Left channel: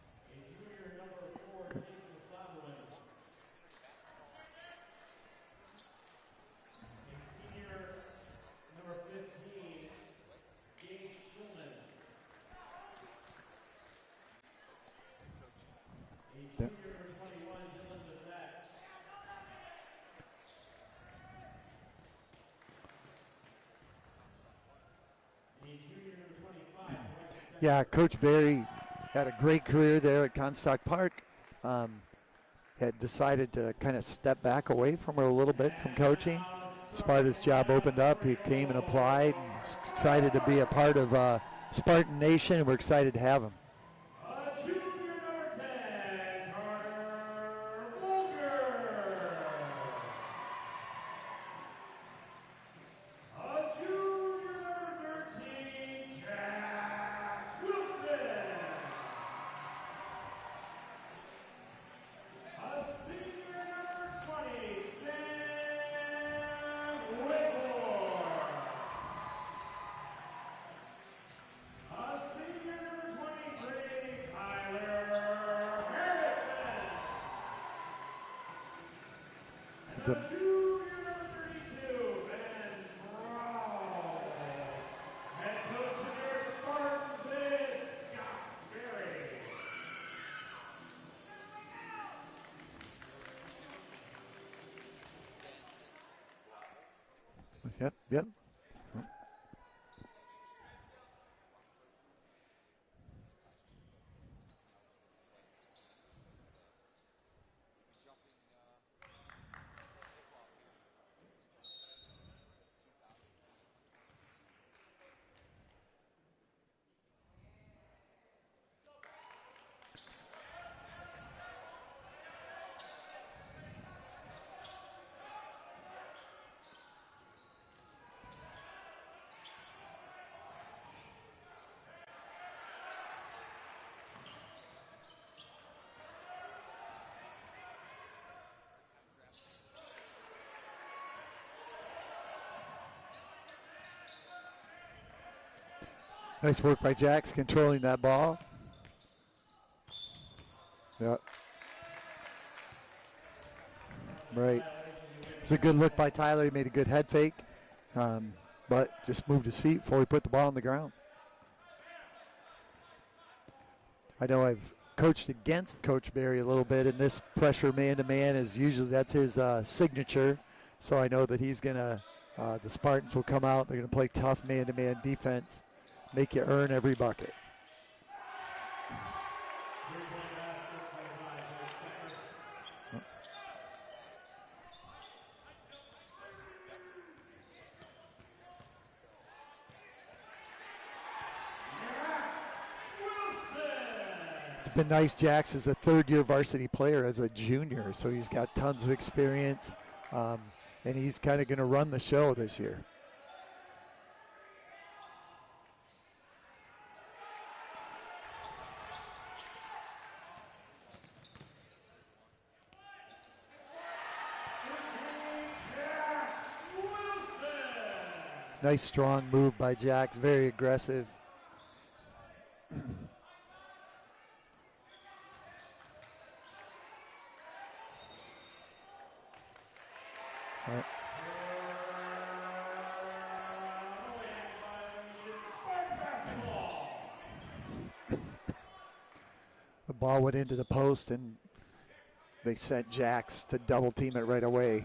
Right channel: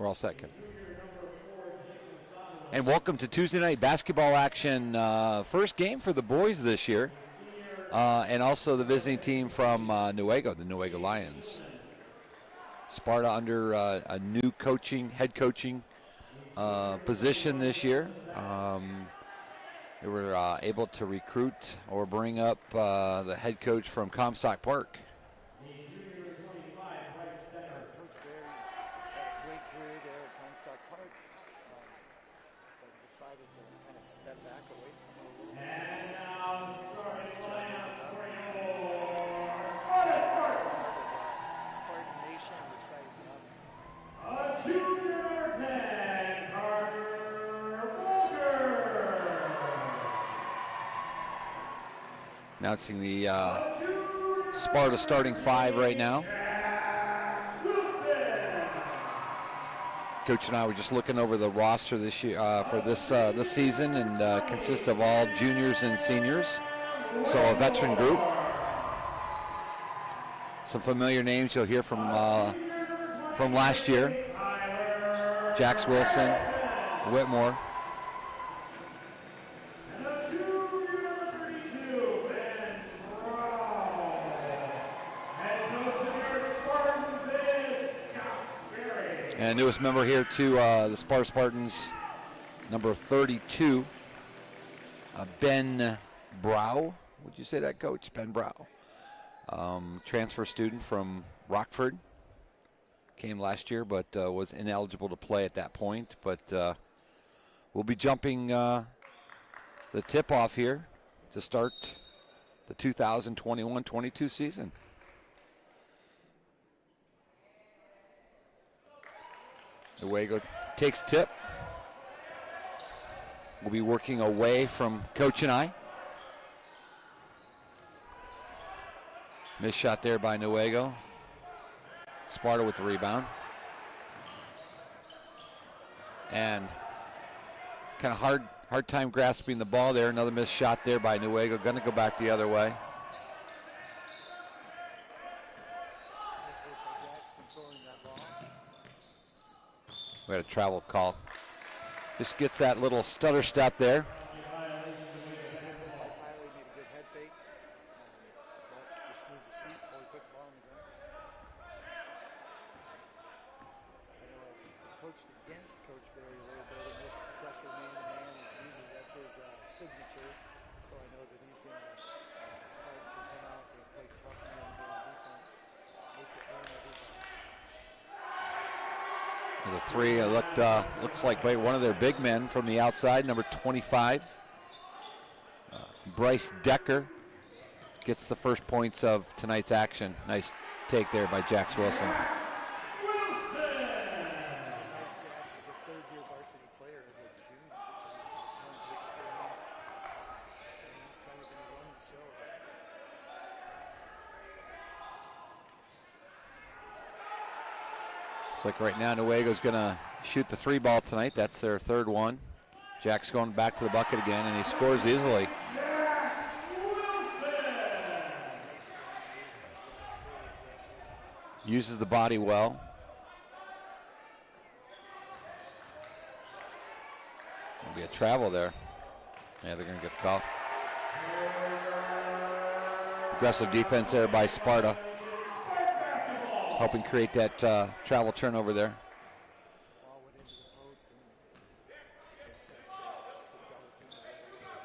We're all set. And welcome to Tuesday night basketball action. First game for the boys this year. And also the visiting team from Newaygo, the Newaygo Lions. Sparta under a new head coaching position this year. They were able to recruit or bring up the head coach from Comstock Park. Yeah, Coach Barry had a great career there at Comstock Park. Had decided to kind of step back away from her a little bit from coaching. Sparta's job opened up. He came and applied and decided to be a part of Spartan Nation, and we're excited to have him. Announcing the Sparta starting five right now. Coach and I were just looking over the roster this year for this season, and consists of all juniors and seniors, so a veteran group. Some familiar names you'll hear from last year: Jax Wilson, Whitmore. And newest member here to the Sparta Spartans, number 32, Ben Brow. Would you say that, Coach? Yep. Ben Brow. Transfer student from Rockford. Came last year, but was ineligible to play at that point. But we'll be jumping the tip-off here to start the 2021-22 season. Newaygo takes tip. We'll be working away from Coach and I. Missed shot there by Newaygo. Sparta with the rebound. And kind of hard time grasping the ball there. Another missed shot there by Newaygo. Going to go back the other way. Nice work by Jax controlling that ball. We had a travel call. Just gets that little stutter step there. Right. It's a good look by Tyler. He made a good head fake, but just moved his feet before he put the ball on the ground. I know I've coached against Coach Barry a little bit, and this pressure man-to-man is usually, that's his signature. So I know that he's gonna, the Spartans will come out, they're gonna play tough man-to-man defense, make you earn every bucket. The three looks like by one of their big men from the outside, number 25. Bryce Decker gets the first points of tonight's action. Nice take there by Jax Wilson. It's been nice. Jax is a third-year varsity player as a junior, so he's got tons of experience, and he's kind of going to run the show this year. Looks like right now Newaygo's going to shoot the three ball tonight. That's their third one. Jack's going back to the bucket again, and he scores easily. Nice strong move by Jax, very aggressive. Uses the body well. There'll be a travel there. Yeah, they're going to get the call. Yep. Aggressive defense there by Sparta. Helping create that travel turnover there. The ball went into the post, and they sent Jax to double team it right away.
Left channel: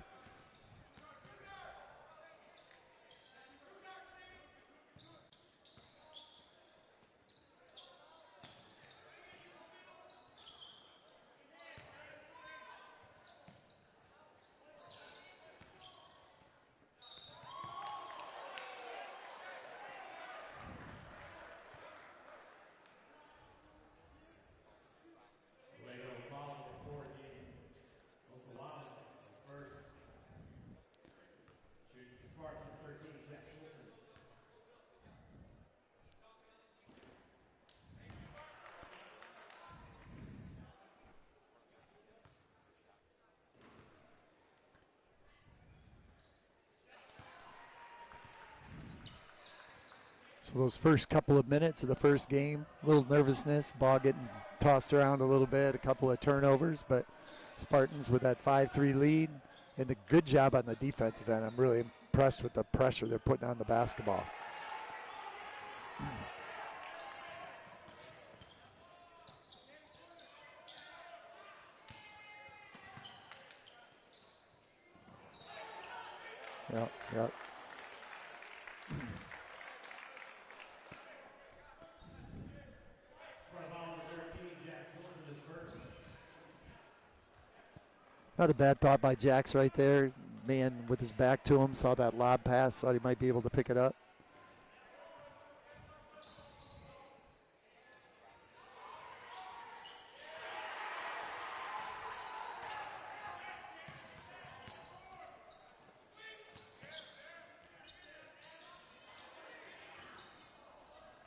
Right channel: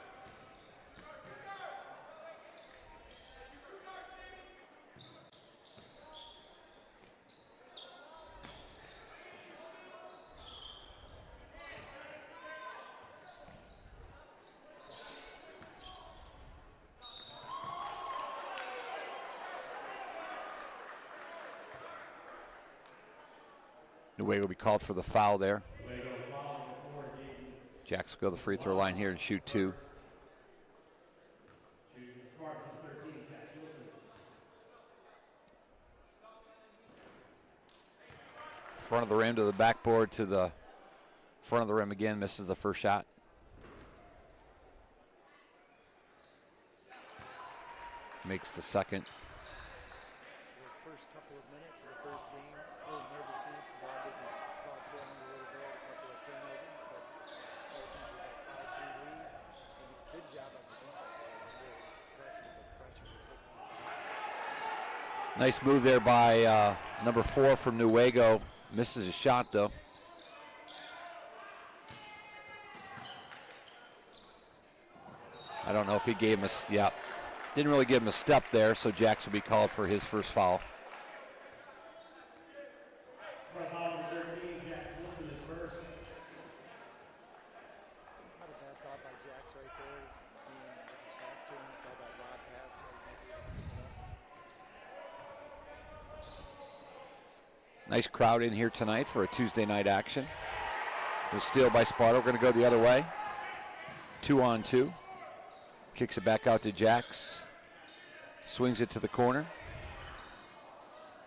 Newaygo will be called for the foul there. Jax will go to the free throw line here and shoot two. Front of the rim to the backboard to the front of the rim again, misses the first shot. Makes the second. So those first couple of minutes of the first game, a little nervousness, ball getting tossed around a little bit, a couple of turnovers, but Spartans with that 5-3 lead and the good job on the defensive end. I'm really impressed with the pressure they're putting on the basketball. Nice move there by number 4 from Newaygo. Misses a shot though. I don't know if he gave him a, yeah. Didn't really give him a step there, so Jax will be called for his first foul. Not a bad thought by Jax right there. Man with his back to him, saw that lob pass, thought he might be able to pick it up. Nice crowd in here tonight for a Tuesday night action. The steal by Sparta. We're going to go the other way. 2-on-2. Kicks it back out to Jax. Swings it to the corner.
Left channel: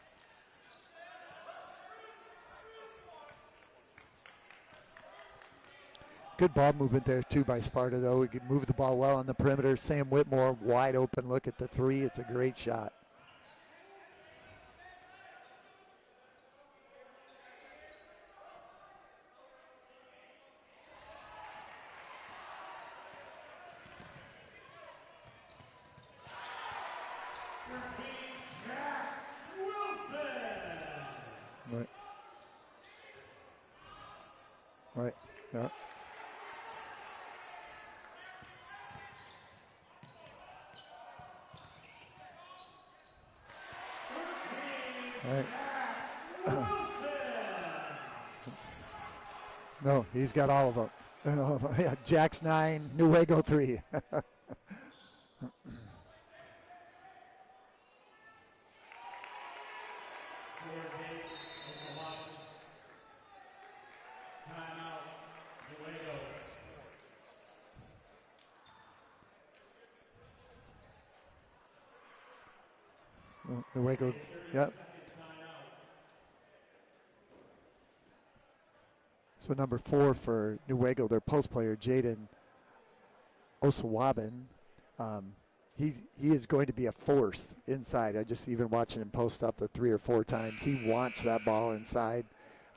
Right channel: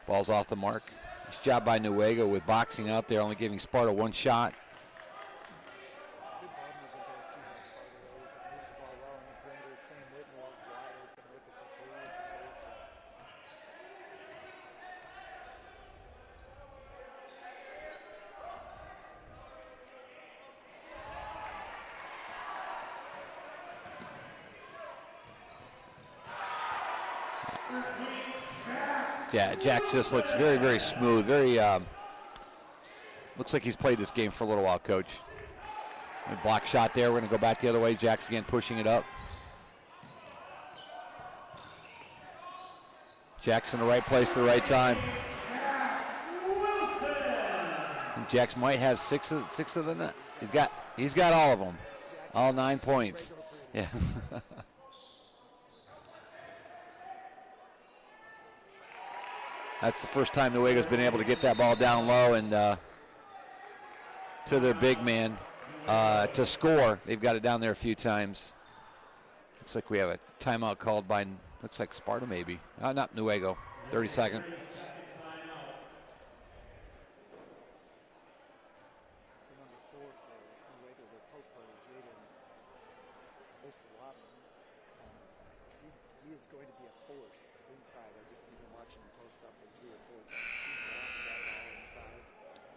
Ball's off the mark. Nice job by Newaygo with boxing out there, only giving Sparta one shot. Good ball movement there too by Sparta though. We could move the ball well on the perimeter. Sam Whitmore wide open look at the three. It's a great shot. Yeah, Jax just looks very, very smooth. Very, looks like he's played this game for a little while, Coach. Right. Block shot there. We're going to go back the other way. Jax again pushing it up. Jax in the right place at the right time. And Jax might have six of them. No, he's got all of them. He's got all of them. Yeah, Jax all 9 points. Newaygo 3. Yeah. That's the first time Newaygo's been able to get that ball down low and to their big man to score. They've got it down there a few times. Looks like we have a timeout called by, looks like Sparta maybe. Not Newaygo. 30 seconds. Yep. So number 4 for Newaygo, their post player, Jaden Osawabin. He is going to be a force inside. I just even watching him post up the 3 or 4 times. He wants that ball inside.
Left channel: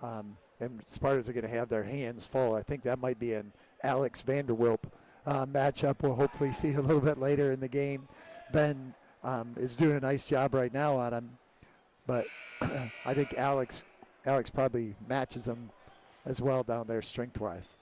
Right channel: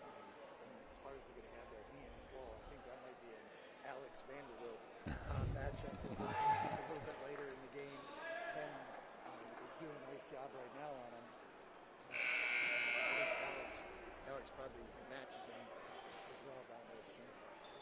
And Spartans are going to have their hands full. I think that might be an Alex Vanderwilp matchup we'll hopefully see a little bit later in the game. Ben is doing a nice job right now on him, but I think Alex probably matches him as well down there strength-wise.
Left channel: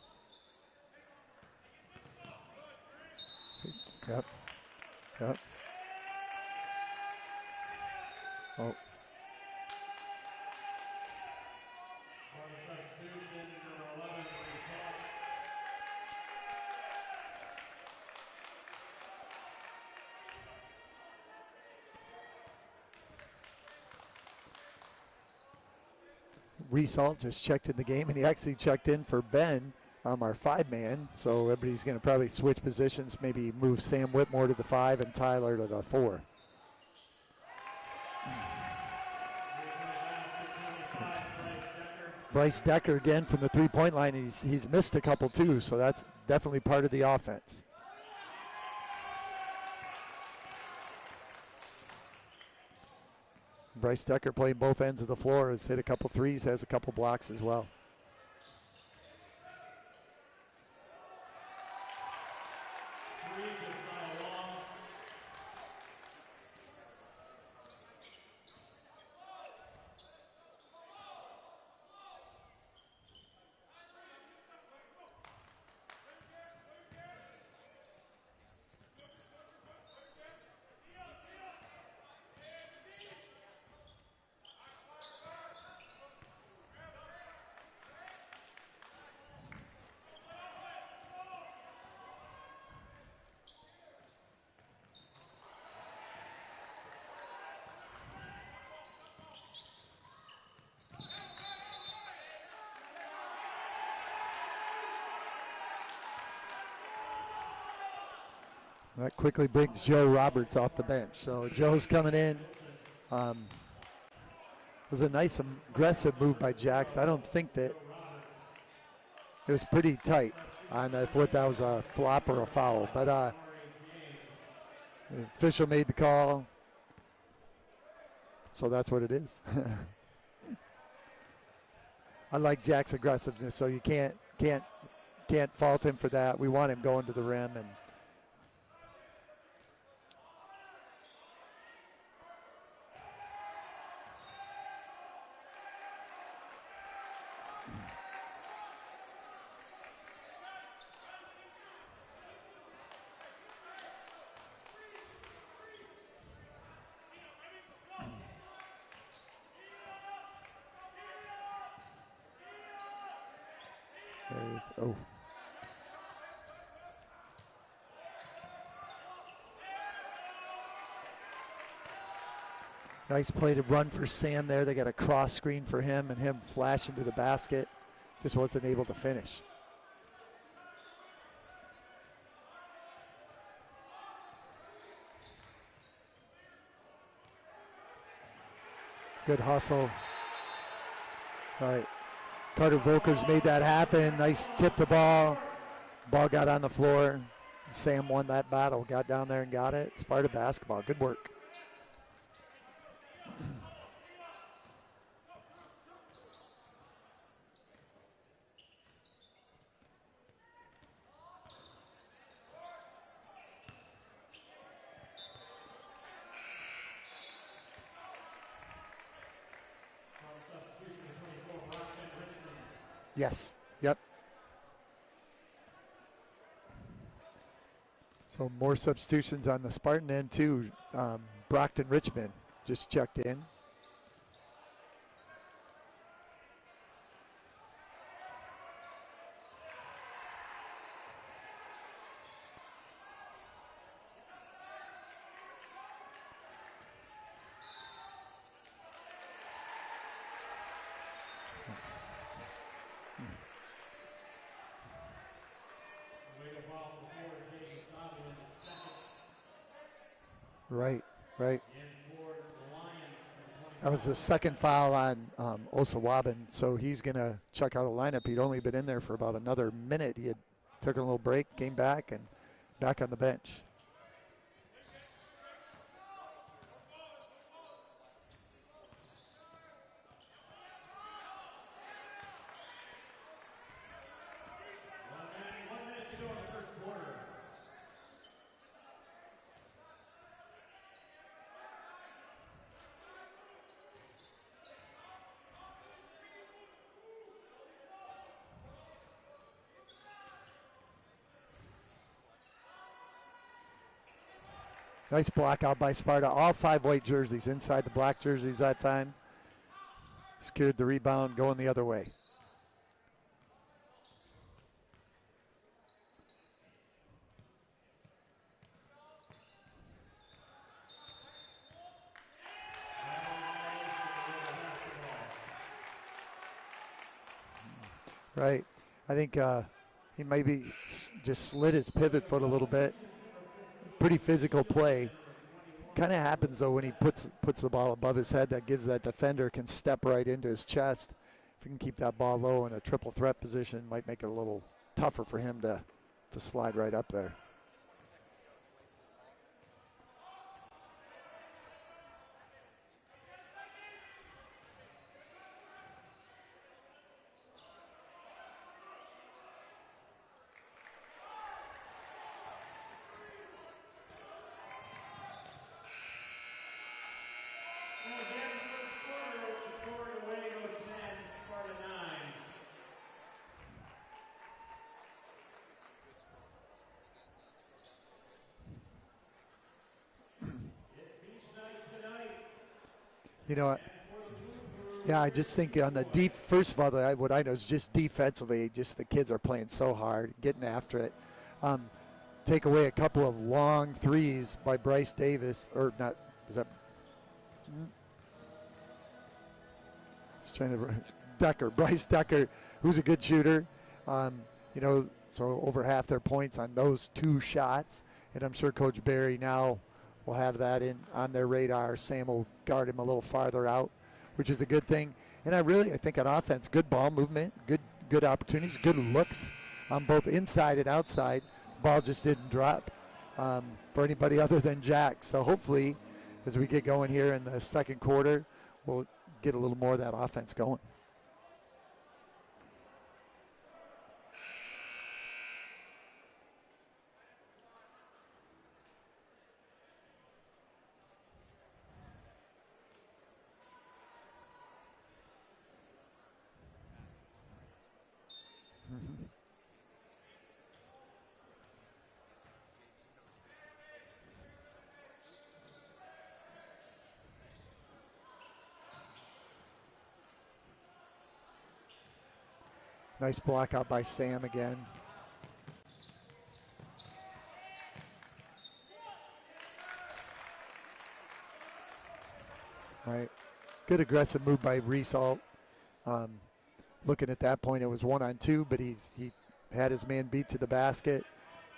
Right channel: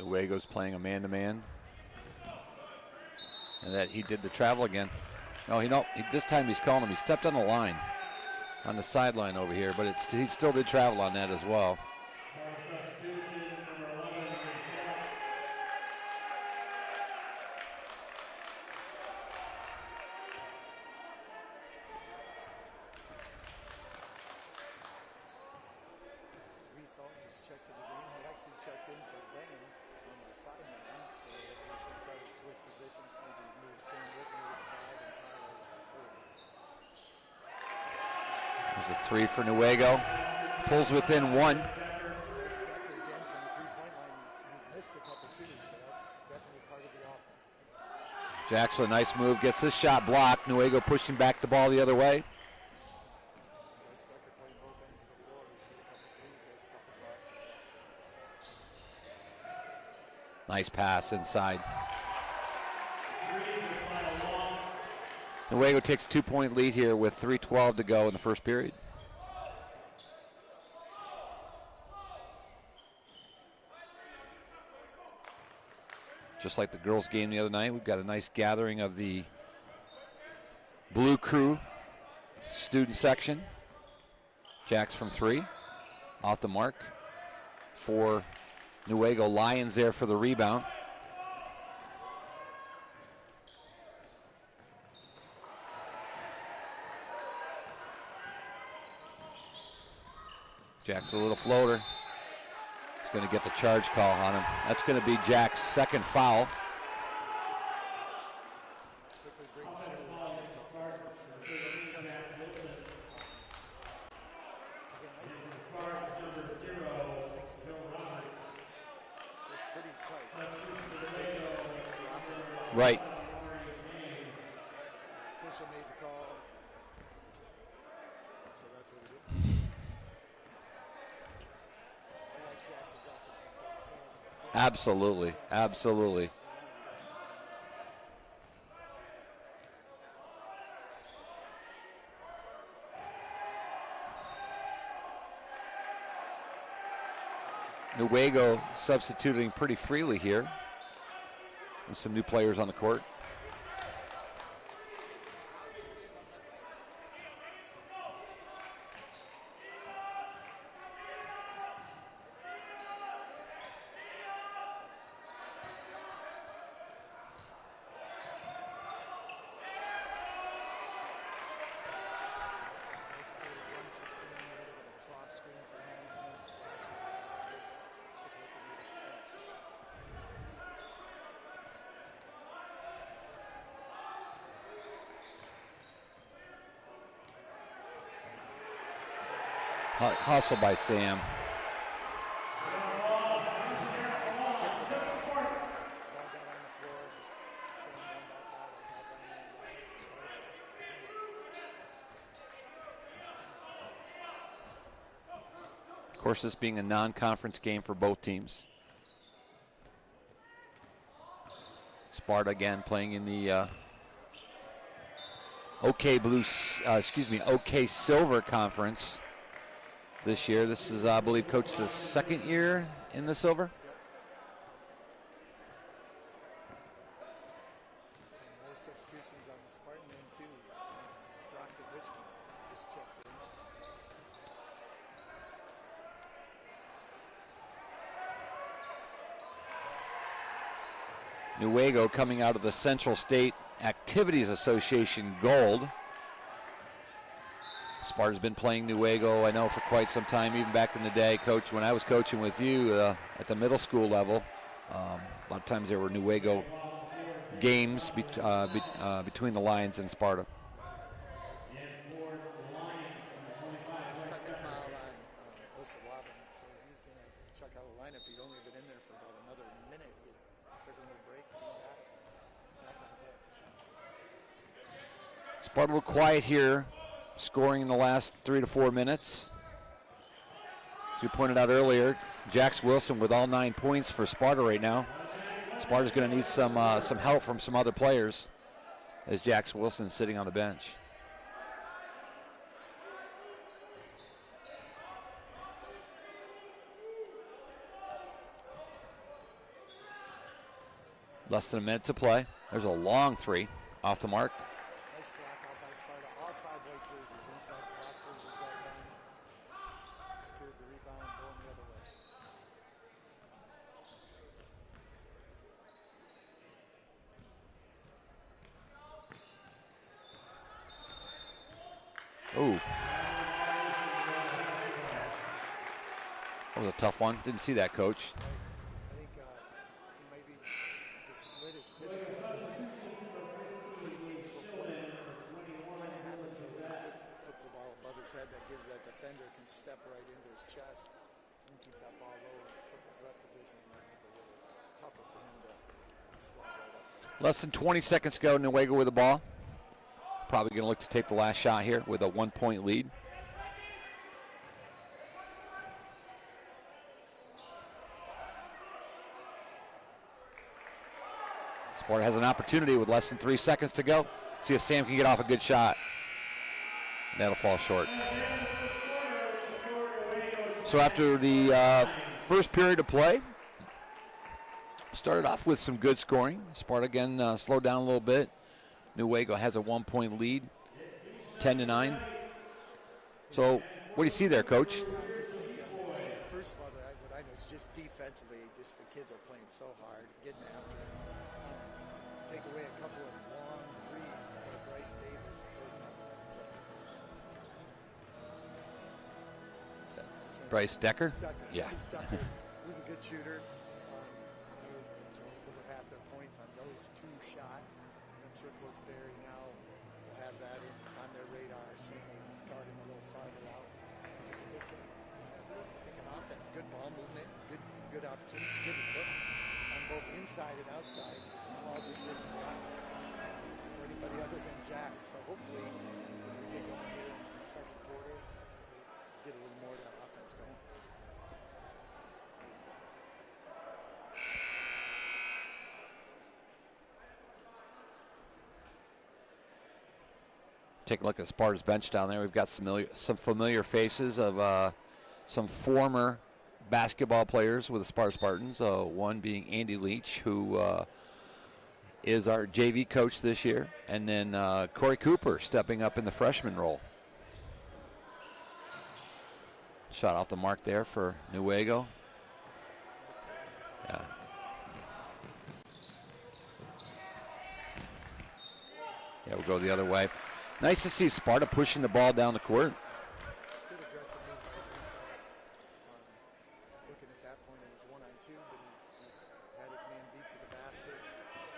Newaygo's playing a man-to-man. And that he did the travel again. Yep. No, this time he's calling him. He stepped on the line, on the sideline over here, but he still did travel on that as well. Reese Alt just checked in the game, and he actually checked in for Ben, our 5-man. So everybody's going to probably switch positions, maybe move Sam Whitmore to the 5 and Tyler to the 4. There's a 3 for Newaygo. Pulls within 1. Bryce Decker again from the 3-point line. He's missed a couple too, so that's definitely part of the offense. Jax with a nice move, gets his shot blocked. Newaygo pushing back the ball the other way. Bryce Decker playing both ends of the floor, has hit a couple threes, has a couple blocks as well. Nice pass inside. Newaygo takes a 2-point lead here with 3:12 to go in the first period. Just like the girls' game the other night, we've got a nice gathering of the Blue Crew student section. Jax from 3, off the mark. For Newaygo Lions there for the rebound. Jax a little floater. He's going to get the charge call on him. That's going to be Jack's second foul. That quickly brings Joe Roberts off the bench. So Joe's coming in. It was a nice aggressive move by Jax. I don't think that it was pretty tight on if what that was a flop or a foul. Right. But the official made the call. So that's what it is. I like Jack's aggressiveness, so you can't Absolutely. fault Absolutely. him for that. We want him going to the rim. And Newaygo substituting pretty freely here with some new players on the court. Oh. Nice play to run for Sam there. They got a cross screen for him and him flashing to the basket. Just wasn't able to finish. Good hustle. Hustle by Sam. Right. Carter Volkers made that happen. Nice tip the ball. Ball got on the floor. Sam won that battle. Got down there and got it. Sparta basketball. Good work. Of course, this being a non-conference game for both teams. Sparta again playing in the OK Silver Conference this year. This is, I believe, Coach, the second year in the Silver? Yep. So more substitutions on the Spartan end too. Brockton Richmond just checked in. Newaygo coming out of the Central State Activities Association Gold. Sparta's been playing Newaygo, I know, for quite some time, even back in the day, Coach, when I was coaching with you at the middle school level. A lot of times there were Newaygo games between the Lions and Sparta. Right. That was the second foul on Osawabin, so he's going to check out of the lineup. He'd only been in there for about another minute. He had took a little break, came back, and back on the bench. Sparta a little quiet here, scoring in the last 3 to 4 minutes. As we pointed out earlier, Jax Wilson with all 9 points for Sparta right now. Sparta's going to need some help from some other players as Jax Wilson's sitting on the bench. Less than a minute to play. There's a long three off the mark. Nice block out by Sparta. All 5 white jerseys inside the black jerseys that time. Secured the rebound going the other way. Ooh. That was a tough one. Didn't see that, Coach. Right. I think he maybe just slid his pivot foot a little bit. Pretty physical play. Kind of happens though when he puts the ball above his head. That gives that defender can step right into his chest. If he can keep that ball low in a triple threat position, might make it a little tougher for him to slide right up there. Less than 20 seconds to go. Newaygo with the ball. Probably going to look to take the last shot here with a 1-point lead. Sparta has an opportunity with less than 3 seconds to go. See if Sam can get off a good shot. That'll fall short. So after the first period of play, started off with some good scoring. Sparta again slowed down a little bit. Newaygo has a 1-point lead, 10-9. So what do you see there, Coach? Yeah, I just think on the first of all, what I know is just defensively, just the kids are playing so hard, getting after it. Take away a couple of long threes by Bryce Davis, or not, is that? Bryce Decker? Decker, yeah. Bryce Decker, who's a good shooter. So over half their points on those 2 shots. And I'm sure Coach Barry now will have that on their radar. Sam will guard him a little farther out, which is a good thing. And I think on offense, good ball movement, good opportunities, good looks on both inside and outside. Ball just didn't drop for anybody other than Jack. So hopefully, as we get going here in the second quarter, we'll get a little more of that offense going. Take a look at Sparta's bench down there. We've got some familiar faces of some former basketball players with the Sparta Spartans. One being Andy Leach, who is our JV coach this year, and then Corey Cooper stepping up in the freshman role. Shot off the mark there for Newaygo. Nice block out by Sam again. Yeah, we'll go the other way. Nice to see Sparta pushing the ball down the court. Right. Good aggressive move by Reese Alt. Looking at that point, it was 1-on-2, but he had his man beat to the basket.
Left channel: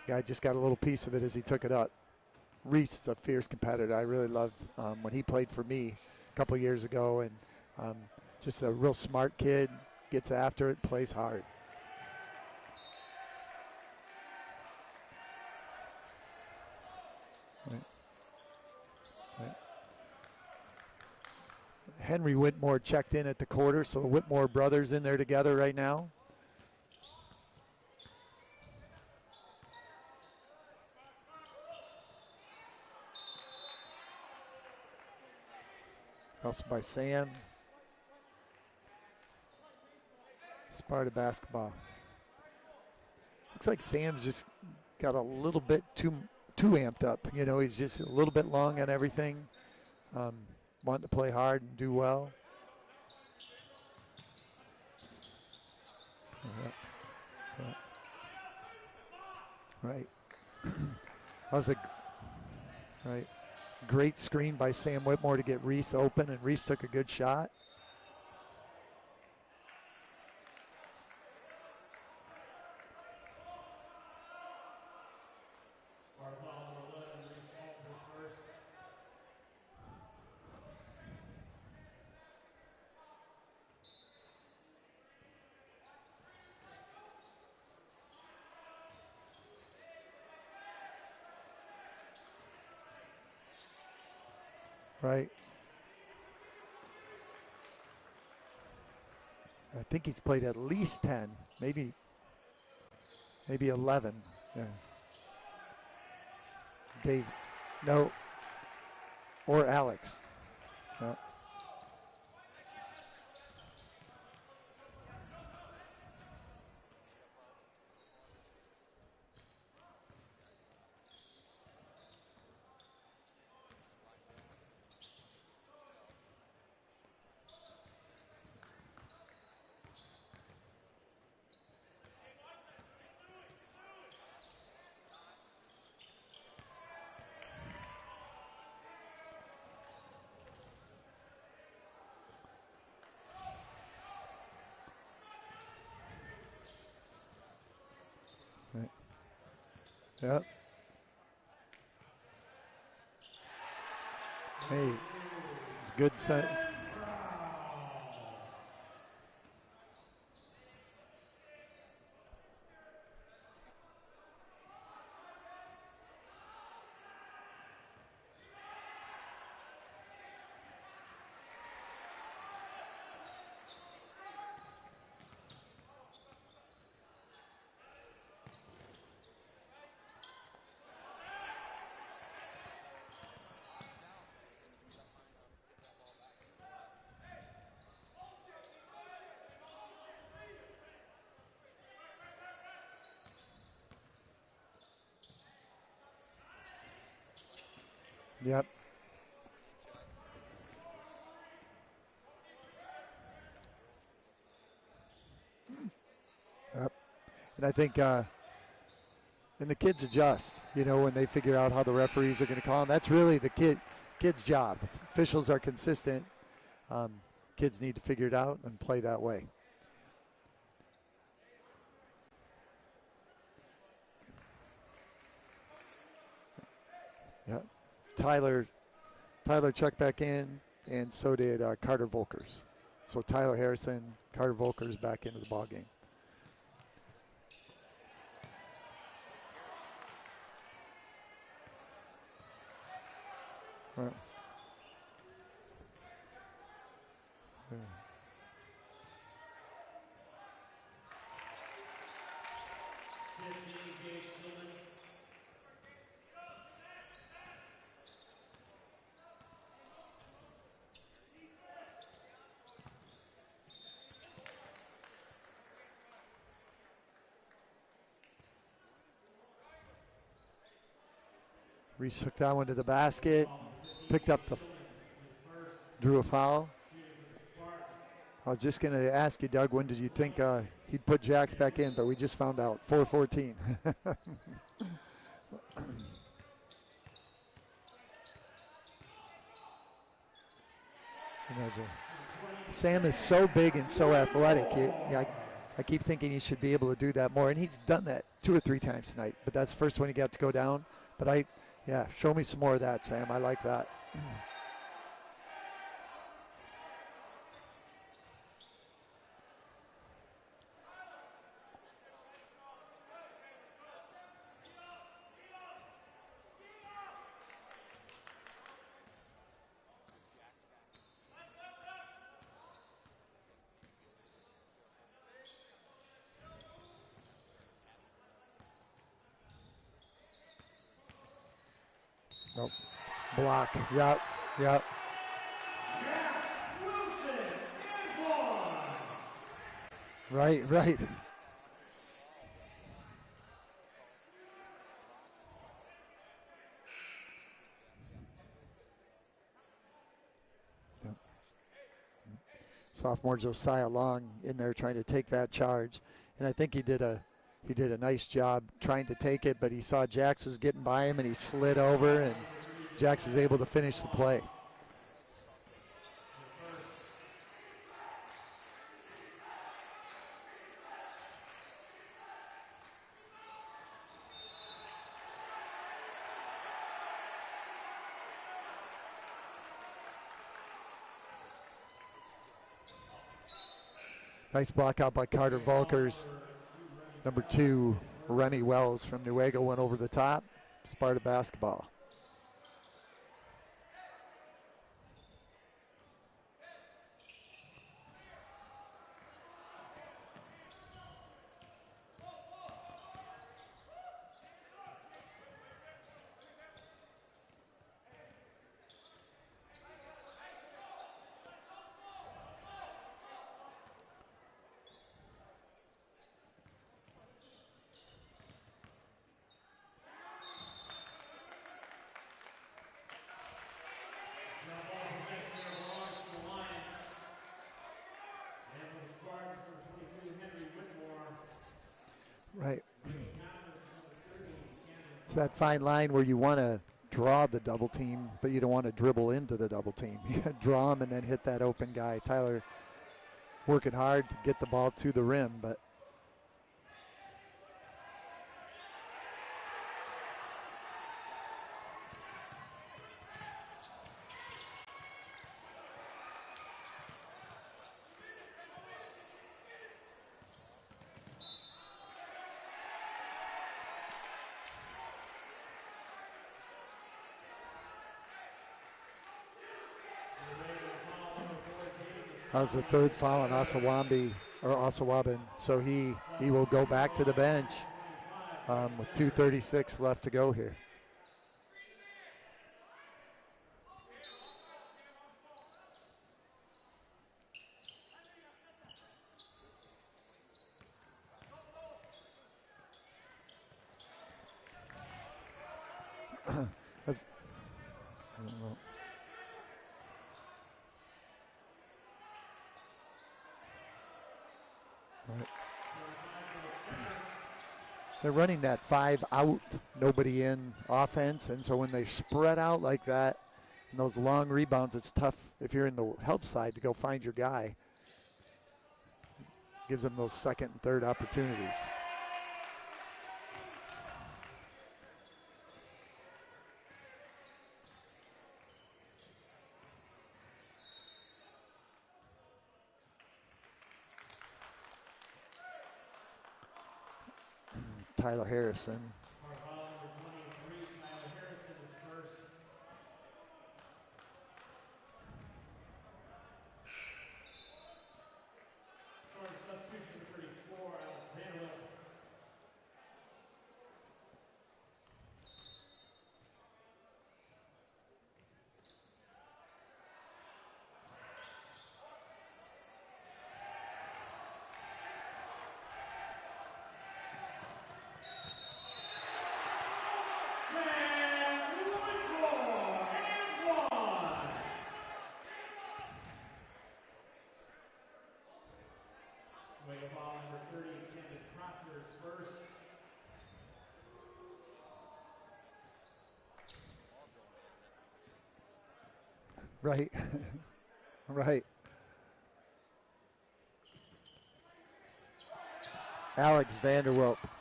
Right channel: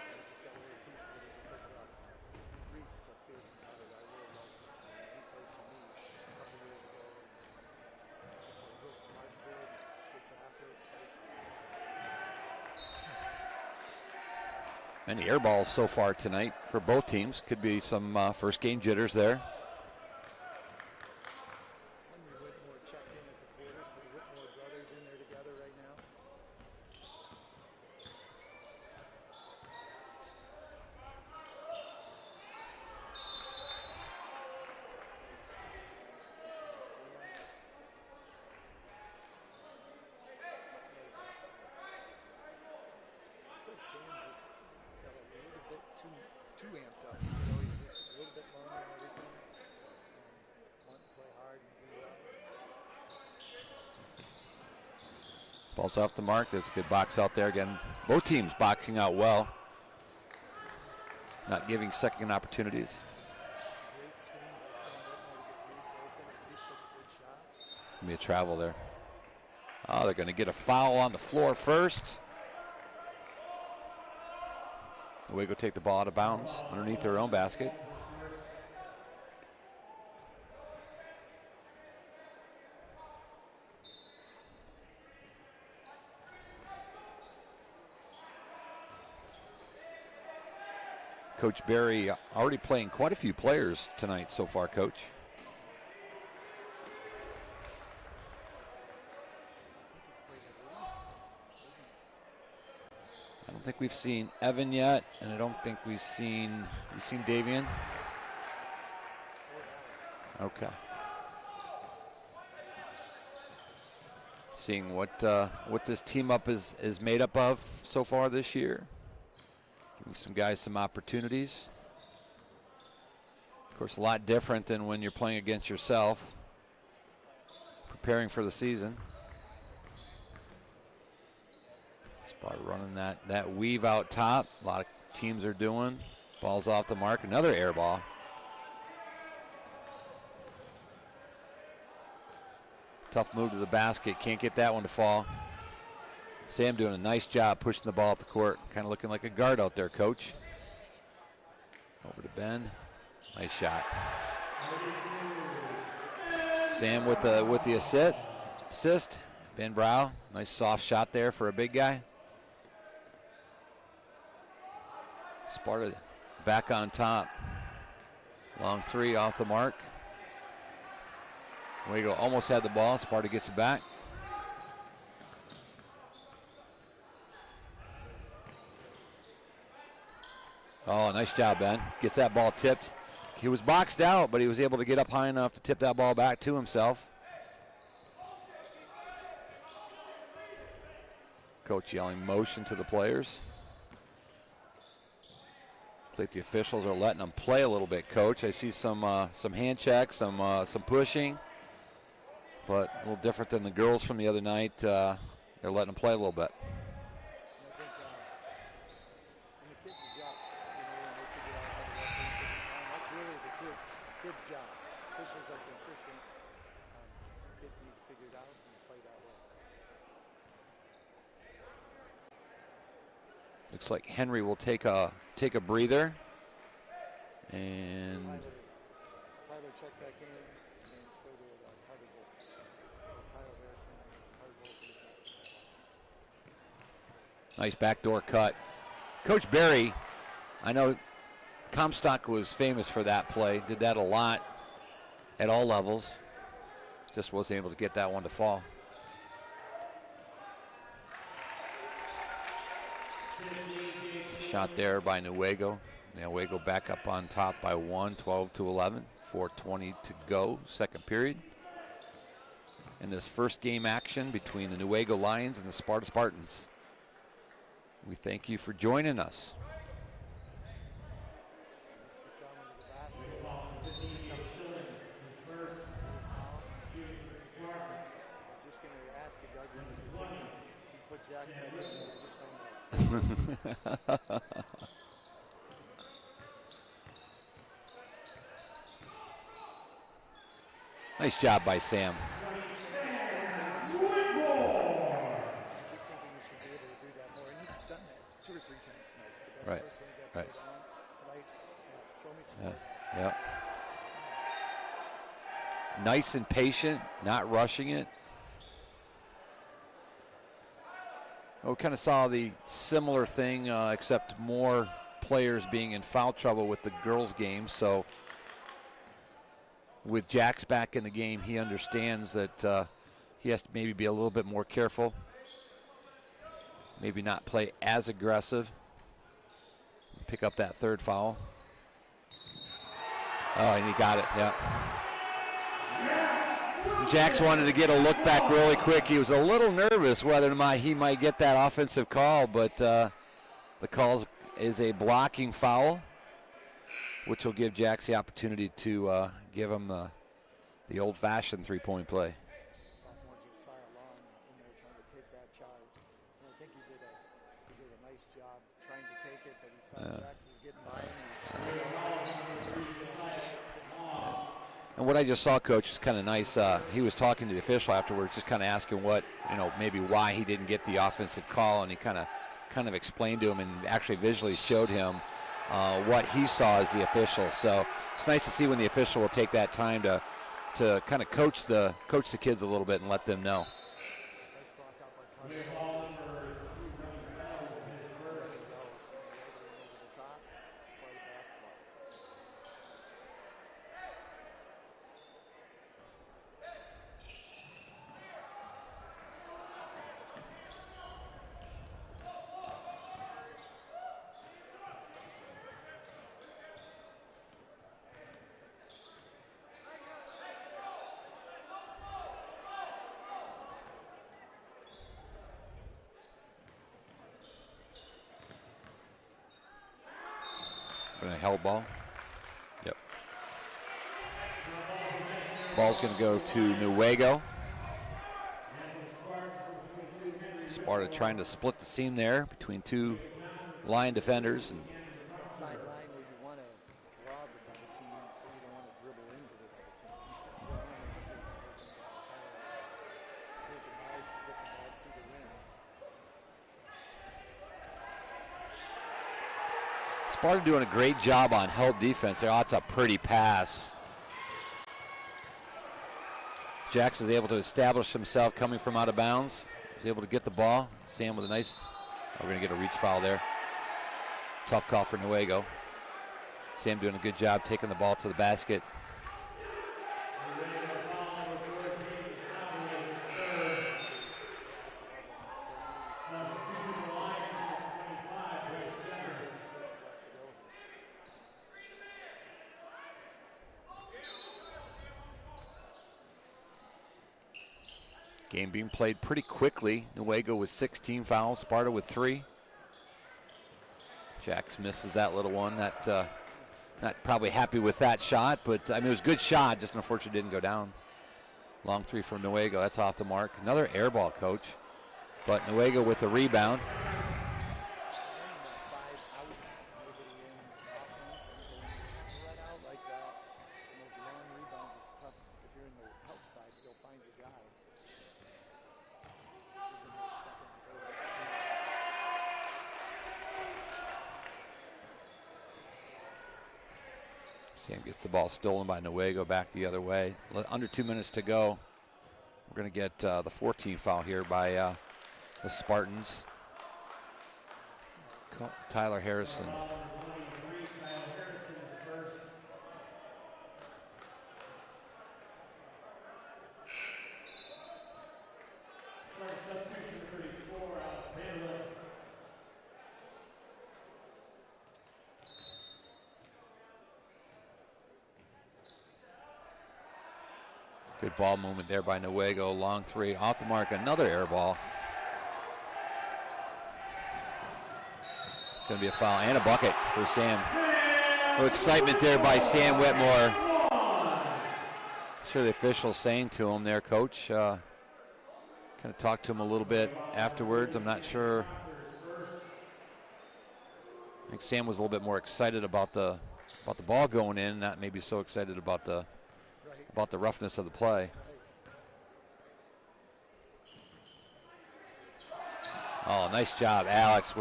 Guy just got a little piece of it as he took it up. Reese is a fierce competitor. I really loved when he played for me a couple years ago, and just a real smart kid, gets after it, plays hard. And the air balls so far tonight for both teams. Could be some first game jitters there. Henry Whitmore checked in at the quarter, so the Whitmore brothers in there together right now. Also by Sam. Sparta basketball. Looks like Sam's just got a little bit too amped up. You know, he's just a little bit long on everything. Wanting to play hard and do well. Ball's off the mark. There's a good box out there again. Both teams boxing out well. Right. Not giving second opportunities. Right. Great screen by Sam Whitmore to get Reese open, and Reese took a good shot. Gonna be a travel there. Oh, they're going to get a foul on the floor first. Newaygo take the ball out of bounds underneath their own basket. Coach Barry already playing quite a few players tonight so far, Coach. Right. I think he's played at least 10, maybe 11. We've seen Evan yet, and I don't think we've seen Davian. No. Or Alex. Okay. Yeah. Seeing what this team up is made up of so far this year. Giving some guys some opportunities. Of course, a lot different than when you're playing against yourself, preparing for the season. Sparta running that weave out top. A lot of teams are doing. Ball's off the mark. Another air ball. Tough move to the basket. Can't get that one to fall. Sam doing a nice job pushing the ball up the court. Kind of looking like a guard out there, Coach. Yep. Over to Ben. Nice shot. Hey, it's good set. Sam with the assist. Ben Brow. Nice soft shot there for a big guy. Sparta back on top. Long three off the mark. Newaygo almost had the ball. Sparta gets it back. Oh, nice job, Ben. Gets that ball tipped. He was boxed out, but he was able to get up high enough to tip that ball back to himself. Coach yelling motion to the players. Looks like the officials are letting them play a little bit, Coach. Yep. I see some hand checks, some pushing, but a little different than the girls from the other night. They're letting them play a little bit. Yep. And I think, and the kids adjust, you know, when they figure out how the referees are going to call them. That's really the kid's job. If officials are consistent, kids need to figure it out and play that way. Looks like Henry will take a breather. Yep. And Tyler checked back in, and so did Carter Volkers. So Tyler Harrison, Carter Volkers back into the ball game. nice backdoor cut. Coach Barry, I know Comstock was famous for that play, did that a lot at all levels. Just wasn't able to get that one to fall. Shot there by Newaygo. Newaygo back up on top by 1, 12-11, 4:20 to go, second period. In this first game action between the Newaygo Lions and the Sparta Spartans. We thank you for joining us. Reese took that one to the basket, picked up drew a foul. I was just going to ask you, Doug, when did you think he'd put Jax back in, but we just found out, 4:14. Nice job by Sam. Sam is so big and so athletic. I keep thinking he should be able to do that more, and he's done that 2 or 3 times tonight, but that's the first one he got to go down. But show me some more of that, Sam. I like that. Nice and patient, not rushing it. We kind of saw the similar thing, except more players being in foul trouble with the girls' game. So with Jax back in the game, he understands that he has to maybe be a little bit more careful. Maybe not play as aggressive. Pick up that third foul. Nope. Oh, and he got it, yeah. Yep. Jax wanted to get a look back really quick. He was a little nervous whether he might get that offensive call, but the call is a blocking foul, which will give Jax the opportunity to give him the old-fashioned three-point play. Sophomore Josiah Long in there trying to take that charge, and I think he did a nice job trying to take it, but he saw Jax was getting by him, and he slid over, and Jax was able to finish the play. And what I just saw, Coach, is kind of nice. He was talking to the official afterwards, just kind of asking maybe why he didn't get the offensive call, and he kind of explained to him and actually visually showed him what he saw as the official. So it's nice to see when the official will take that time to kind of coach the kids a little bit and let them know. Nice block out by Carter Volkers. Number 2, Rennie Wells from Newaygo went over the top. Sparta basketball. A held ball. Yep. Ball's going to go to Newaygo. Sparta trying to split the seam there between 2 line defenders. It's that fine line where you want to draw the double team, but you don't want to dribble into the double team. You draw them and then hit that open guy. Tyler working hard to get the ball to the rim, but Sparta doing a great job on help defense there. Oh, it's a pretty pass. Jax is able to establish himself coming from out of bounds. He's able to get the ball. Sam with a nice, we're going to get a reach foul there. Tough call for Newaygo. Sam doing a good job taking the ball to the basket. that was the 3rd foul on Osawabin, so he will go back to the bench. With 2:36 left to go here. Game being played pretty quickly. Newaygo with 16 fouls, Sparta with 3. Jax misses that little one. Not probably happy with that shot, but I mean it was a good shot, just unfortunately didn't go down. Long 3 from Newaygo, that's off the mark. Another air ball, Coach, but Newaygo with the rebound. They're running that 5 out, nobody in offense, and so when they spread out like that, and those long rebounds, it's tough if you're in the help side to go find your guy. Gives them those 2nd and 3rd opportunities. Sam gets the ball stolen by Newaygo, back the other way. Under 2 minutes to go. We're going to get the 14 foul here by the Spartans. Tyler Harrison. Tyler Harrison. Good ball movement there by Newaygo. Long three, off the mark, another air ball. It's going to be a foul and a bucket for Sam. A little excitement there by Sam Whitmore. Sure the official's saying to him there, Coach. Kind of talked to him a little bit afterwards. I'm not sure. I think Sam was a little bit more excited about the ball going in, not maybe so excited about the roughness of the play. Right. Oh, nice job, Alex.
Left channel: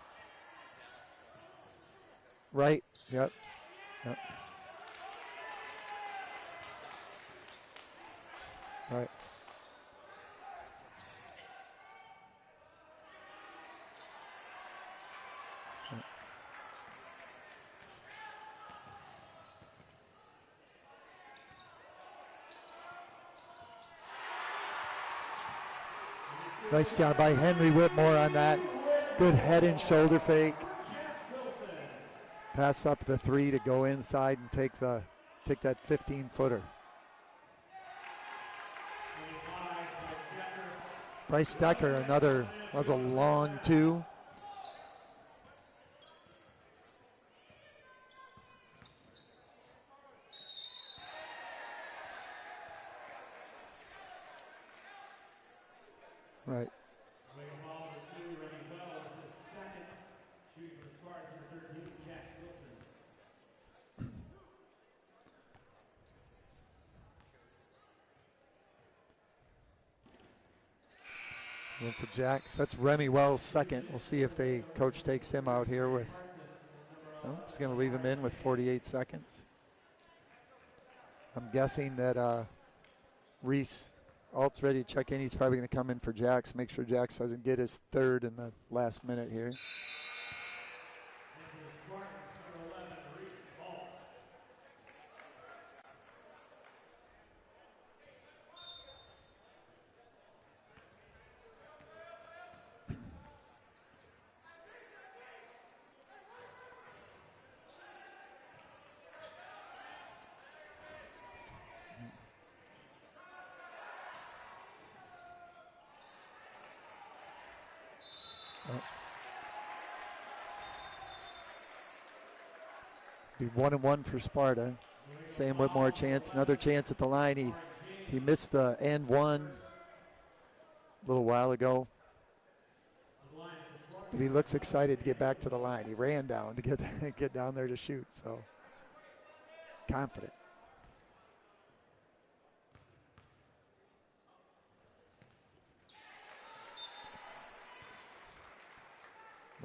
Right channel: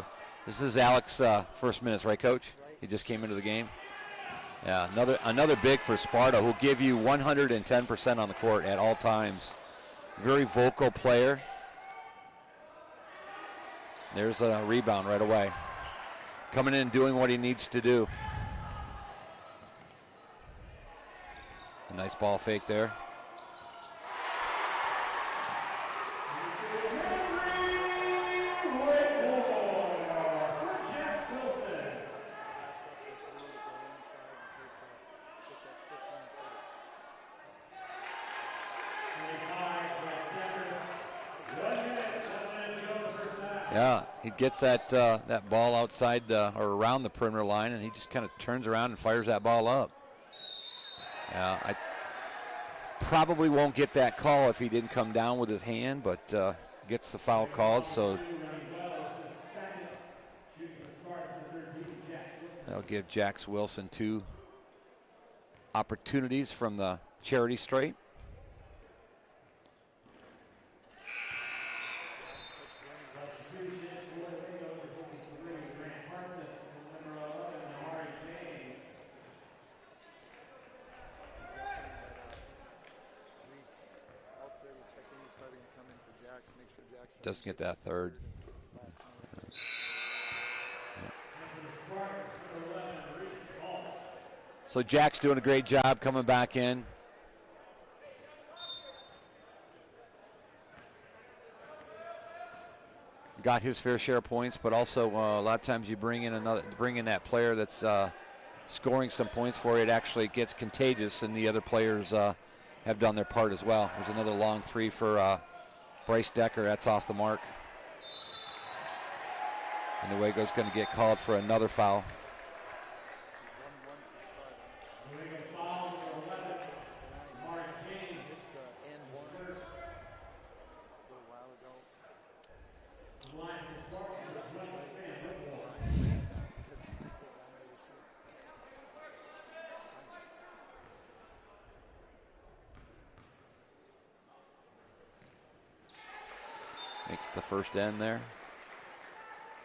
This is Alex's first minutes, right, Coach? Right. He just came into the game. Yep. Yeah, another big for Sparta, who'll give you 110% on the court at all times. Very vocal player. There's a rebound right away. Coming in and doing what he needs to do. A nice ball fake there. Nice job by Henry Whitmore on that. Good head and shoulder fake. Pass up the three to go inside and take that 15-footer. Bryce Decker, another, was a long two. Yeah, he gets that ball outside or around the perimeter line, and he just kind of turns around and fires that ball up. I probably won't get that call if he didn't come down with his hand, but Right. gets the foul called, so that'll give Jax Wilson 2 opportunities from the charity stripe. In for Jax. That's Remy Wells' second. We'll see if coach takes him out here with. He's going to leave him in with 48 seconds. I'm guessing that Reese Alt's ready to check in. He's probably going to come in for Jax. Make sure Jax doesn't get his third in the last minute here. So Jack's doing a great job coming back in. Got his fair share of points, but also a lot of times you bring in that player that's scoring some points for you. It actually gets contagious, and the other players have done their part as well. There's another long three for Bryce Decker. That's off the mark. And Newaygo's going to get called for another foul. Be 1-1 for Sparta. Sam Whitmore chance, another chance at the line. He missed the and one a little while ago. He looks excited to get back to the line. He ran down to get down there to shoot, so confident. Makes the first end there.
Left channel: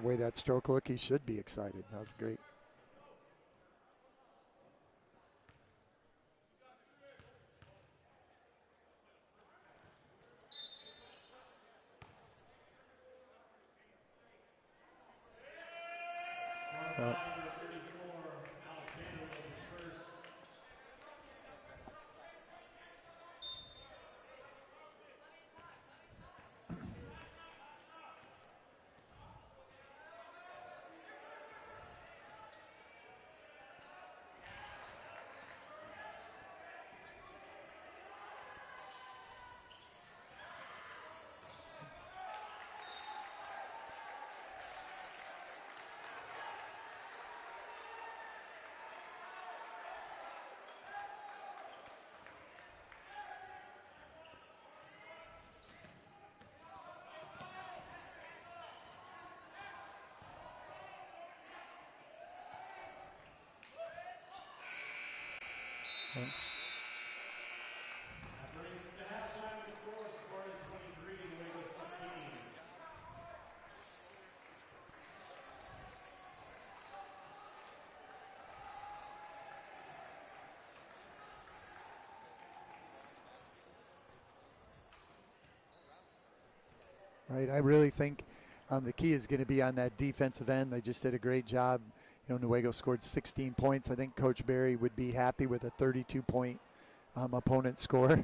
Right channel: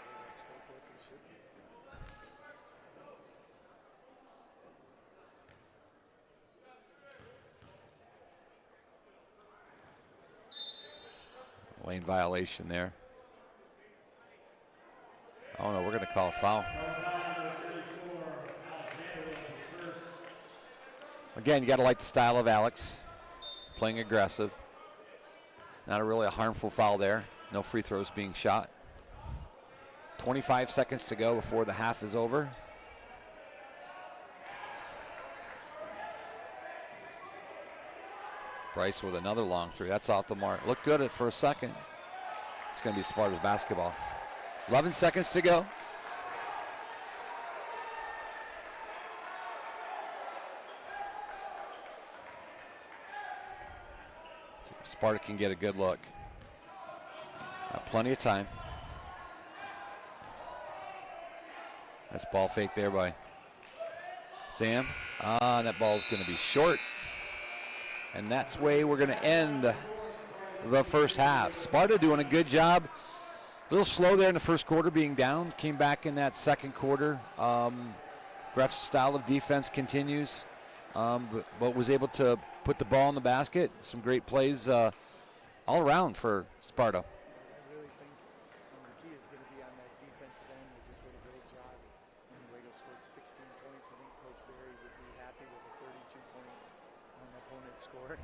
The way that stroke looked, he should be excited. That's great. Lane violation there. Oh no, we're going to call a foul. Again, you got to like the style of Alex, playing aggressive. Not really a harmful foul there. No free throws being shot. 25 seconds to go before the half is over. Bryce with another long three. That's off the mark. Looked good for a second. It's going to be Sparta's basketball. 11 seconds to go. Sparta can get a good look. Plenty of time. That's ball fake there by Sam. That ball's going to be short. And that's the way we're going to end the first half. Sparta doing a good job. A little slow there in the first quarter being down. Came back in that second quarter. Of Greff's style of defense continues, but was able to put the ball in the basket. Some great plays all around for Sparta. Right, I really think the key is going to be on that defensive end. They just did a great job. You know, Newaygo scored 16 points. I think Coach Barry would be happy with a 32-point opponent score.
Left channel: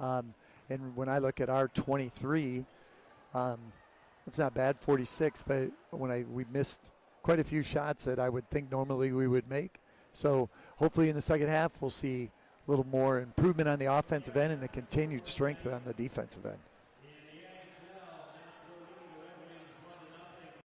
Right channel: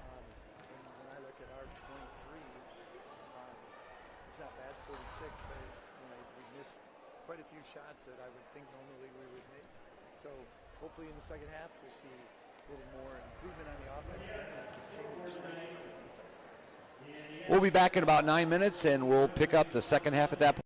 And when I look at our 23, it's not bad, 46, but we missed quite a few shots that I would think normally we would make. So hopefully in the second half we'll see a little more improvement on the offensive end and the continued strength on the defensive end. We'll be back in about 9 minutes, and we'll pick up the second half at that point.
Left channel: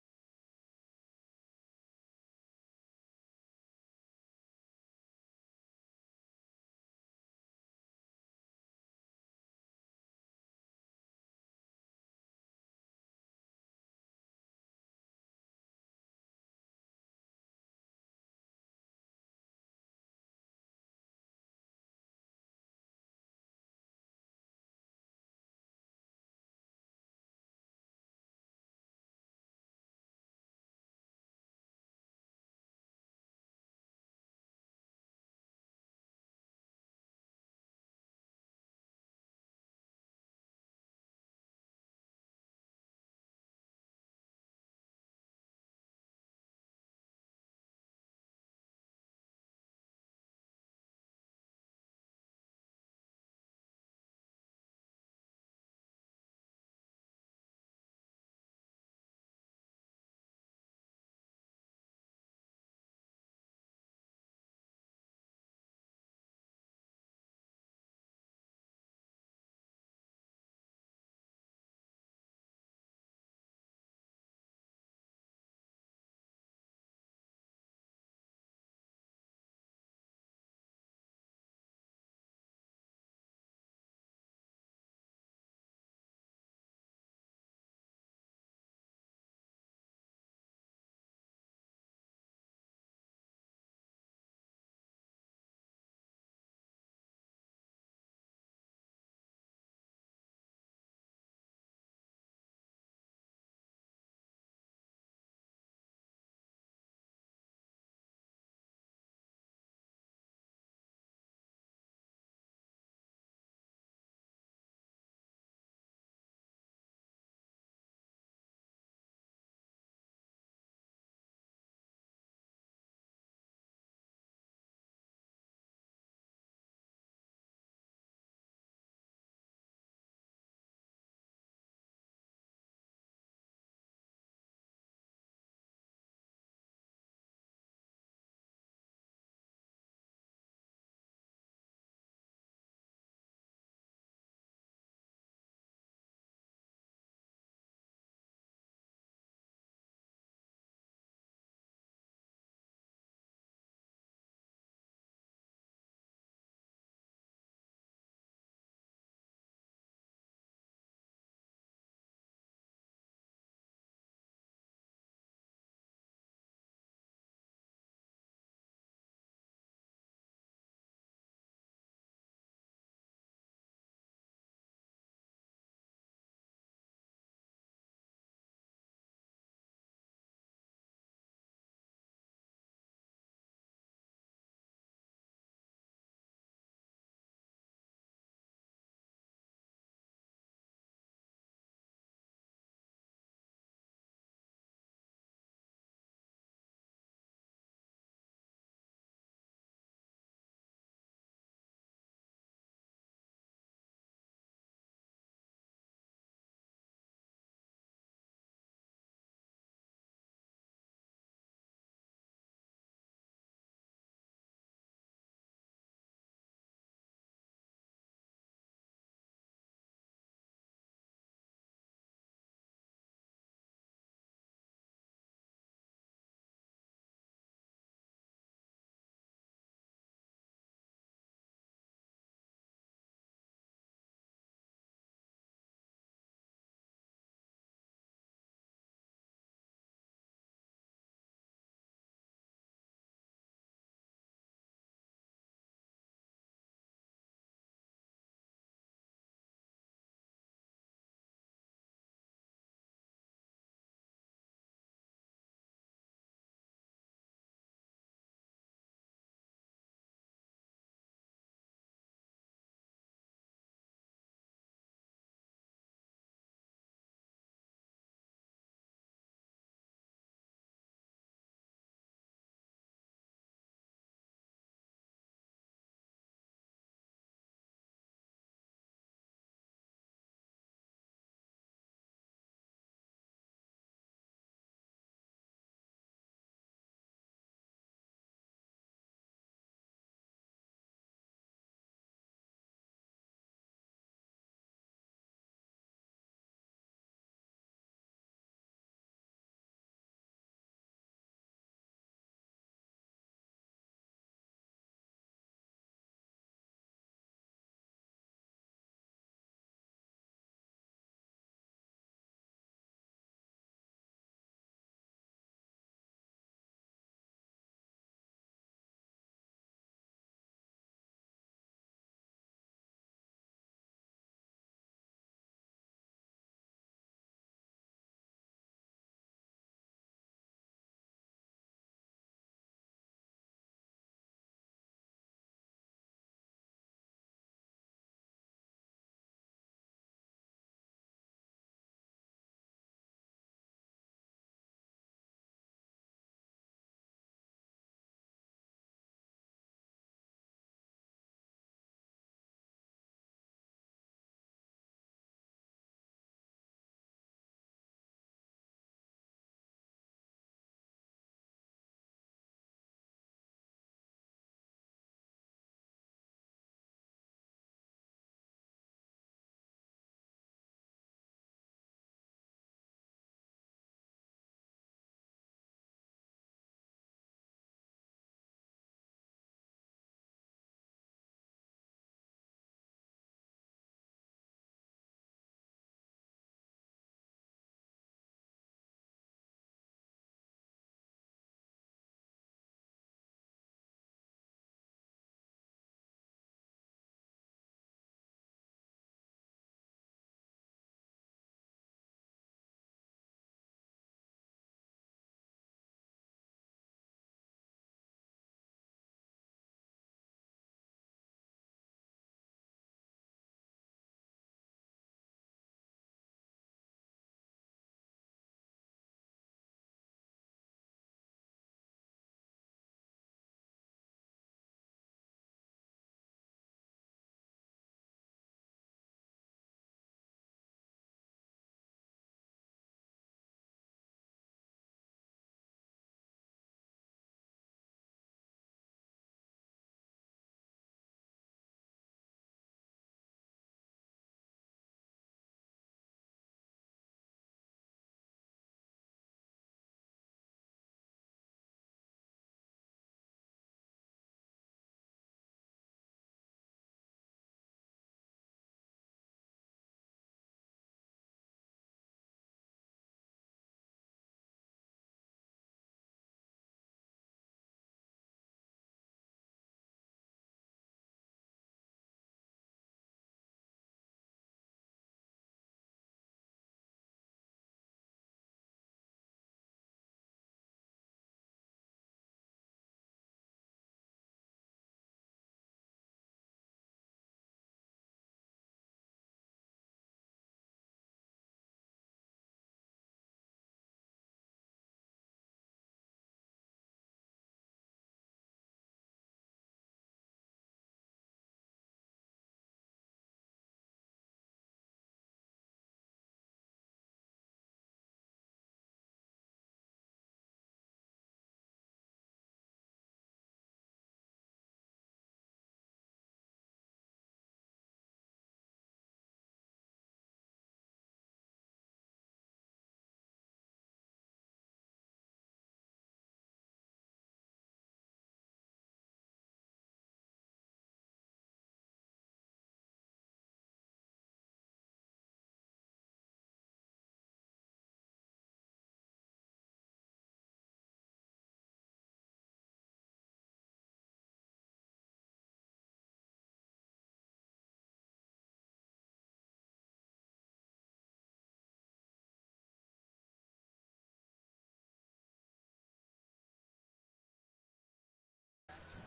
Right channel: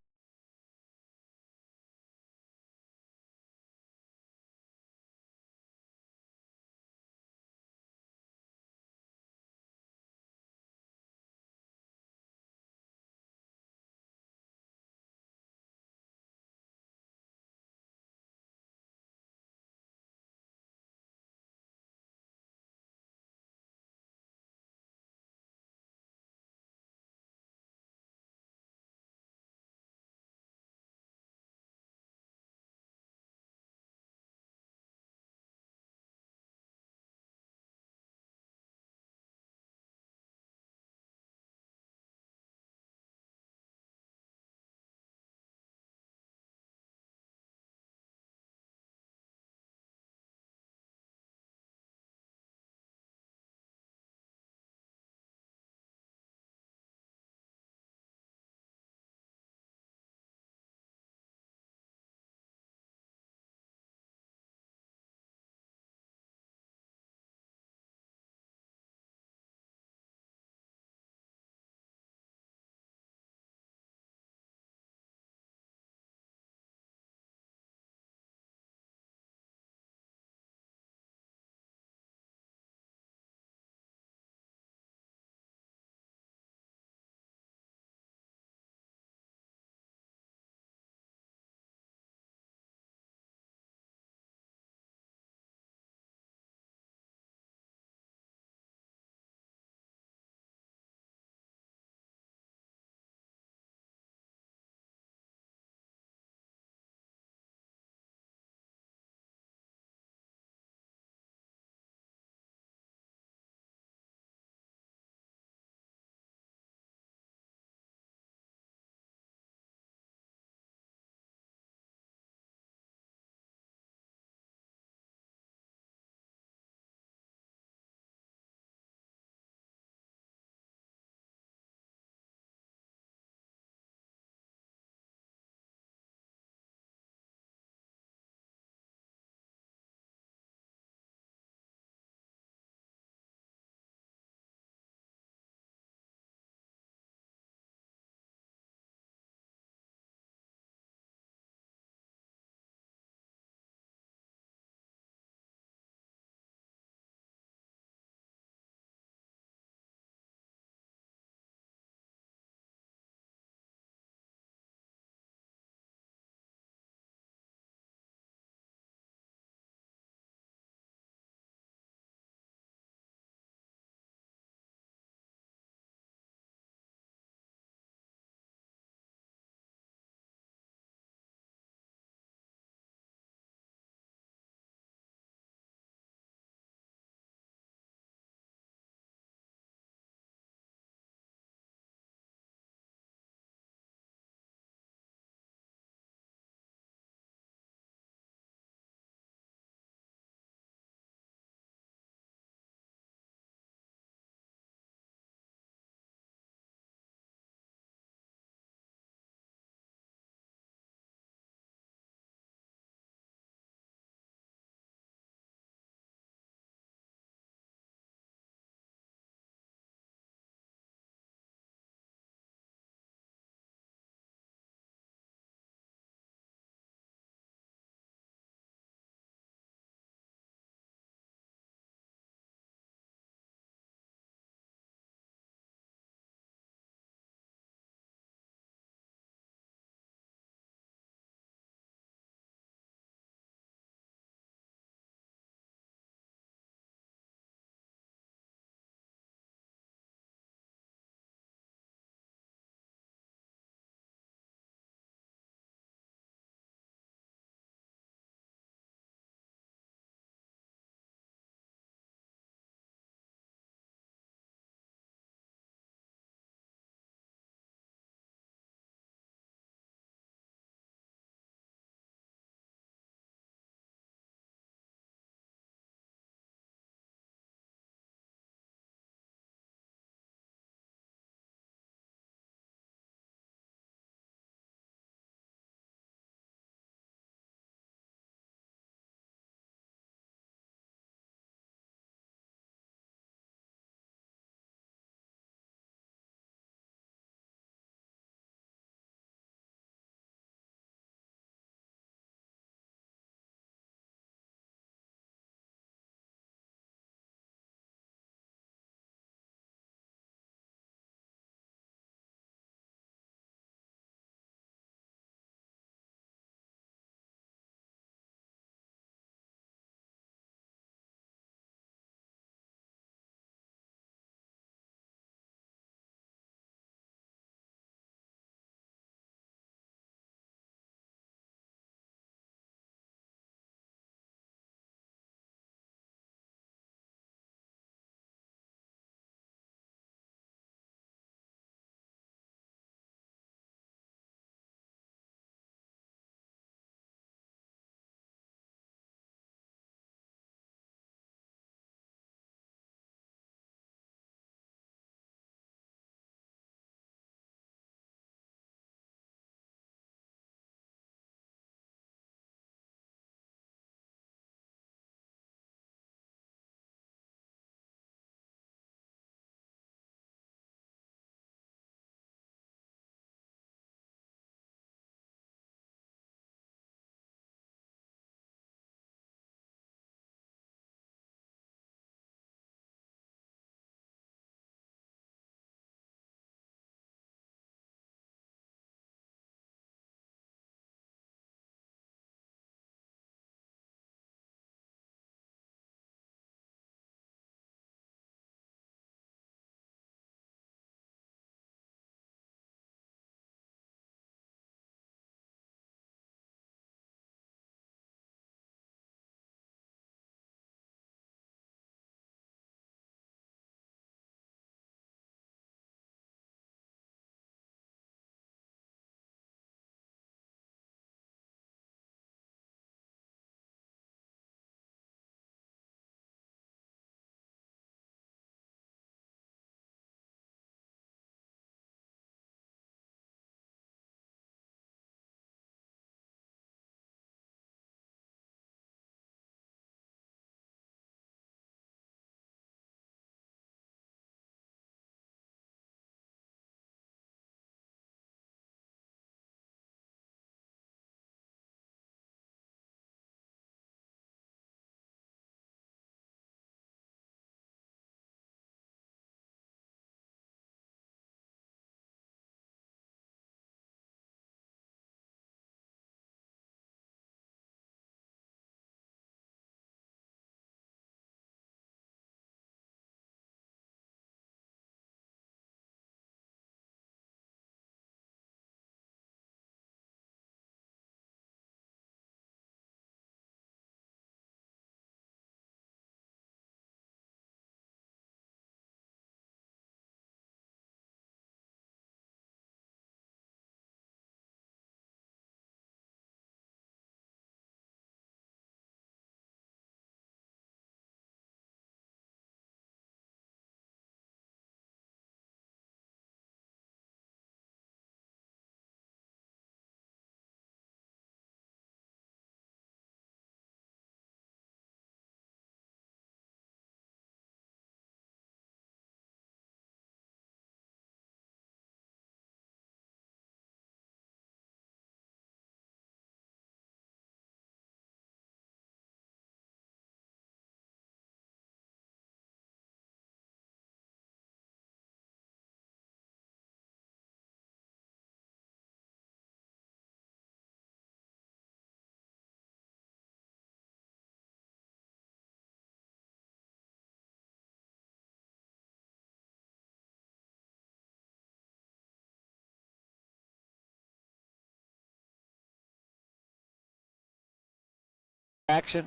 Action.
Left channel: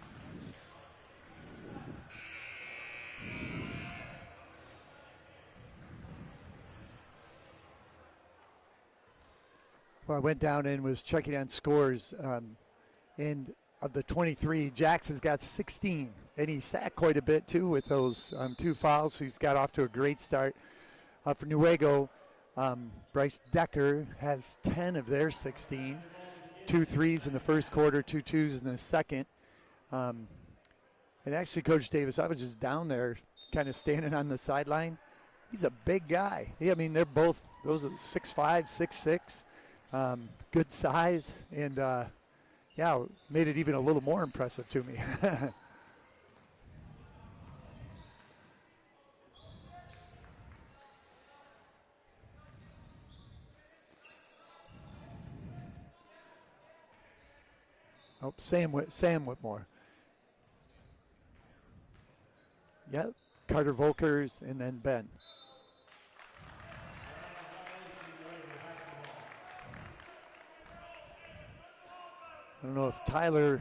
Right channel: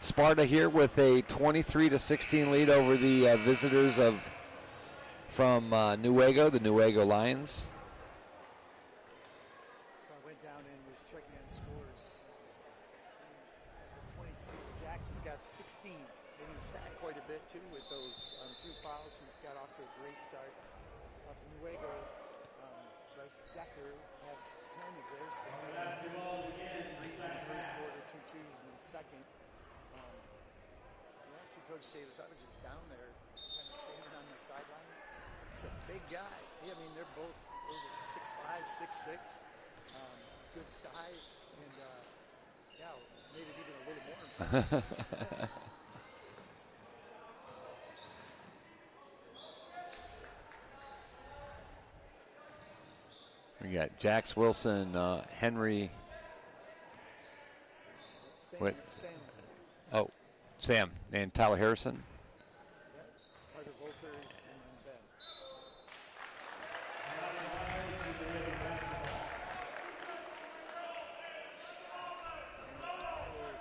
Sparta here with a 23-16 lead over the visitors from Newaygo, the Newaygo Lions. Well, I went down and was checking on scores. And of the 23, Jackson's got 16. And he sacked quite a bit, too, with those 2 fouls. So he's got off to a great start. For Newaygo, Bryce Decker has 10 of their 16. 2 threes in the first quarter, 2 twos in the second. And actually, Coach Davis, I was just down there kind of standing on the sideline. He's a big guy. I mean, they're both, those are 6'5", 6'6", good size. And, yeah, made it even a little more impressive to me. We got Jax Wilson, Henry. Oh, Sam Whitmore. Oh, Sam and Tyler Harrison. Yep, Carter Volkers, and then Ben. I don't know if Tyler,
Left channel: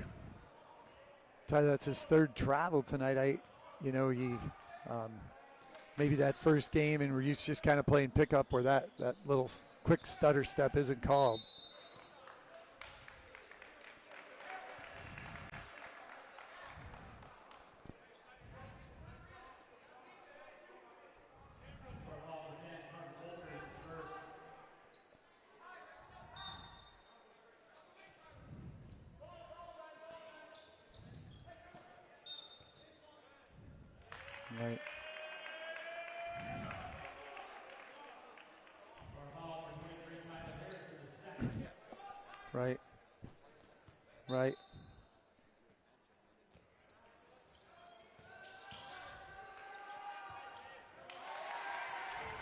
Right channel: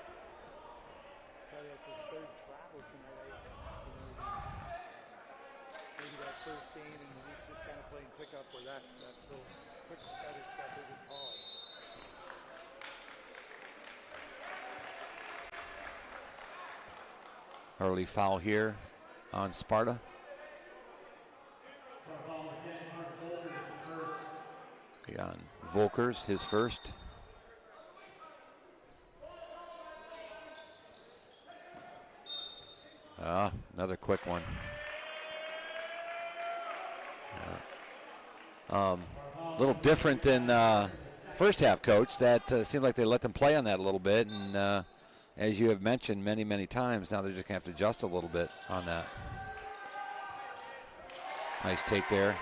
that's his 3rd travel tonight. He, maybe that first game, and we're used to just kind of playing pickup where that little quick stutter step isn't called. Early foul here on Sparta. On Volkers, his first. Another quick one. A little different than first half, Coach. That seemed like they let them play on that a little bit. Right. And as you have mentioned many, many times, now they're just going to have to adjust a little bit on that. Nice take there.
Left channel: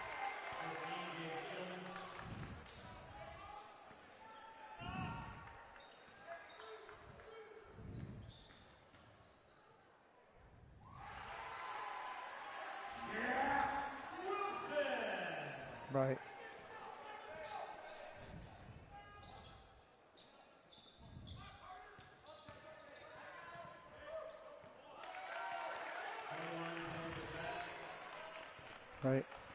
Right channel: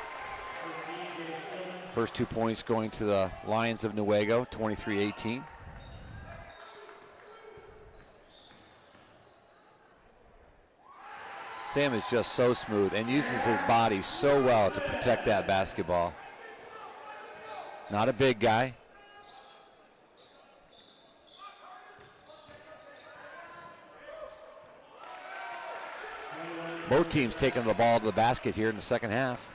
First 2 points going to the Lions of Newaygo, 23-18. Sam is just so smooth and uses his body so well to protect that basketball. Right. Not a big guy. Both teams taking the ball to the basket here in the second half.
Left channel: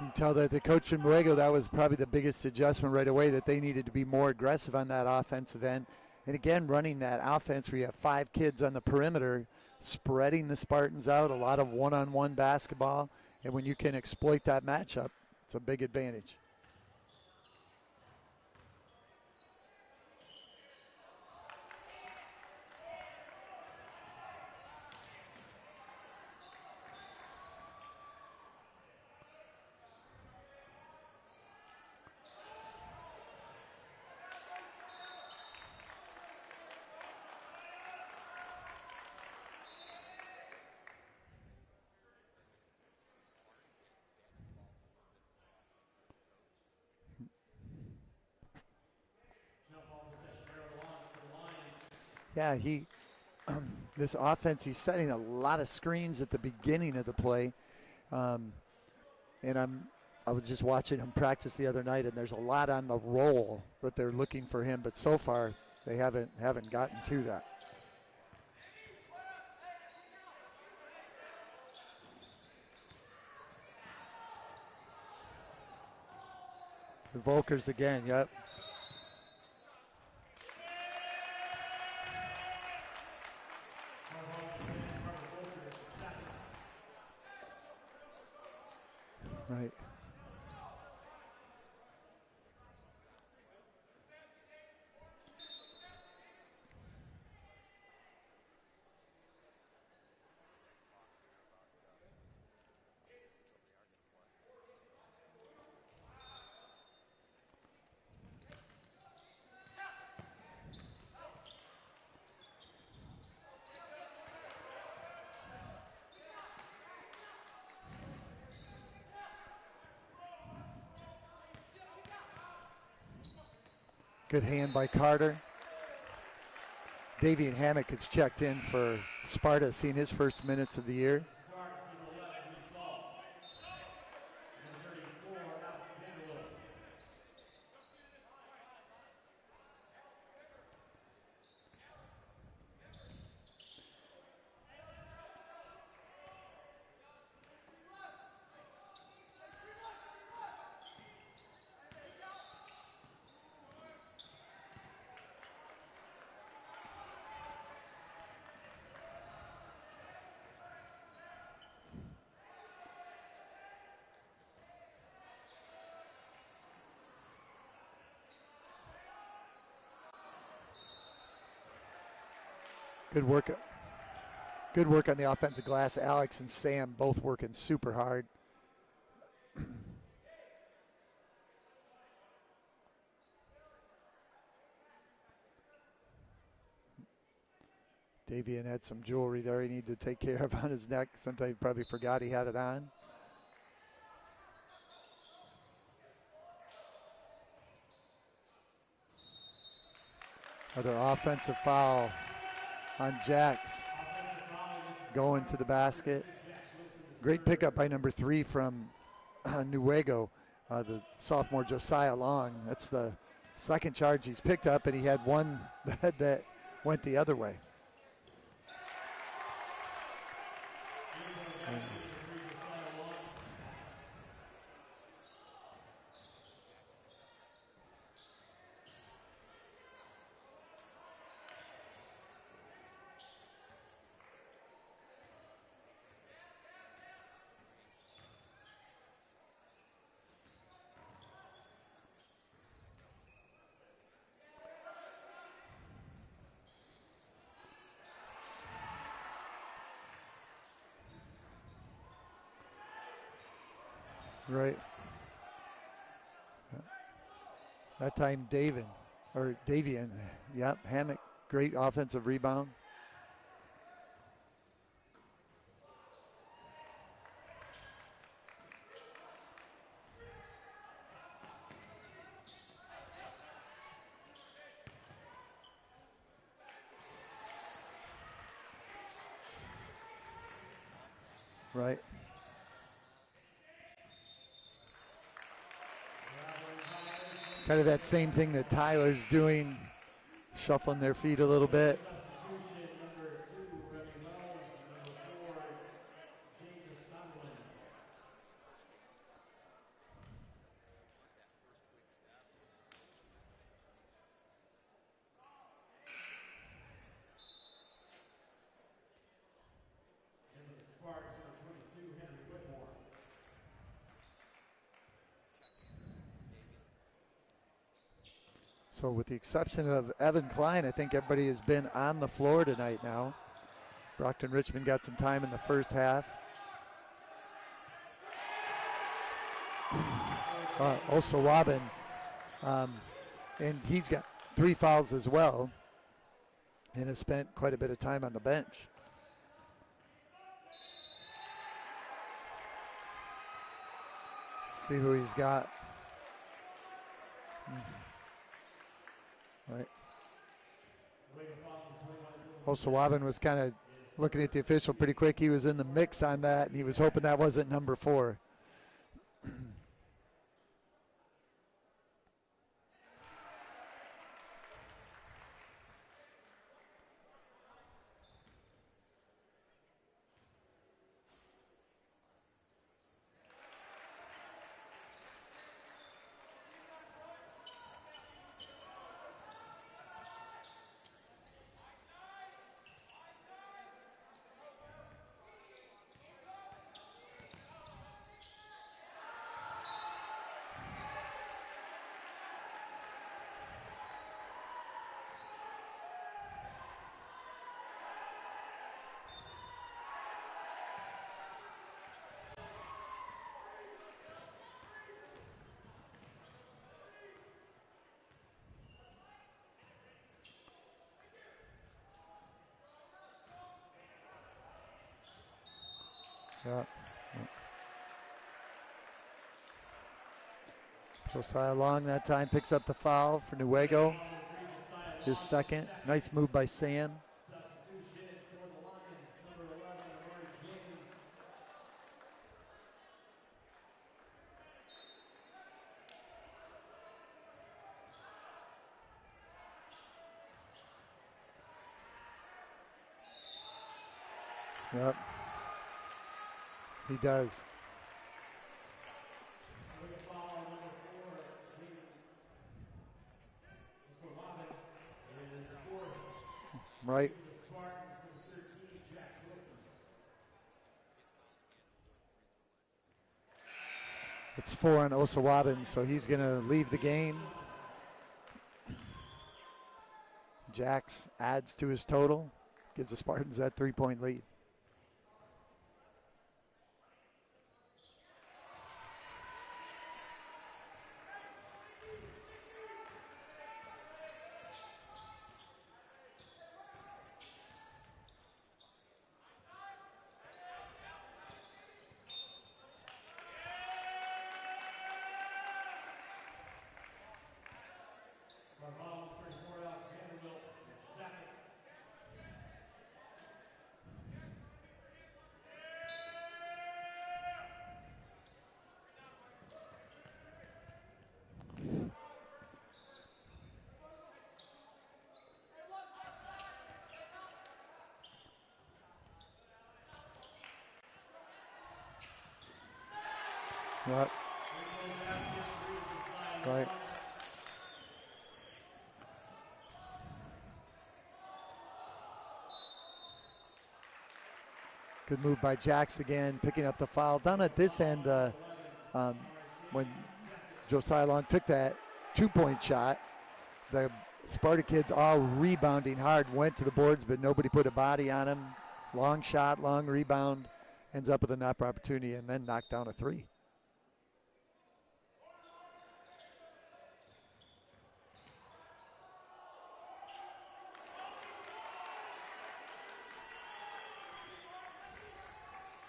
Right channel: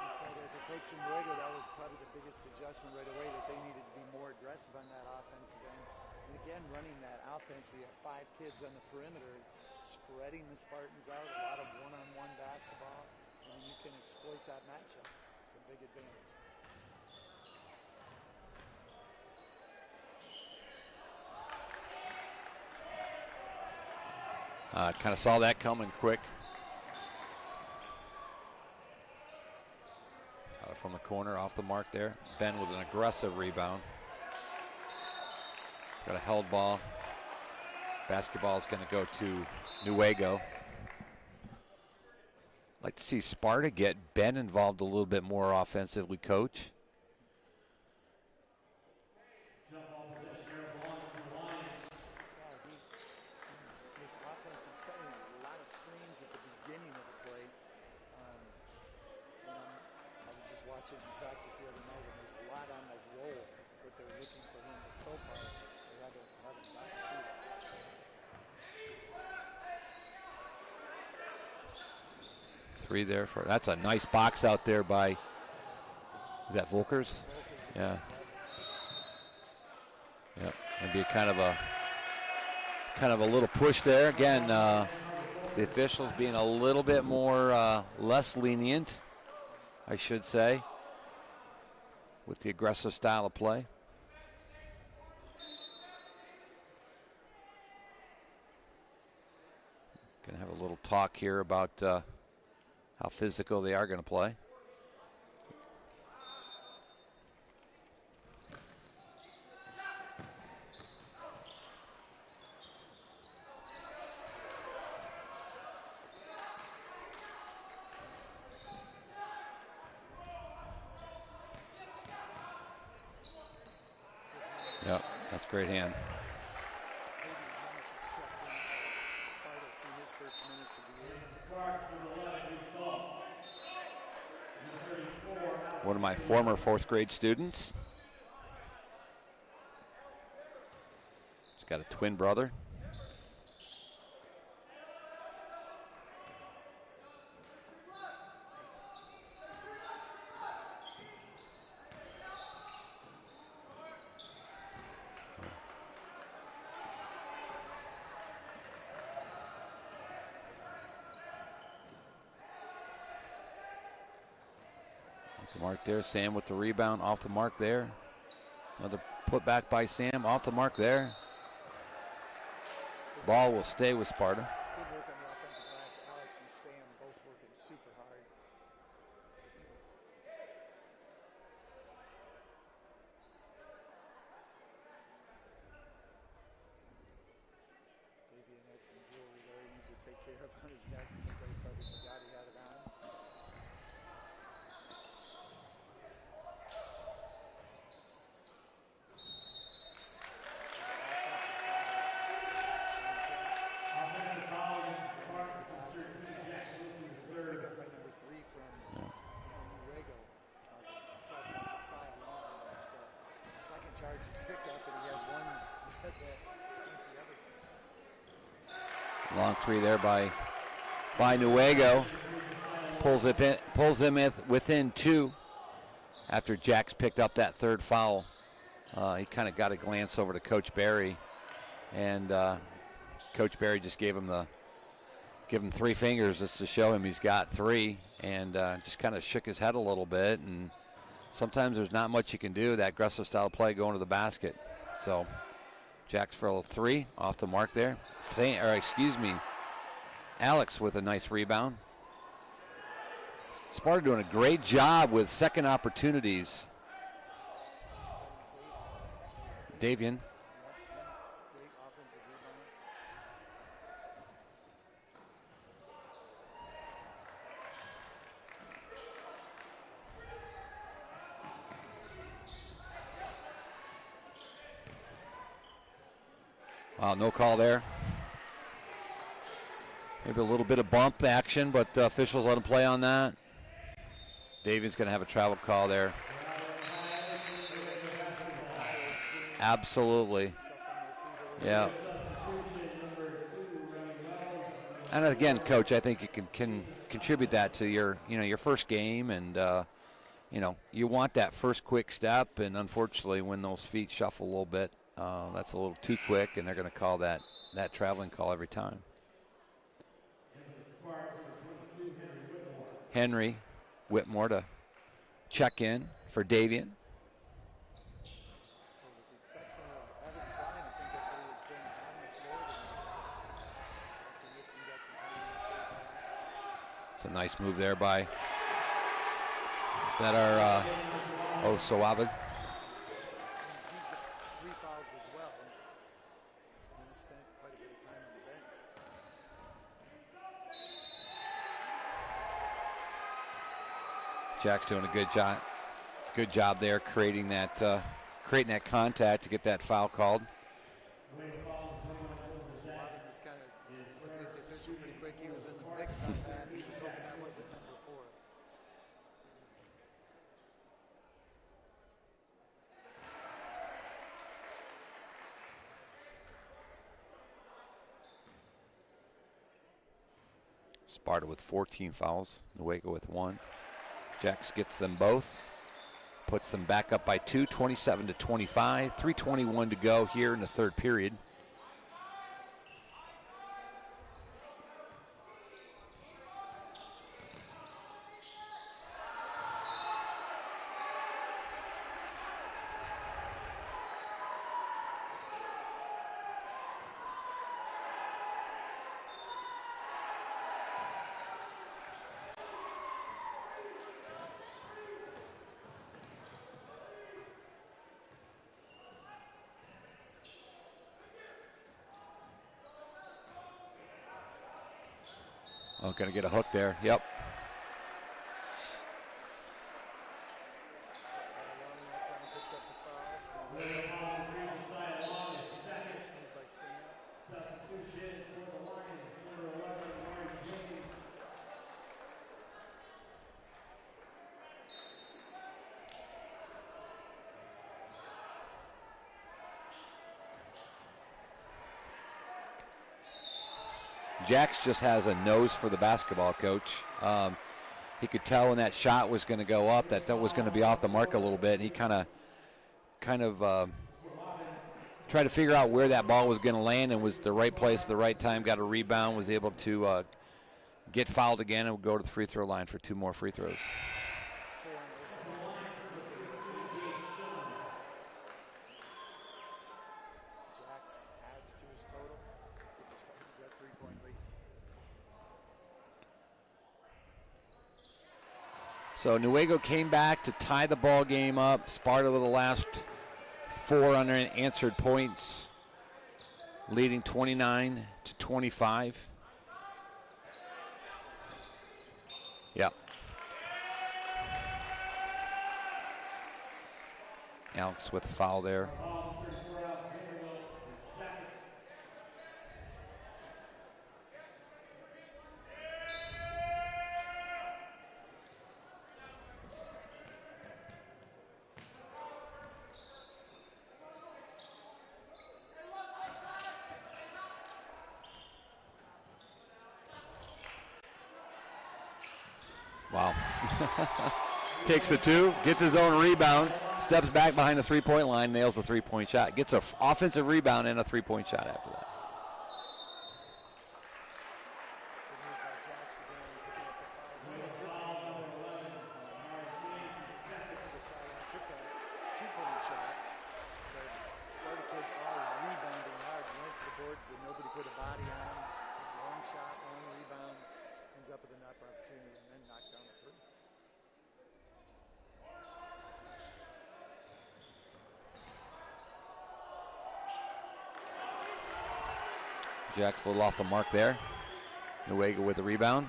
You can tell that the coach from Newaygo, that was probably the biggest adjustment right away, that they needed to be more aggressive on that offensive end. And again, running that offense where you have 5 kids on the perimeter, spreading the Spartans out, a lot of one-on-one basketball. And when you can exploit that matchup, it's a big advantage. Kind of saw that coming quick. From the corner, off the mark there. Ben with an aggressive rebound. Got a held ball. Basketball is going to go to Newaygo. Like to see Sparta get Ben involved a little bit more offensively, Coach. Yeah, this offense, he's setting a lot of screens at the beginning of the play. And I was just watching him practice the other night, and there's a lot on the roll that they're looking for him, but so far they haven't gotten to that. Three there for, that's a nice box out there by, is that Volkers? Volkers again, yep. Yep, maybe kind of a little push there. Again, the officials being a little bit more, less lenient. Right. I should say, with the aggressive style of play. Gonna have a little talk here about how physical they are gonna play. Good hand by Carter. That's a great hand. Davian Hammock gets checked in for Sparta, seeing his first minutes of the year. One of my former 4th grade students. He's got a twin brother. The mark there, Sam with the rebound, off the mark there. Another put back by Sam, off the mark there. Good Ball work. will stay with Sparta. Good work on the offensive glass. Alex and Sam both working super hard. Davian had some jewelry there he needed to take care of on his neck. Sometimes he probably forgot he had it on. Another offensive foul on Jax. Going to the basket. Great pickup by number 3 from Newaygo, the sophomore Josiah Long. That's the second charge he's picked up, and he had one that went the other way. Long 3 there by Newaygo. Pulls them within 2 after Jax picked up that third foul. He kind of got a glance over to Coach Barry, and Coach Barry just gave him 3 fingers just to show him he's got 3, and just kind of shook his head a little bit. And sometimes there's not much you can do, that aggressive style play going to the basket. So Jax for a 3 off the mark there. Alex with a nice rebound. Sparta doing a great job with second opportunities. That time Davian. Yep, Hammock, great offensive rebound. Wow, no call there. Maybe a little bit of bump action, but officials let him play on that. Davian's going to have a travel call there. It's kind of that same thing that Tyler's doing. Absolutely. Shuffling their feet a little bit. And again, Coach, I think you can contribute that to your first game, and you want that first quick step, and unfortunately when those feet shuffle a little bit, that's a little too quick, and they're going to call that traveling call every time. Henry Whitmore to check in for Davian. So with the exception of Evan Klein, I think everybody has been on the floor tonight now. Brockton Richmond got some time in the first half. It's a nice move there by, is that our Osawabin. And he's got 3 fouls as well, and has spent quite a bit of time on the bench. Jack's doing a good job. Good job there creating that contact to get that foul called. Osawabin was kind of looking at the official pretty quick. He was in the mix on that, and he was hoping that wasn't number 4. Sparta with 14 fouls, Newaygo with 1. Jax gets them both, puts them back up by 2, 27-25, 3:21 to go here in the third period. Oh, gonna get a hook there. Yep. Josiah Long that time picks up the foul for Newaygo. His second. Nice move by Sam. Jax just has a nose for the basketball, Coach. He does. He could tell when that shot was going to go up that was going to be off the mark a little bit, and he kind of tried to figure out where that ball was going to land, and was the right place at the right time, got a rebound, was able to get fouled again, and would go to the free throw line for 2 more free throws. It's 4 on Osawabin, so he's going to leave the game. Jax adds to his total, gives the Spartans that 3-point lead. So Newaygo came back to tie the ball game up. Sparta with the last 4 unanswered points, leading 29-25. Yeah. Alex with a foul there. Wow. Takes the 2, gets his own rebound, steps back behind the 3-point line, nails the 3-point shot, gets an offensive rebound and a 3-point shot after that. Good move by Jax again, picking up the foul. Down at this end, when Josiah Long took that 2-point shot, the Sparta kids all rebounding hard, went to the boards, but nobody put a body on him. Long shot, long rebound, ends up with a knock opportunity, and then knocked down a 3. Jack's a little off the mark there. Newaygo with the rebound.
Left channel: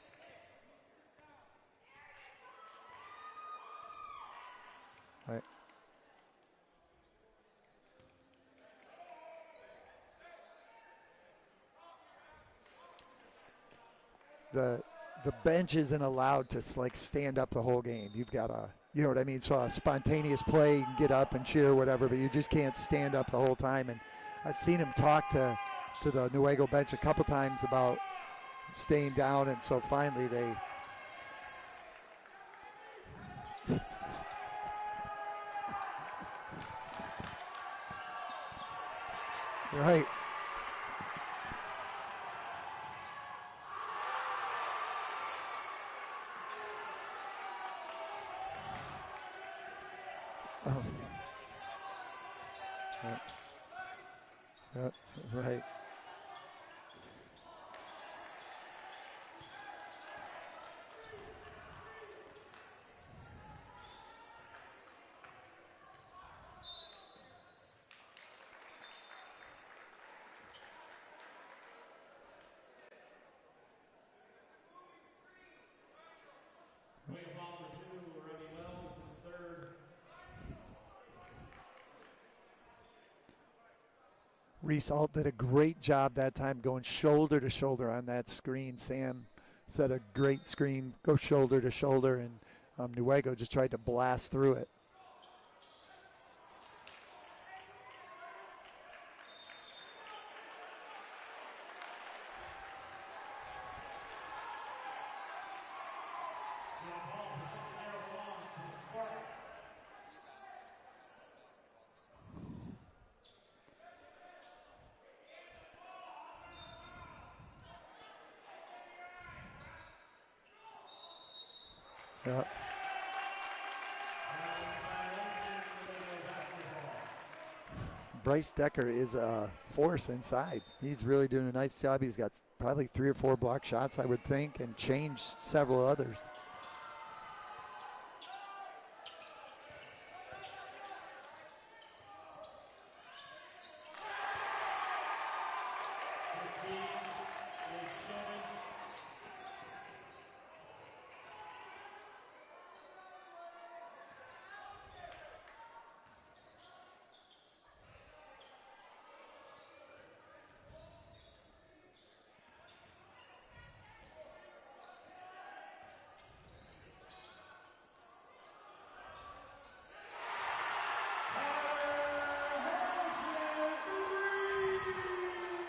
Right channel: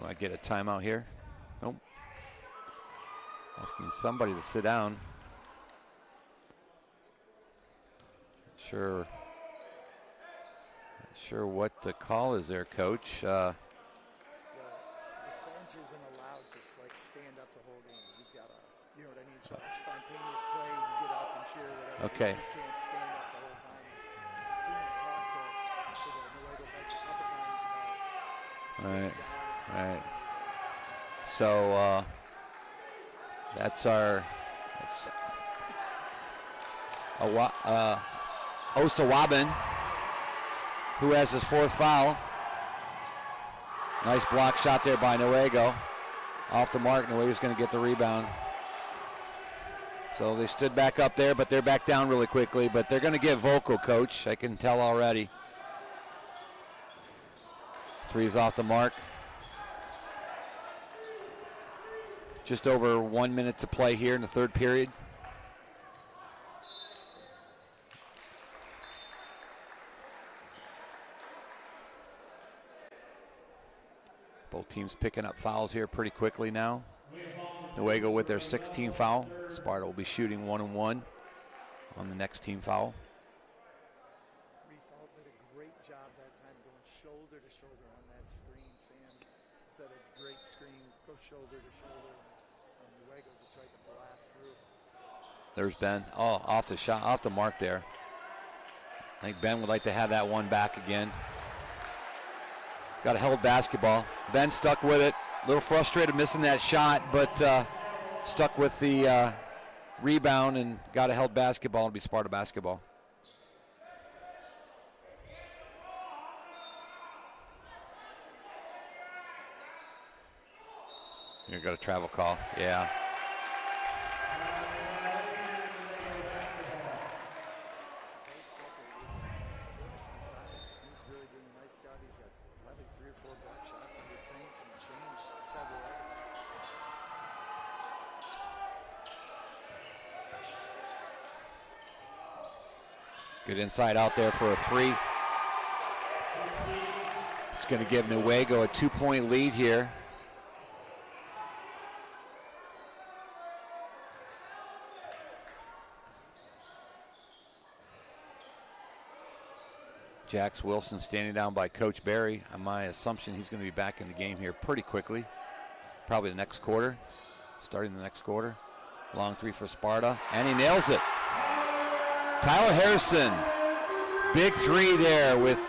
Will I get a timeout here? Nope. Asking somebody to sit down. Right. Sure what the call is there, Coach. The bench isn't allowed to like stand up the whole game. You've got to, you know what I mean? So a spontaneous play, you can get up and cheer, whatever, Okay. but you just can't stand up the whole time. And I've seen him talk to the Newaygo bench a couple times about staying down, and so finally they. So that's Osawabin, Right. who has his 4th foul. Nice block shot there by Newaygo. Off the mark, Newaygo's going to get the rebound. So they stood back up there, but they're back down really quickly. But they're going to get vocal, Coach. I can tell already. Right. 3's off the mark. Just over 1 minute to play here in the 3rd period. Both teams picking up fouls here pretty quickly now. Newaygo with their 16th foul. Sparta will be shooting 1-1 on the next team foul. Reese Alt did a great job that time going shoulder to shoulder on that screen. Sam set a great screen, go shoulder to shoulder, and Newaygo just tried to blast through it. There's Ben. Oh, off the mark there. I think Ben would like to have that one back again. Got a held basketball. Ben stuck with it. A little frustrated missing that shot, but stuck with the rebound and got a held basketball. It'll be Sparta basketball. You're got a travel call. Yeah. Bryce Decker is a force inside. He's really doing a nice job. He's got probably 3 or 4 block shots, I would think, and changed several others. Good inside out there for a 3. It's going to give Newaygo a 2-point lead here. Jax Wilson standing down by Coach Barry. On my assumption, he's going to be back in the game here pretty quickly. Probably the next quarter, starting the next quarter. Long 3 for Sparta, and he nails it. Tyler Harrison, big 3 there with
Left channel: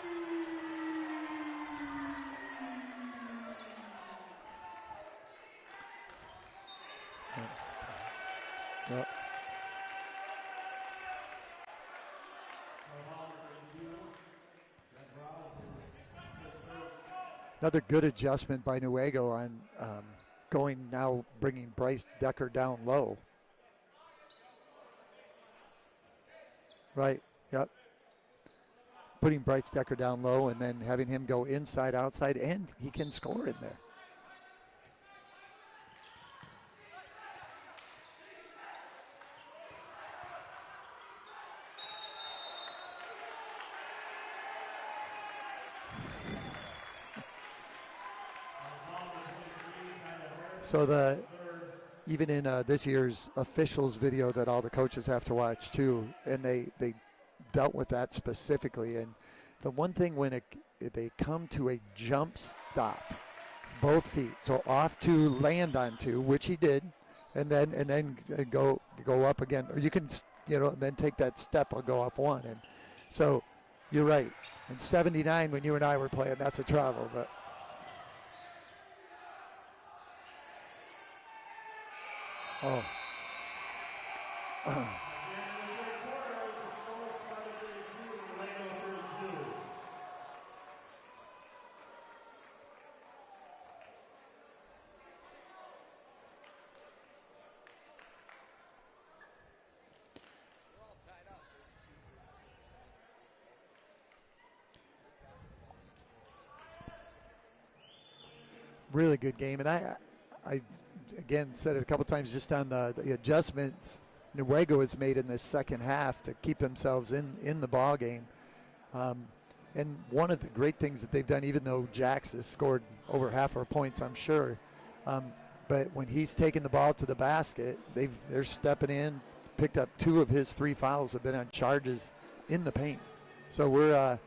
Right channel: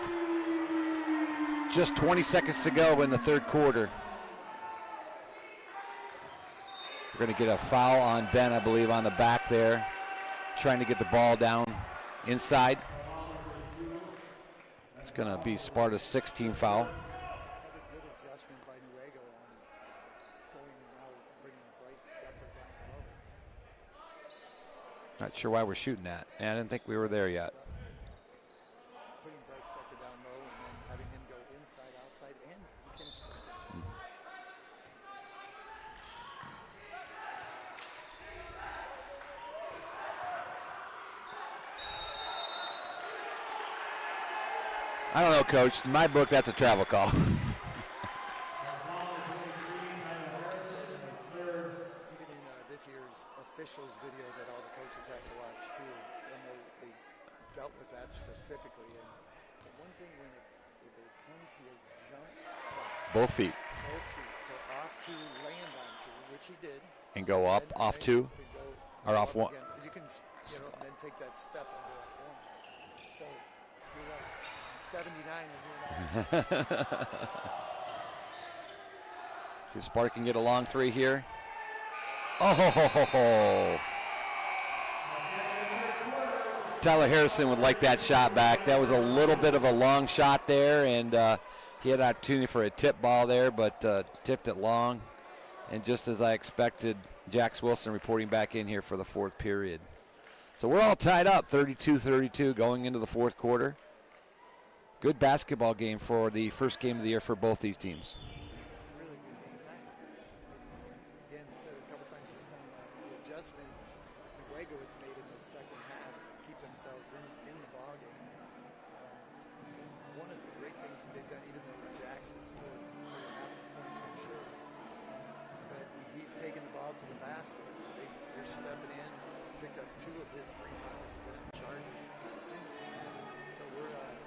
just 20 seconds to go in the 3rd quarter. We're going to get a foul on Ben, I believe, on the back there, trying to get the ball down inside. It's going to be Sparta's 16th foul. Another good adjustment by Newaygo on bringing Bryce Decker down low. Not sure why we're shooting that. I didn't think we were Right, there yet. Yep. Putting Bryce Decker down low and then having him go inside, outside, and he can score in there. I don't know, Coach. In my book, that's a travel call. So even in this year's officials video that all the coaches have to watch too, and they dealt with that specifically. And the one thing when they come to a jump stop, Both feet. So off to land onto, which he did, And go up, then, off and two. and go off up one. again. Or you can then take that step or go off one. And so you're right. In '79 when you and I were playing, that's a travel. But See if Sparta can get a long three here. Oh! Tyler Harrison would like that shot back. That was a little bit of a long shot there, and he had an opportunity for a tip ball there, but tipped it long. And just as I expected, Jax Wilson reporting back in here for the fourth period. So we're all tied up, 32-32 going into the fourth quarter. Good basketball game for the first game of the year for both these teams. really good game. And I again said it a couple times just on the adjustments Newaygo has made in this second half to keep themselves in the ball game. And one of the great things that they've done, even though Jax has scored over half our points, I'm sure, but when he's taken the ball to the basket, they're stepping in, picked up 2 of his 3 fouls, have been on charges in the paint. So we're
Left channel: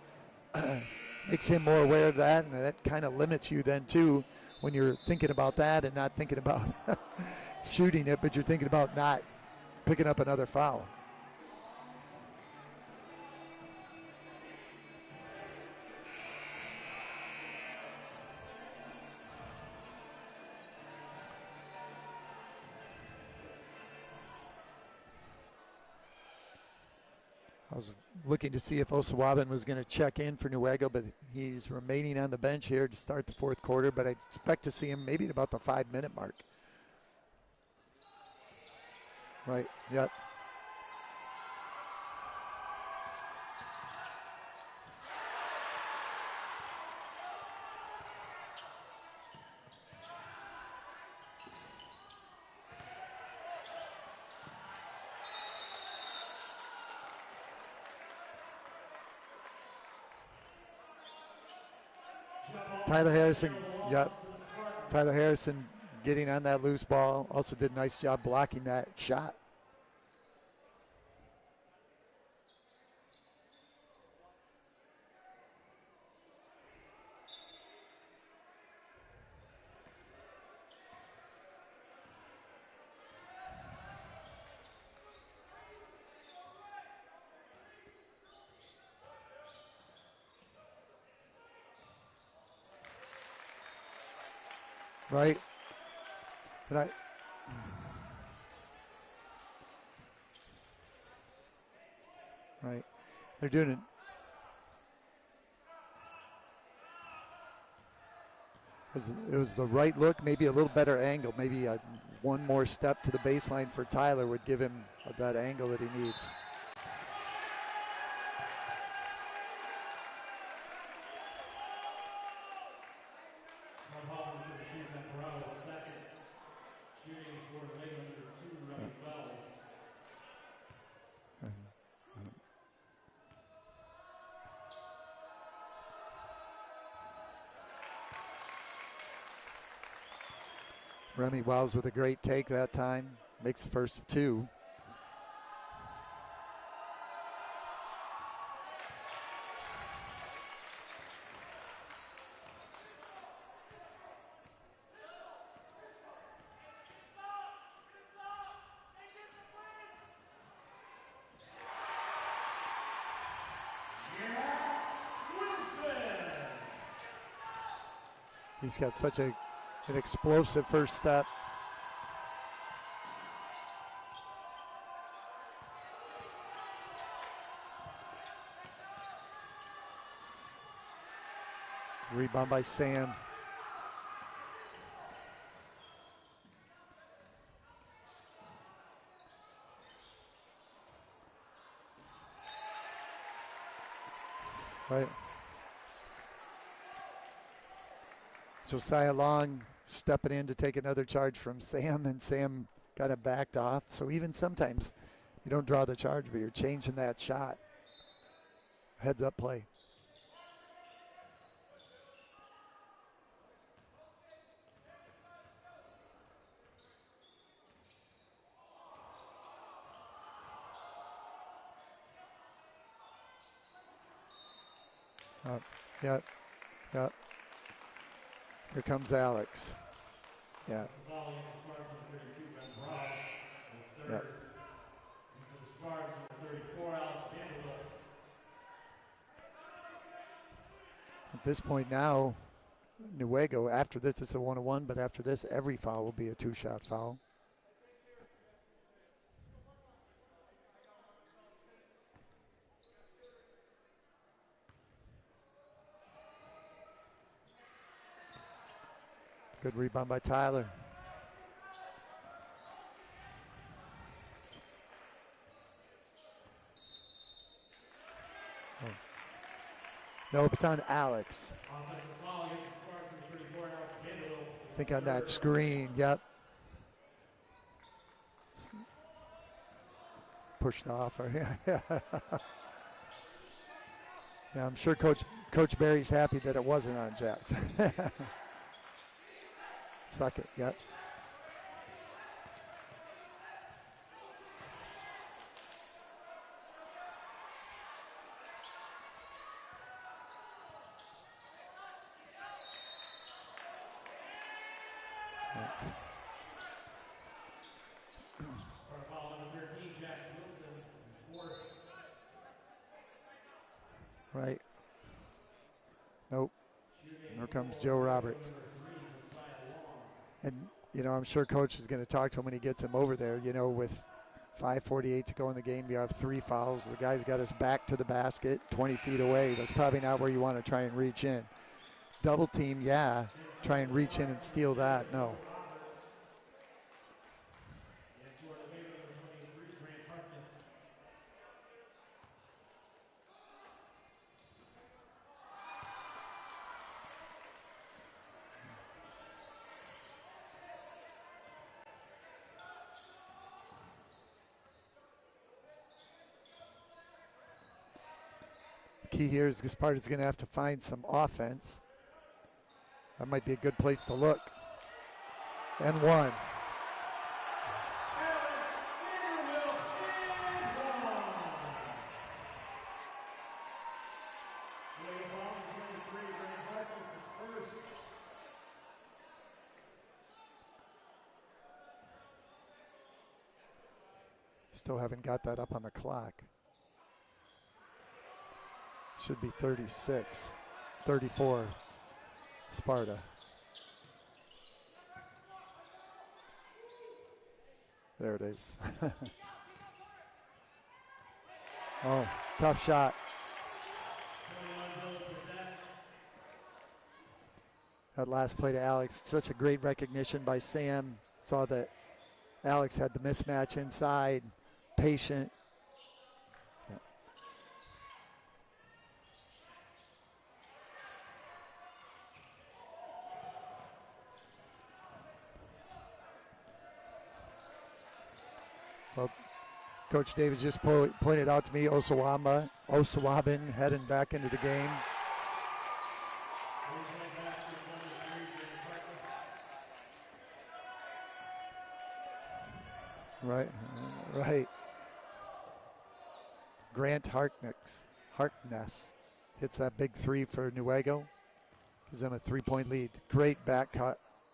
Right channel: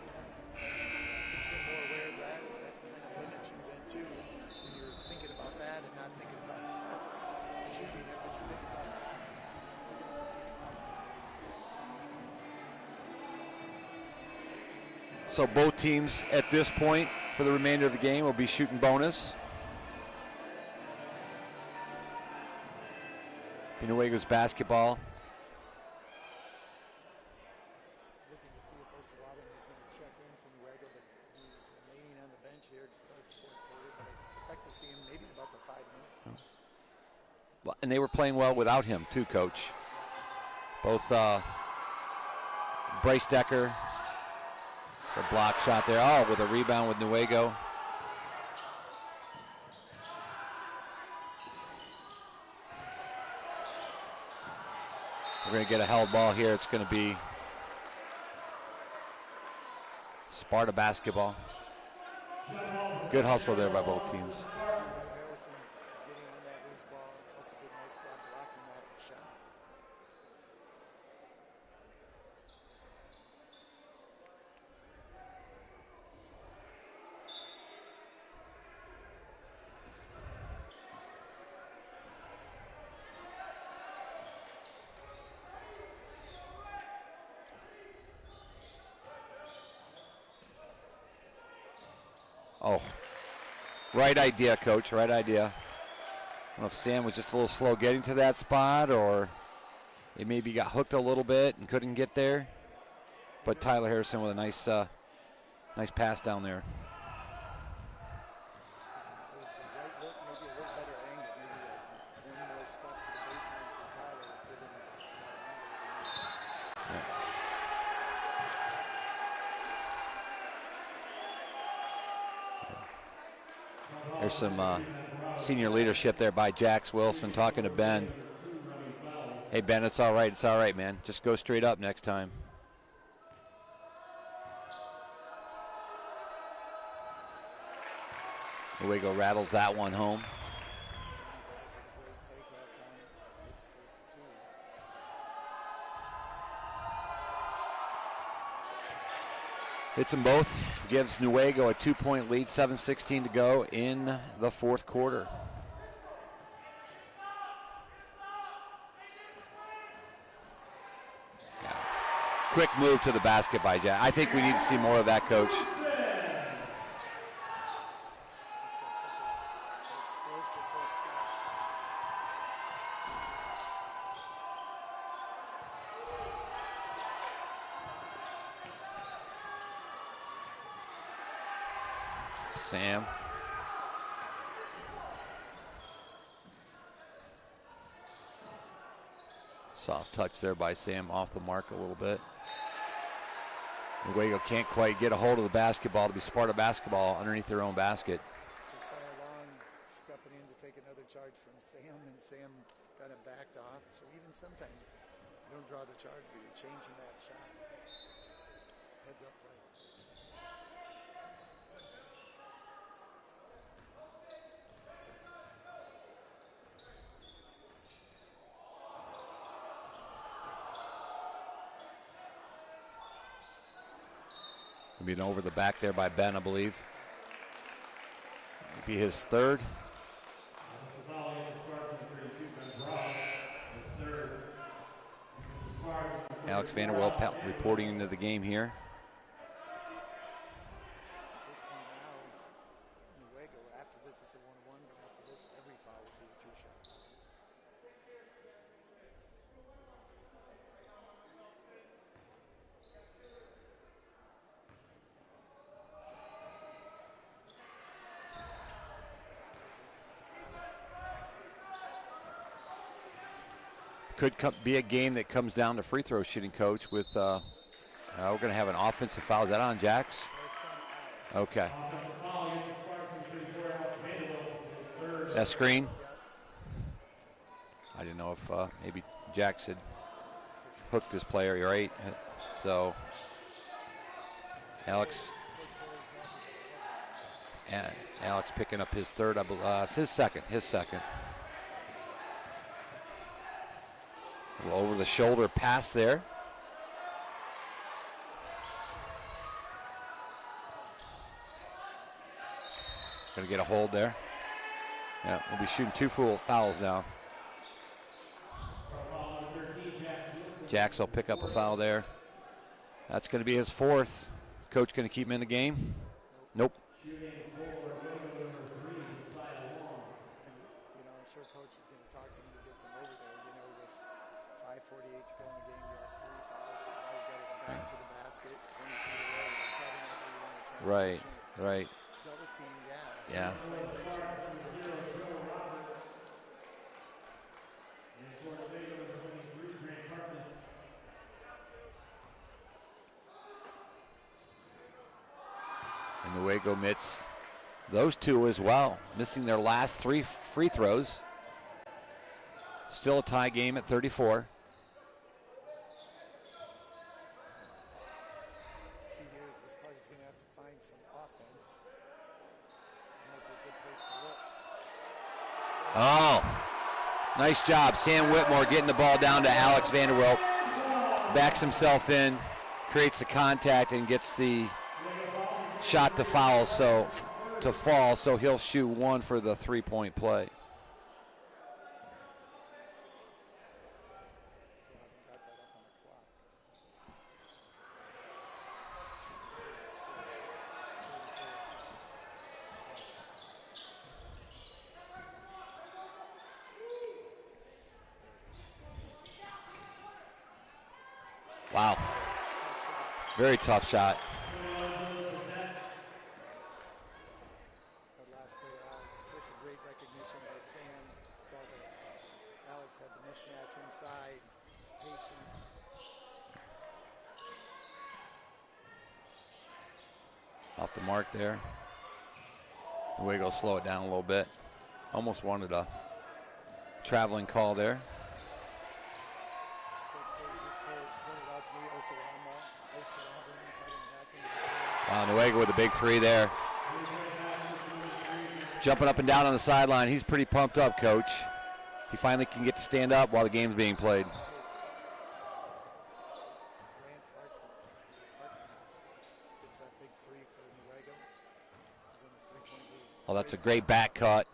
makes him more aware of that, and that kind of limits you then too when you're thinking about that and not thinking about shooting it, but you're thinking about not picking up another foul. So both teams at this point for the remainder of the game will be shooting bonus. Newaygo's basketball. I was looking to see if Osawabin was going to check in for Newaygo, but he's remaining on the bench here to start the fourth quarter, but I expect to see him maybe at about the 5-minute mark. Well, and they were playing well without him too, Coach. Right. Yep. Both Bryce Decker, the block shot there, with a rebound with Newaygo. We're going to get a held ball here. It's going to be Sparta basketball. Tyler Good Harrison, hustle there by both yep. teams. Tyler Harrison getting on that loose ball. Also did a nice job blocking that shot. Oh, right idea, Coach, right idea. I don't know if Sam was just a little slow getting to that spot, or he maybe got hooked a little bit and couldn't get there. Right. But Tyler Harrison with a nice pass down there. It was the right look, maybe a little better angle. Maybe one more step to the baseline for Tyler would give him that angle that he needs. Yeah. There's some senior leadership there by Jax Wilson talking to Ben. Hey, Ben, it's all right, man. Just go straight up next time. Newaygo rattles that one home. Remy Wells with a great take that time. Makes the first 2. Hits them both. Gives Newaygo a 2-point lead, 7:16 to go in the fourth quarter. Yeah. Quick move to the basket by Jack. I think we need to see more of that, Coach. He's got such an explosive first step. Rebound by Sam. Soft touch there by Sam, off the mark a little bit. Newaygo can't quite get a hold of the basketball to be Sparta basketball underneath their own basket. Josiah Long stepping in to take another charge from Sam, and Sam kind of backed off. So even sometimes you don't draw the charge, but you're changing that shot. Heads up play. Being over the back there by Ben, I believe. Here Be his comes third. Yeah. Alex Vanderwelt reporting into the game here. At this point now, Newaygo, after this, it's a 1-1, but after this, every foul will be a 2-shot foul. Good rebound by Tyler. Could be a game that comes down to free throw shooting, Coach, with we're going to have an offensive foul. Is that on Jax? No, it's on Alex. Okay. I think on that screen. That screen? Yep. I didn't know if maybe Jax had Pushed hooked off his right player, here. right? So, Yeah, I'm sure Alex. Coach Barry's happy that it wasn't on Jackson. yeah, Alex picking up his third, I believe. It's his second. Yep. Second. A little over the shoulder pass there. Going to get a hold there. Yeah, we'll be shooting 2 full fouls now. Jax will pick up a foul there. That's going to be his 4th. Right. Coach going to keep him in the game? Nope. Nope. Here comes Joe Roberts. And, you know, I'm sure Coach is going to talk to him when he gets him over there. You know, with 5:48 to go in the game, you have 3 fouls. The guy's got his back to the basket, 20 feet away. That's probably not where you want to try and reach in. Right. Double team, yeah. Try and reach in and steal that, no. And Newaygo missed those 2 as well, missing their last 3 free throws. Still a tie game at 34. Key here is Sparta's going to have to find some offense. That might be a good place to look. And Nice job. Sam Whitmore getting the ball down to Alex Vanderwelt. Backs himself in, creates the contact, and gets the shot to fall, so he'll shoot 1 for the 3-point play. Still haven't got that up on the clock. Should be 36, 34, Sparta. There it is. Wow. Oh, tough shot. Very tough shot. That last play to Alex, such a great recognition by Sam. Saw that Alex had the mismatch inside, patient. Off the mark there. Newaygo slow it down a little bit. Almost wanted a traveling call there. Well, Coach Davis just pointed out to me Osawabin heading back into the game. Newaygo with a big 3 there. Jumping up and down on the sideline. He's pretty pumped up, Coach. He finally can get to stand up while the game's being played. Right. Grant Harkness hits that big 3 for Newaygo. Gives them a 3-point lead. Oh, that's a great back cut.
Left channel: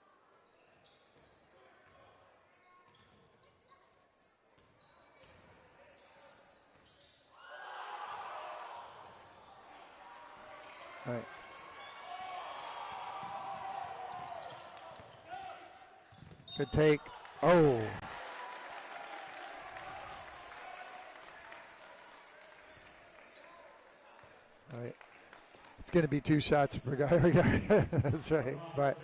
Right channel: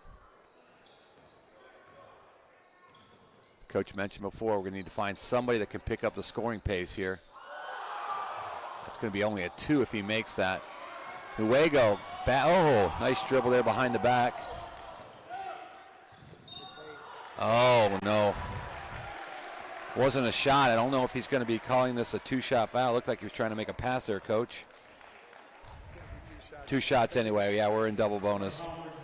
Coach mentioned before, we're going to need to find somebody that can pick up the scoring pace here. It's going to be only a 2 if he makes that. Right. Newaygo, nice dribble there behind the back. Good take. Oh, no. Wasn't a shot. I don't know if he's going to be calling this a 2-shot foul. Looked like he was trying to make a pass there, Coach. Right. It's going to be 2 shots. 2 shots anyway. Yeah, we're in double bonus. Right.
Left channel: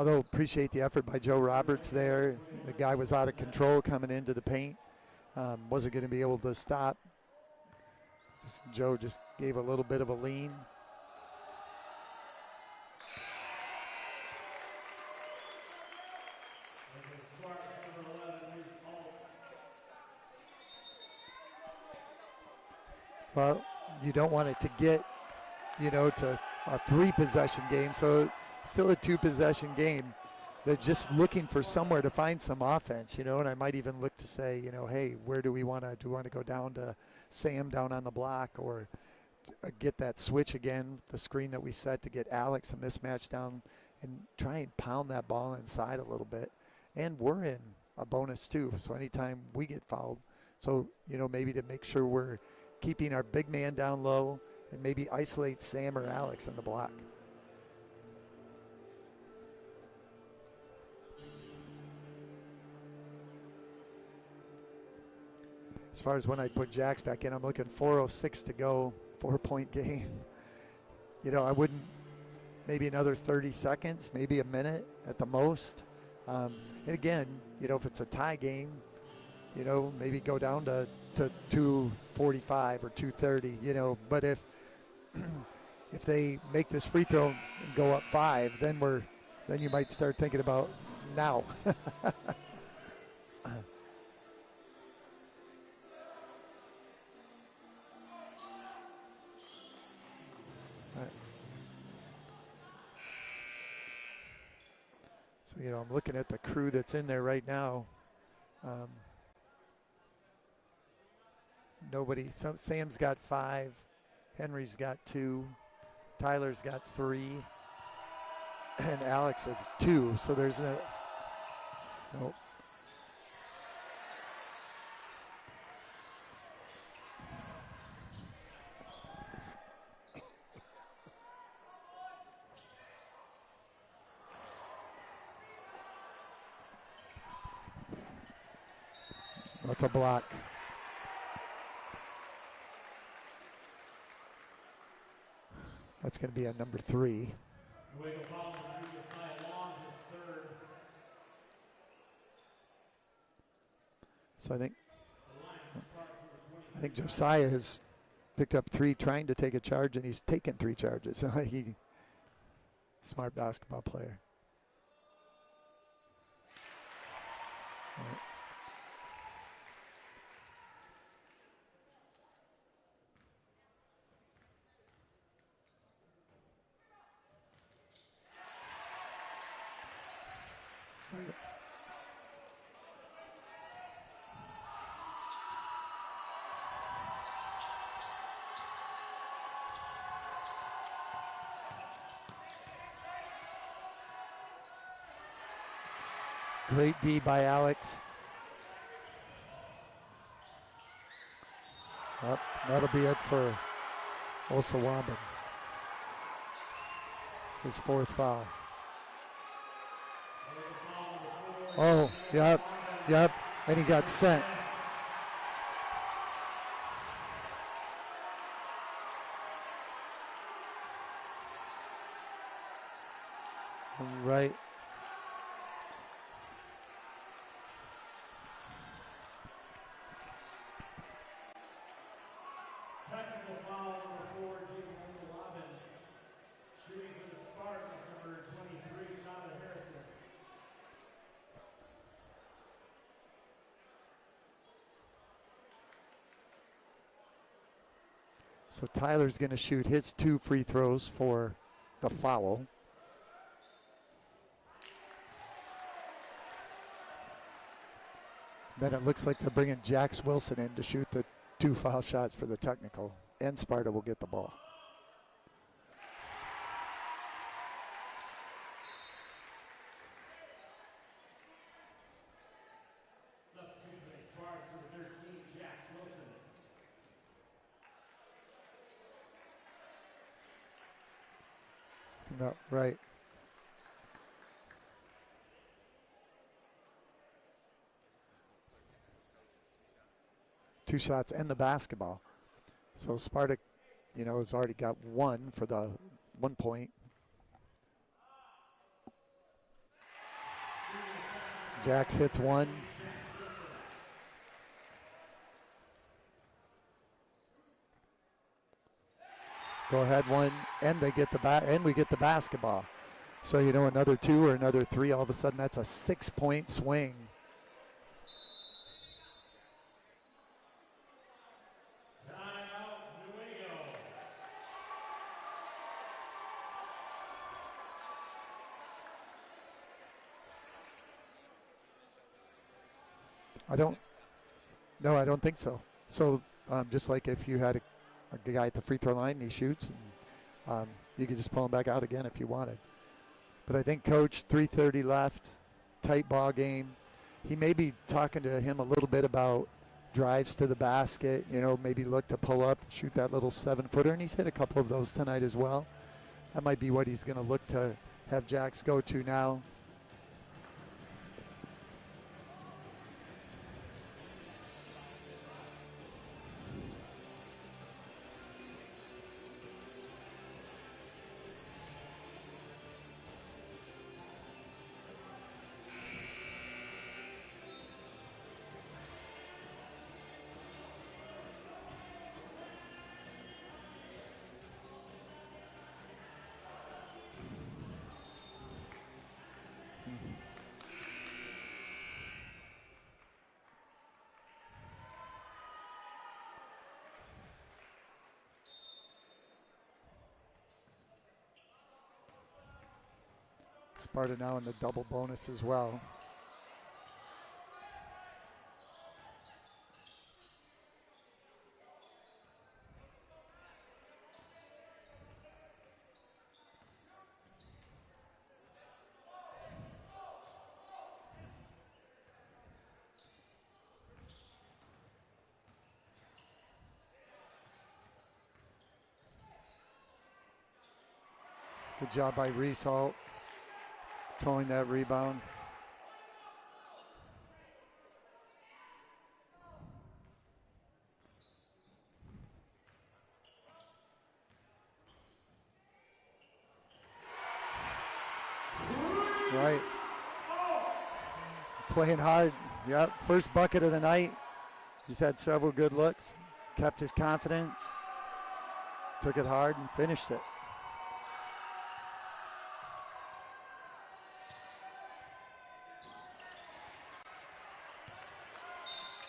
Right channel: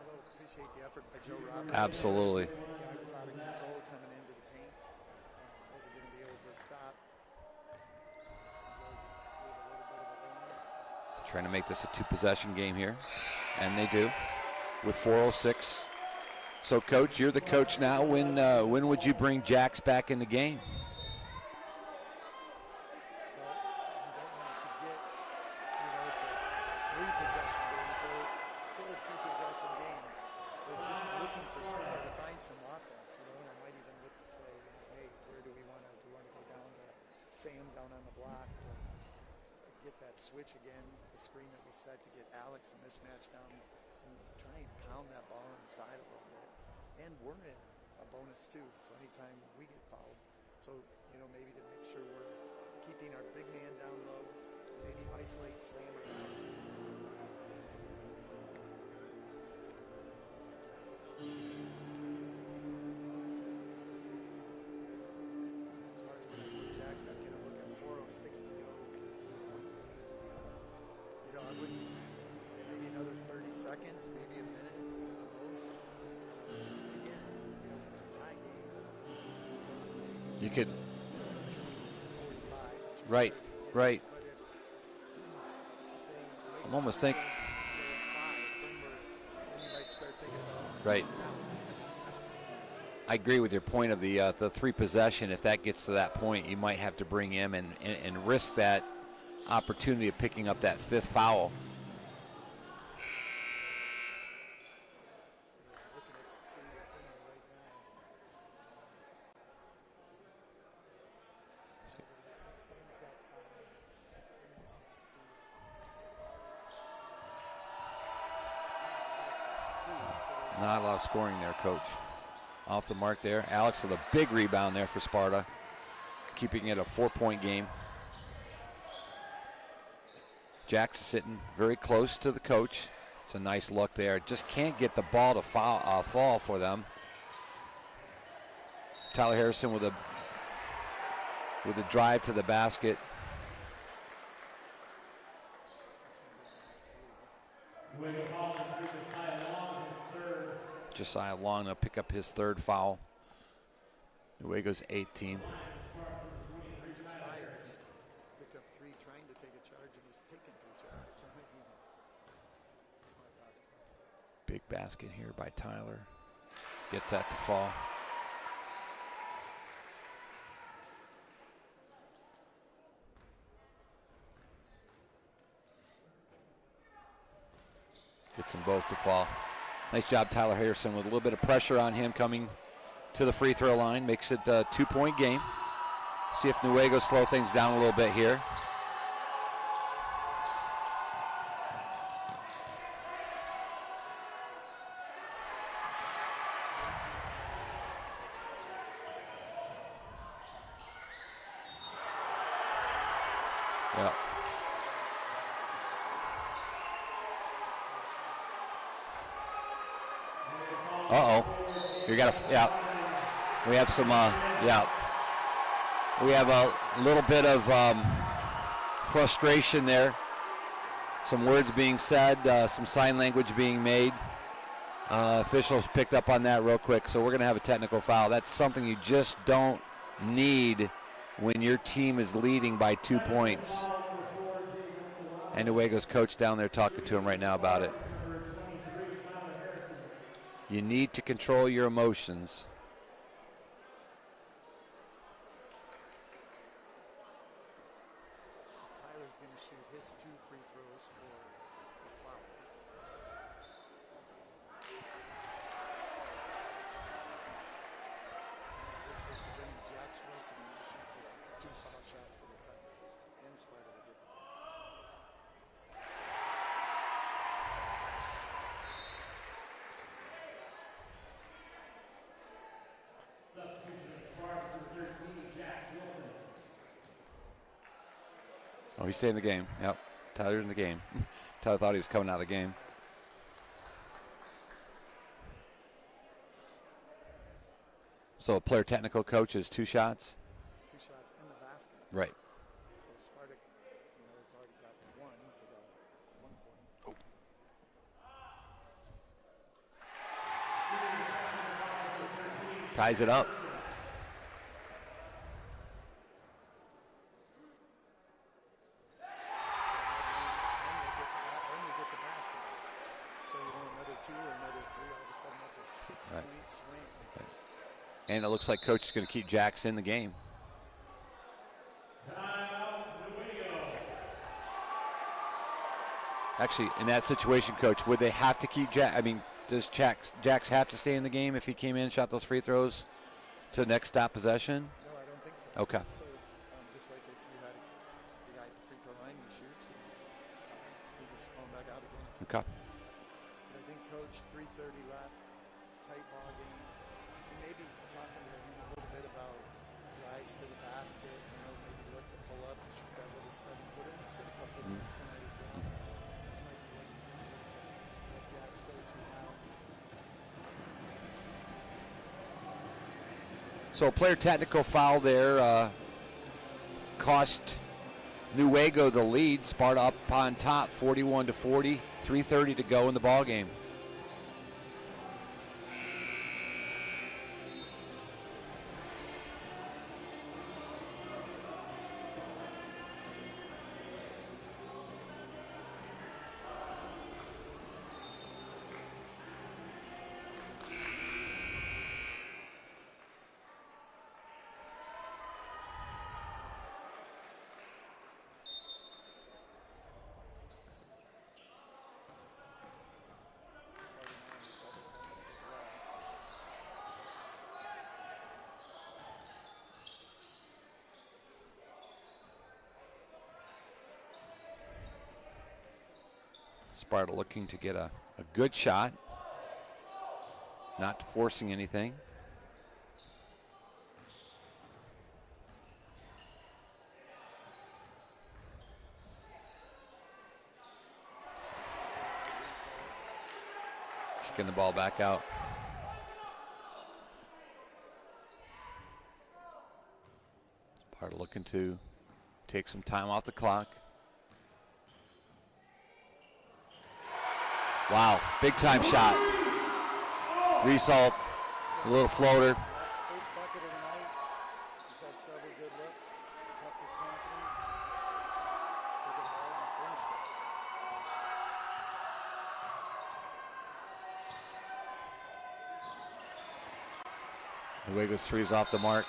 Although appreciate the effort by Joe Roberts. Absolutely. There. The guy was out of control coming into the paint. Wasn't going to be able to stop. Joe just gave a little bit of a lean. Trying to make this a 2-possession game here, and they do with 4:06. So, Coach, you're the coach now. When would you bring Jax back in the game? Well, you don't want it to get, to a 3-possession game. So still a 2-possession game. They're just looking for somewhere to find some offense, and I might even look to say, hey, where do we want to go down to Sam down on the block, or get that switch again, the screen that we set to get Alex a mismatch down, and try and pound that ball inside a little bit. And we're in a bonus too, so anytime we get fouled, so maybe to make sure we're keeping our big man down low and maybe isolate Sam or Alex in the block. As far as when I put Jax back in, I'm looking 4:06 to go, 4-point game. I wouldn't, maybe another 30 seconds, maybe a minute at the most. And again, if it's a tie game, maybe go down to 2:45 or 2:30. Right. But if they make this free throw and go up 5, then you might start thinking about now. I agree with your point of the 3-possession. If that gets to that point, you might have to bring him and risk that opportunity of picking up that 5th foul. So, I'm looking at the crew that's in there right now. Nobody. Sam's got 5. Henry's got 2. Tyler's got 3. And Alex has 2. So there's not a lot of scoring there, Coach. Nope. Off the mark there. Alex with a big rebound there for Sparta, keeping it a 4-point game. Jack's sitting very close to the coach. It's a nice look there. Just can't get the ball to fall for them. Tyler Harrison with a block. With a drive to the basket. That's going to be a number 3. Josiah Long to pick up his 3rd foul. Newaygo's 18. I think Josiah has picked up 3 trying to take a charge, and he's taken 3 charges. Smart basketball player. Big basket here by Tyler. Gets that to fall. Gets them both to fall. Nice job, Tyler Harrison, with a little bit of pressure on him coming to the free throw line. Makes it a 2-point game. See if Newaygo slow things down a little bit here. Great D by Alex. Oh, that'll be it for Osawaba. His 4th foul. Oh, you got to, Yep. We have some, we have a little bit of frustration there. Some words being said, some sign language being made. Right. Officials picked up on that real quick, so we're going to have a technical foul. That's something you just don't need when your team is leading by 2 points. And Newaygo's coach down there talking to him right now about it. You need to control your emotions. So Tyler's going to shoot his 2 free throws for the foul. Then it looks like they're bringing Jax Wilson in to shoot the 2 foul shots for the technical, and Sparta will get the ball. Oh, he's staying in the game. Yep, Tyler's in the game. Tyler thought he was coming out of the game. Right. So a player technical coach is 2 shots? 2 shots and the basketball. Right. So Sparta, has already got 1 for the 1 point. Jax hits one. Ties it up. Go ahead one, and they get and we get the basketball. So another 2 or another 3, all of a sudden that's a 6-point swing. And it looks like coach is going to keep Jax in the game. Actually, in that situation, coach, would they have to keep Jax? I mean, does Jax have to stay in the game if he came in and shot those free throws to the next stop possession? No, I don't think so. Okay. So just like if you had a guy at the free throw line and he shoots, you could just pull him back out again if you wanted. But I think coach, 3:30 left, tight ball game. He may be talking to him a little bit about drives to the basket, maybe look to pull up, shoot that little 7-footer, and he's hit a couple of those tonight as well. That might be what he's going to look to have Jax go to now. So a player technical foul there cost Newaygo the lead. Sparta up on top, 41-40, 3:30 to go in the ball game. Sparta now in the double bonus as well. Sparta looking to get a good shot, not forcing anything. Good job by Result. Kicking the ball back out. Sparta looking to take some time off the clock. Wow, big time shot. Right. Result, Playing little hard. floater. Yep, first bucket of the night. He's had several good looks, kept his confidence, took it hard and finished it. Newaygo's three's off the mark.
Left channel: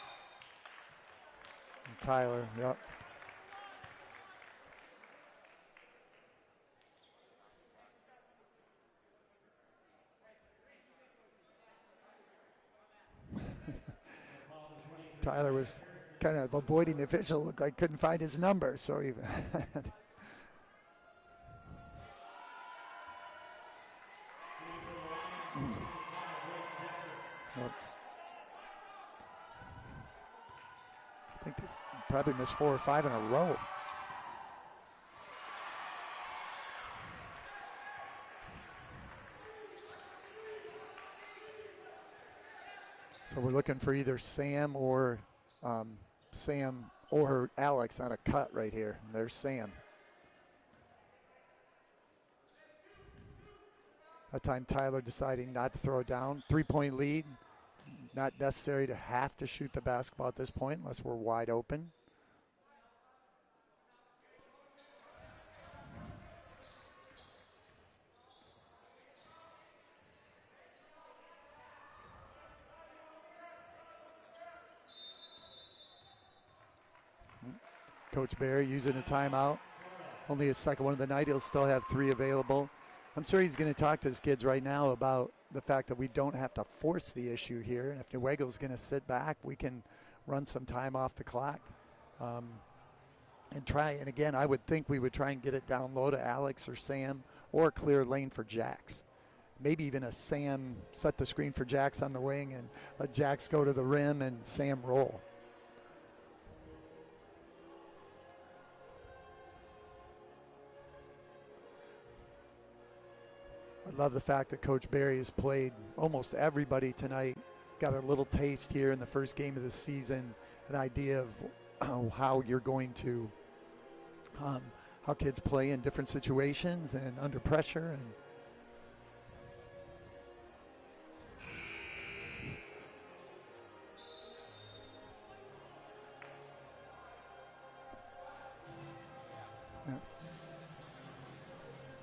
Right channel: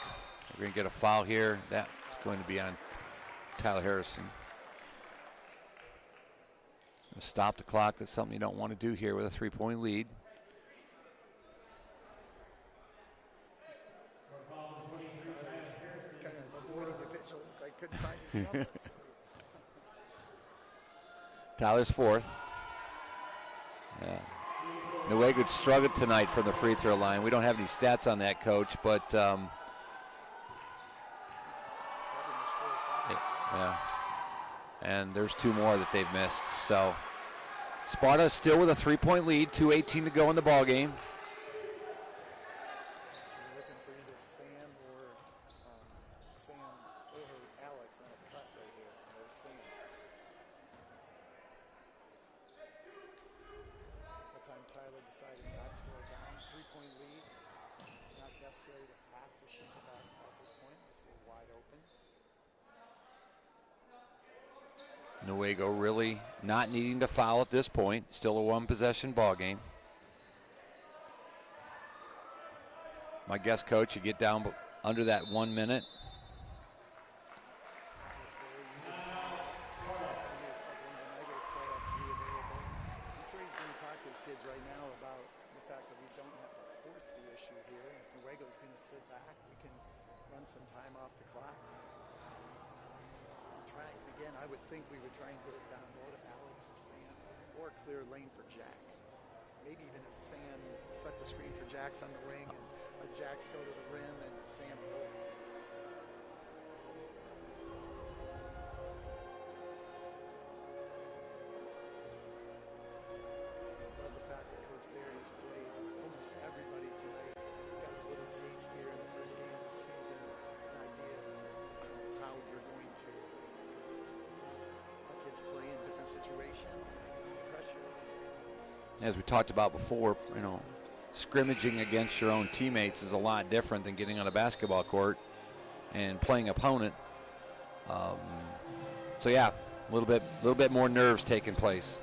We're going to get a foul here. That's going to be on Tyler Harrison. Stop the clock. That's something you don't want to do here with a 3-point lead. Tyler was kind of avoiding the official. Looked like couldn't find his number, so he. Tyler's fourth. Yeah. Newaygo struggled tonight from the free throw line. We don't have any stats on that, Coach, but I think they probably missed 4 or 5 in a row. Yeah. And there's 2 more that they've missed. So Sparta still with a 3-point lead, 2:18 to go in the ball game. So we're looking for either Sam or Alex on a cut right here. There's Sam. That time Tyler deciding not to throw it down. 3-point lead. Not necessary to have to shoot the basketball at this point unless we're wide open. Newaygo really not needing to foul at this point. Still a 1-possession ball game. My guess, Coach, you get down under that 1 minute. Coach Barry using a timeout. Only his second one of the night. He'll still have 3 available. I'm sure he's going to talk to his kids right now about the fact that we don't have to force the issue here. And if Newaygo's going to sit back, we can run some time off the clock and try. And again, I would think we would try and get it down low to Alex or Sam or clear lane for Jax. Maybe even a Sam set the screen for Jax on the wing and let Jax go to the rim and Sam roll. I love the fact that Coach Barry has played almost everybody tonight. Got a little taste here in the first game of the season, an idea of how you're going to, how kids play in different situations and under pressure. And as we talked about before, scrimmaging against your own teammates is a lot different than getting on a basketball court and playing opponent. So yeah, a little bit more nerves taking place.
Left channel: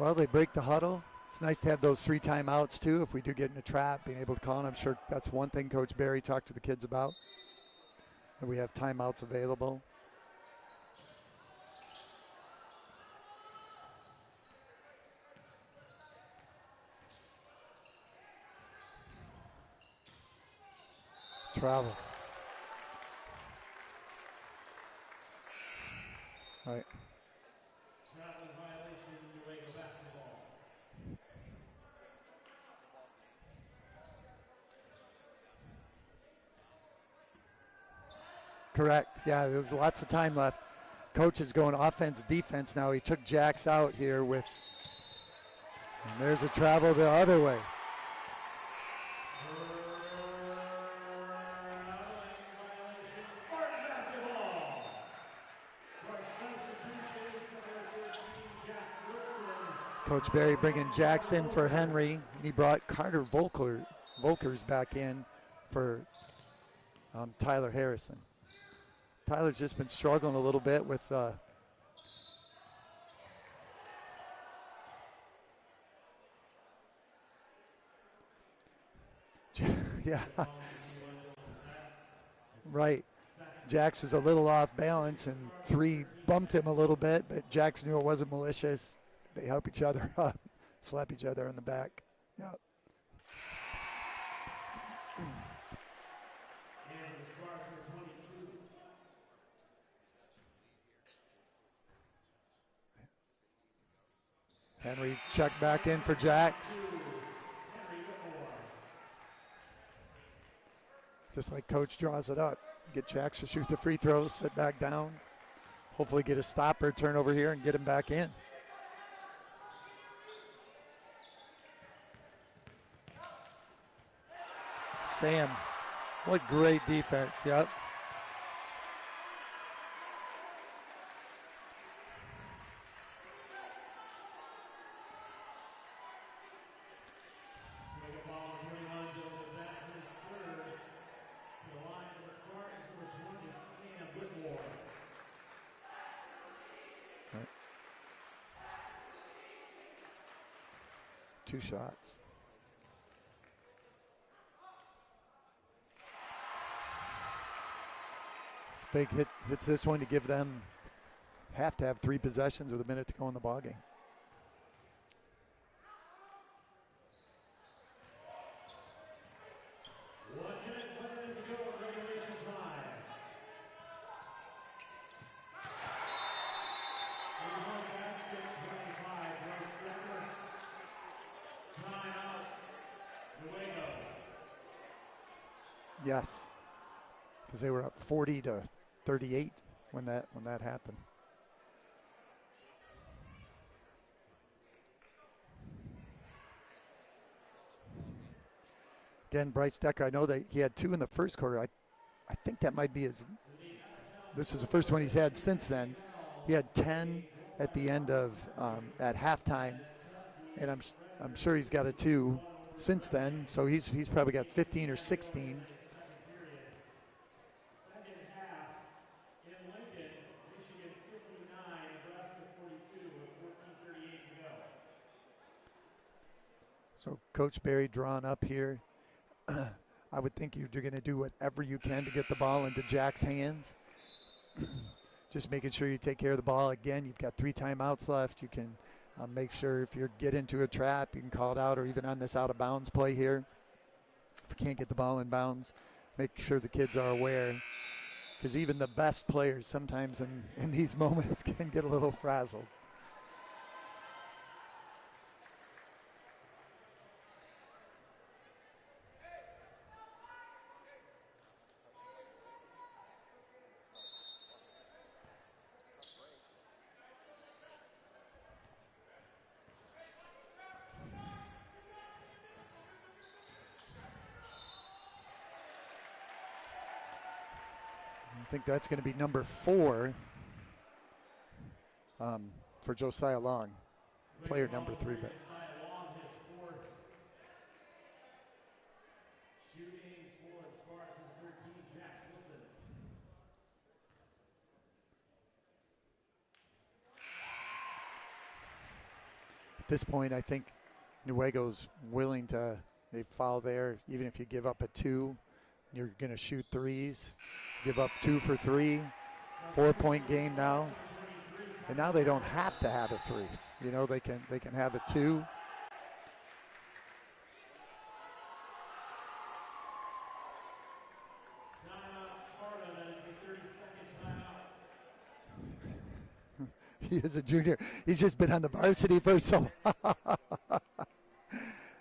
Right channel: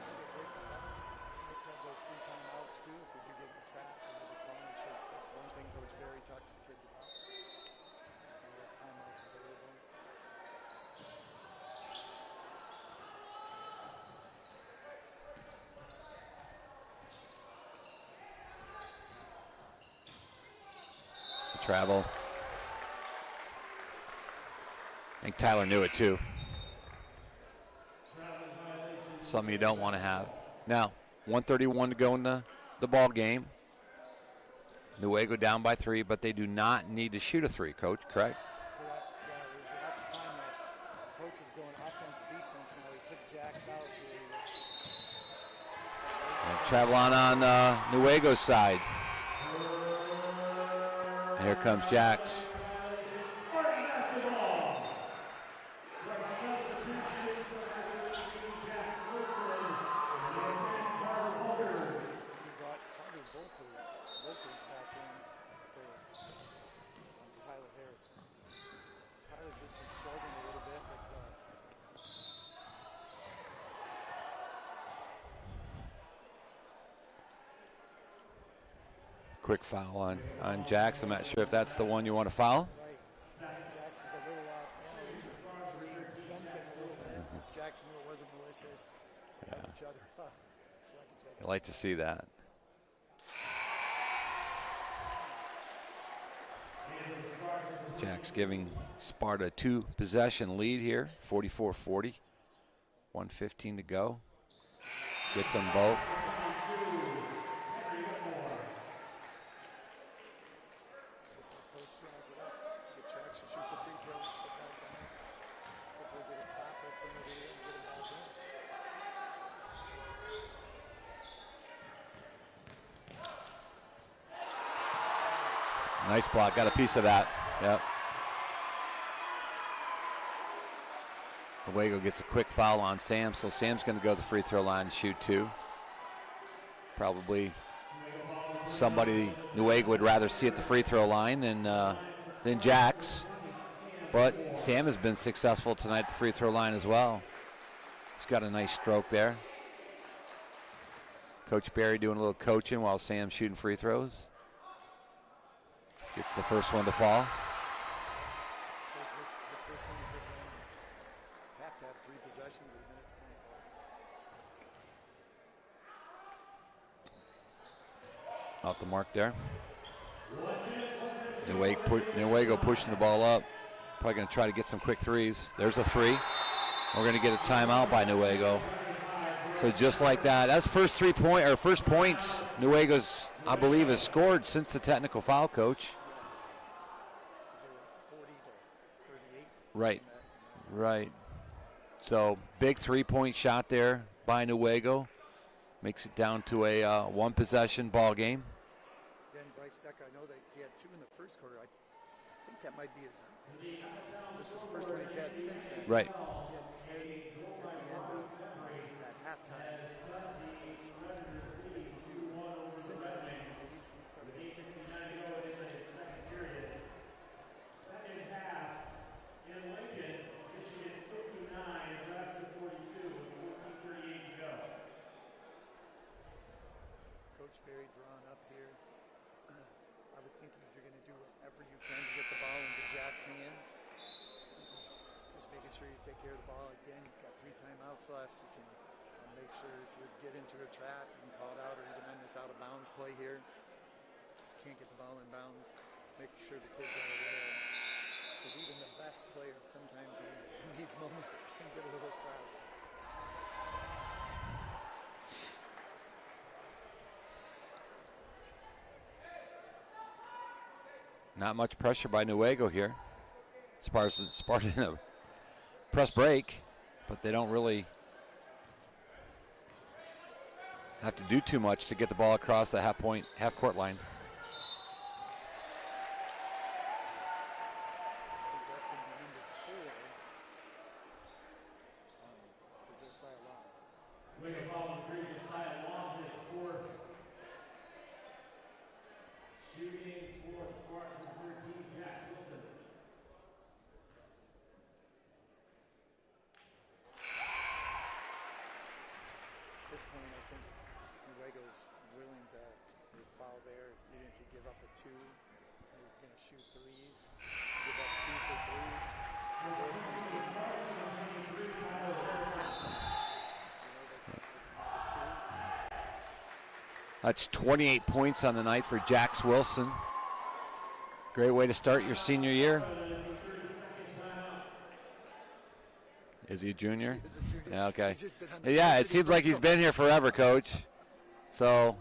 Well, they break the huddle. It's nice to have those 3 timeouts too. If we do get in a trap, being able to call, and I'm sure that's one thing Coach Barry talked to the kids about. And we have timeouts available. Travel. I think Tyler knew it too. Right. Something you don't want to have. Now, 1:31 to go in the ball game. Newaygo down by 3, but they do not need to shoot a 3, Coach, correct? Correct. Yeah, there's lots of time left. Coach is going offense, defense now. He took Jax out here with, and there's a travel on Newaygo's side. And here comes Jax. Coach Barry bringing Jax in for Henry. He brought Carter Volkers back in for Tyler Harrison. Tyler's just been struggling a little bit with quick foul on Jax. I'm not sure if that's the one you want to foul. Right. Jax was a little off balance, and 3 bumped him a little bit, but Jax knew it wasn't malicious. They help each other up, slap each other. I'd like to see that. Yep. Jax giving Sparta a 2-possession lead here, 44-40. 1:15 to go. Henry checked back in for Jax. Just like Coach draws it up. Get Jax to shoot the free throws, sit back down. Hopefully get a stopper, turn over here, and get him back in. Sam. Nice block, got a piece of that. Yep. Newaygo gets a quick foul on Sam, so Sam's going to go to the free throw line and shoot 2. Probably somebody Newaygo would rather see at the free throw line than Jax. But Sam has been successful tonight at the free throw line as well. He's got a nice stroke there. Coach Barry doing a little coaching while Sam's shooting free throws. Gets the first one to fall. It's a big hit. Hits this one to give them, have to have 3 possessions with a minute to go in the ballgame. Off the mark there. Newaygo pushing the ball up. Probably going to try to get some quick 3s. There's a 3. We're going to get a timeout by Newaygo. So just like that, that's first points Newaygo's, I believe, has scored since the technical foul, Coach. Yes, because they were up 40-38 right when that happened. Right. So big 3-point shot there by Newaygo. Makes it down to a 1-possession ball game. Again, Bryce Decker, I know that he had 2 in the first quarter. I think that might be his, this is the first one he's had since then. Right. He had 10 at the end of, at halftime, and I'm sure he's got a 2 since then, so he's probably got 15 or 16. So Coach Barry drawn up here. I would think you're going to do whatever you can to get the ball into Jack's hands. Just making sure you take care of the ball. Again, you've got 3 timeouts left. You can make sure if you get into a trap, you can call it out, or even on this out of bounds play here. If you can't get the ball in bounds, make sure the kids are aware. Because even the best players sometimes in these moments can get a little frazzled. Not much pressure by Newaygo here. Sparta in a press break, but they don't really have to do too much to get the ball across the half court line. think that's going to be number 4 for Josiah Long, player number 3. At this point, I think Newaygo's willing to, they foul there. Even if you give up a 2, you're going to shoot 3s. Give up 2 for 3. 4-point game now. And now they don't have to have a 3. You know, they can have a 2. That's 28 points on the night for Jax Wilson. Great way to start your senior year. Is he a junior? He is a junior. Yeah, okay. He's just been on the Yeah, it varsity seems for like he's so been here forever, Coach. So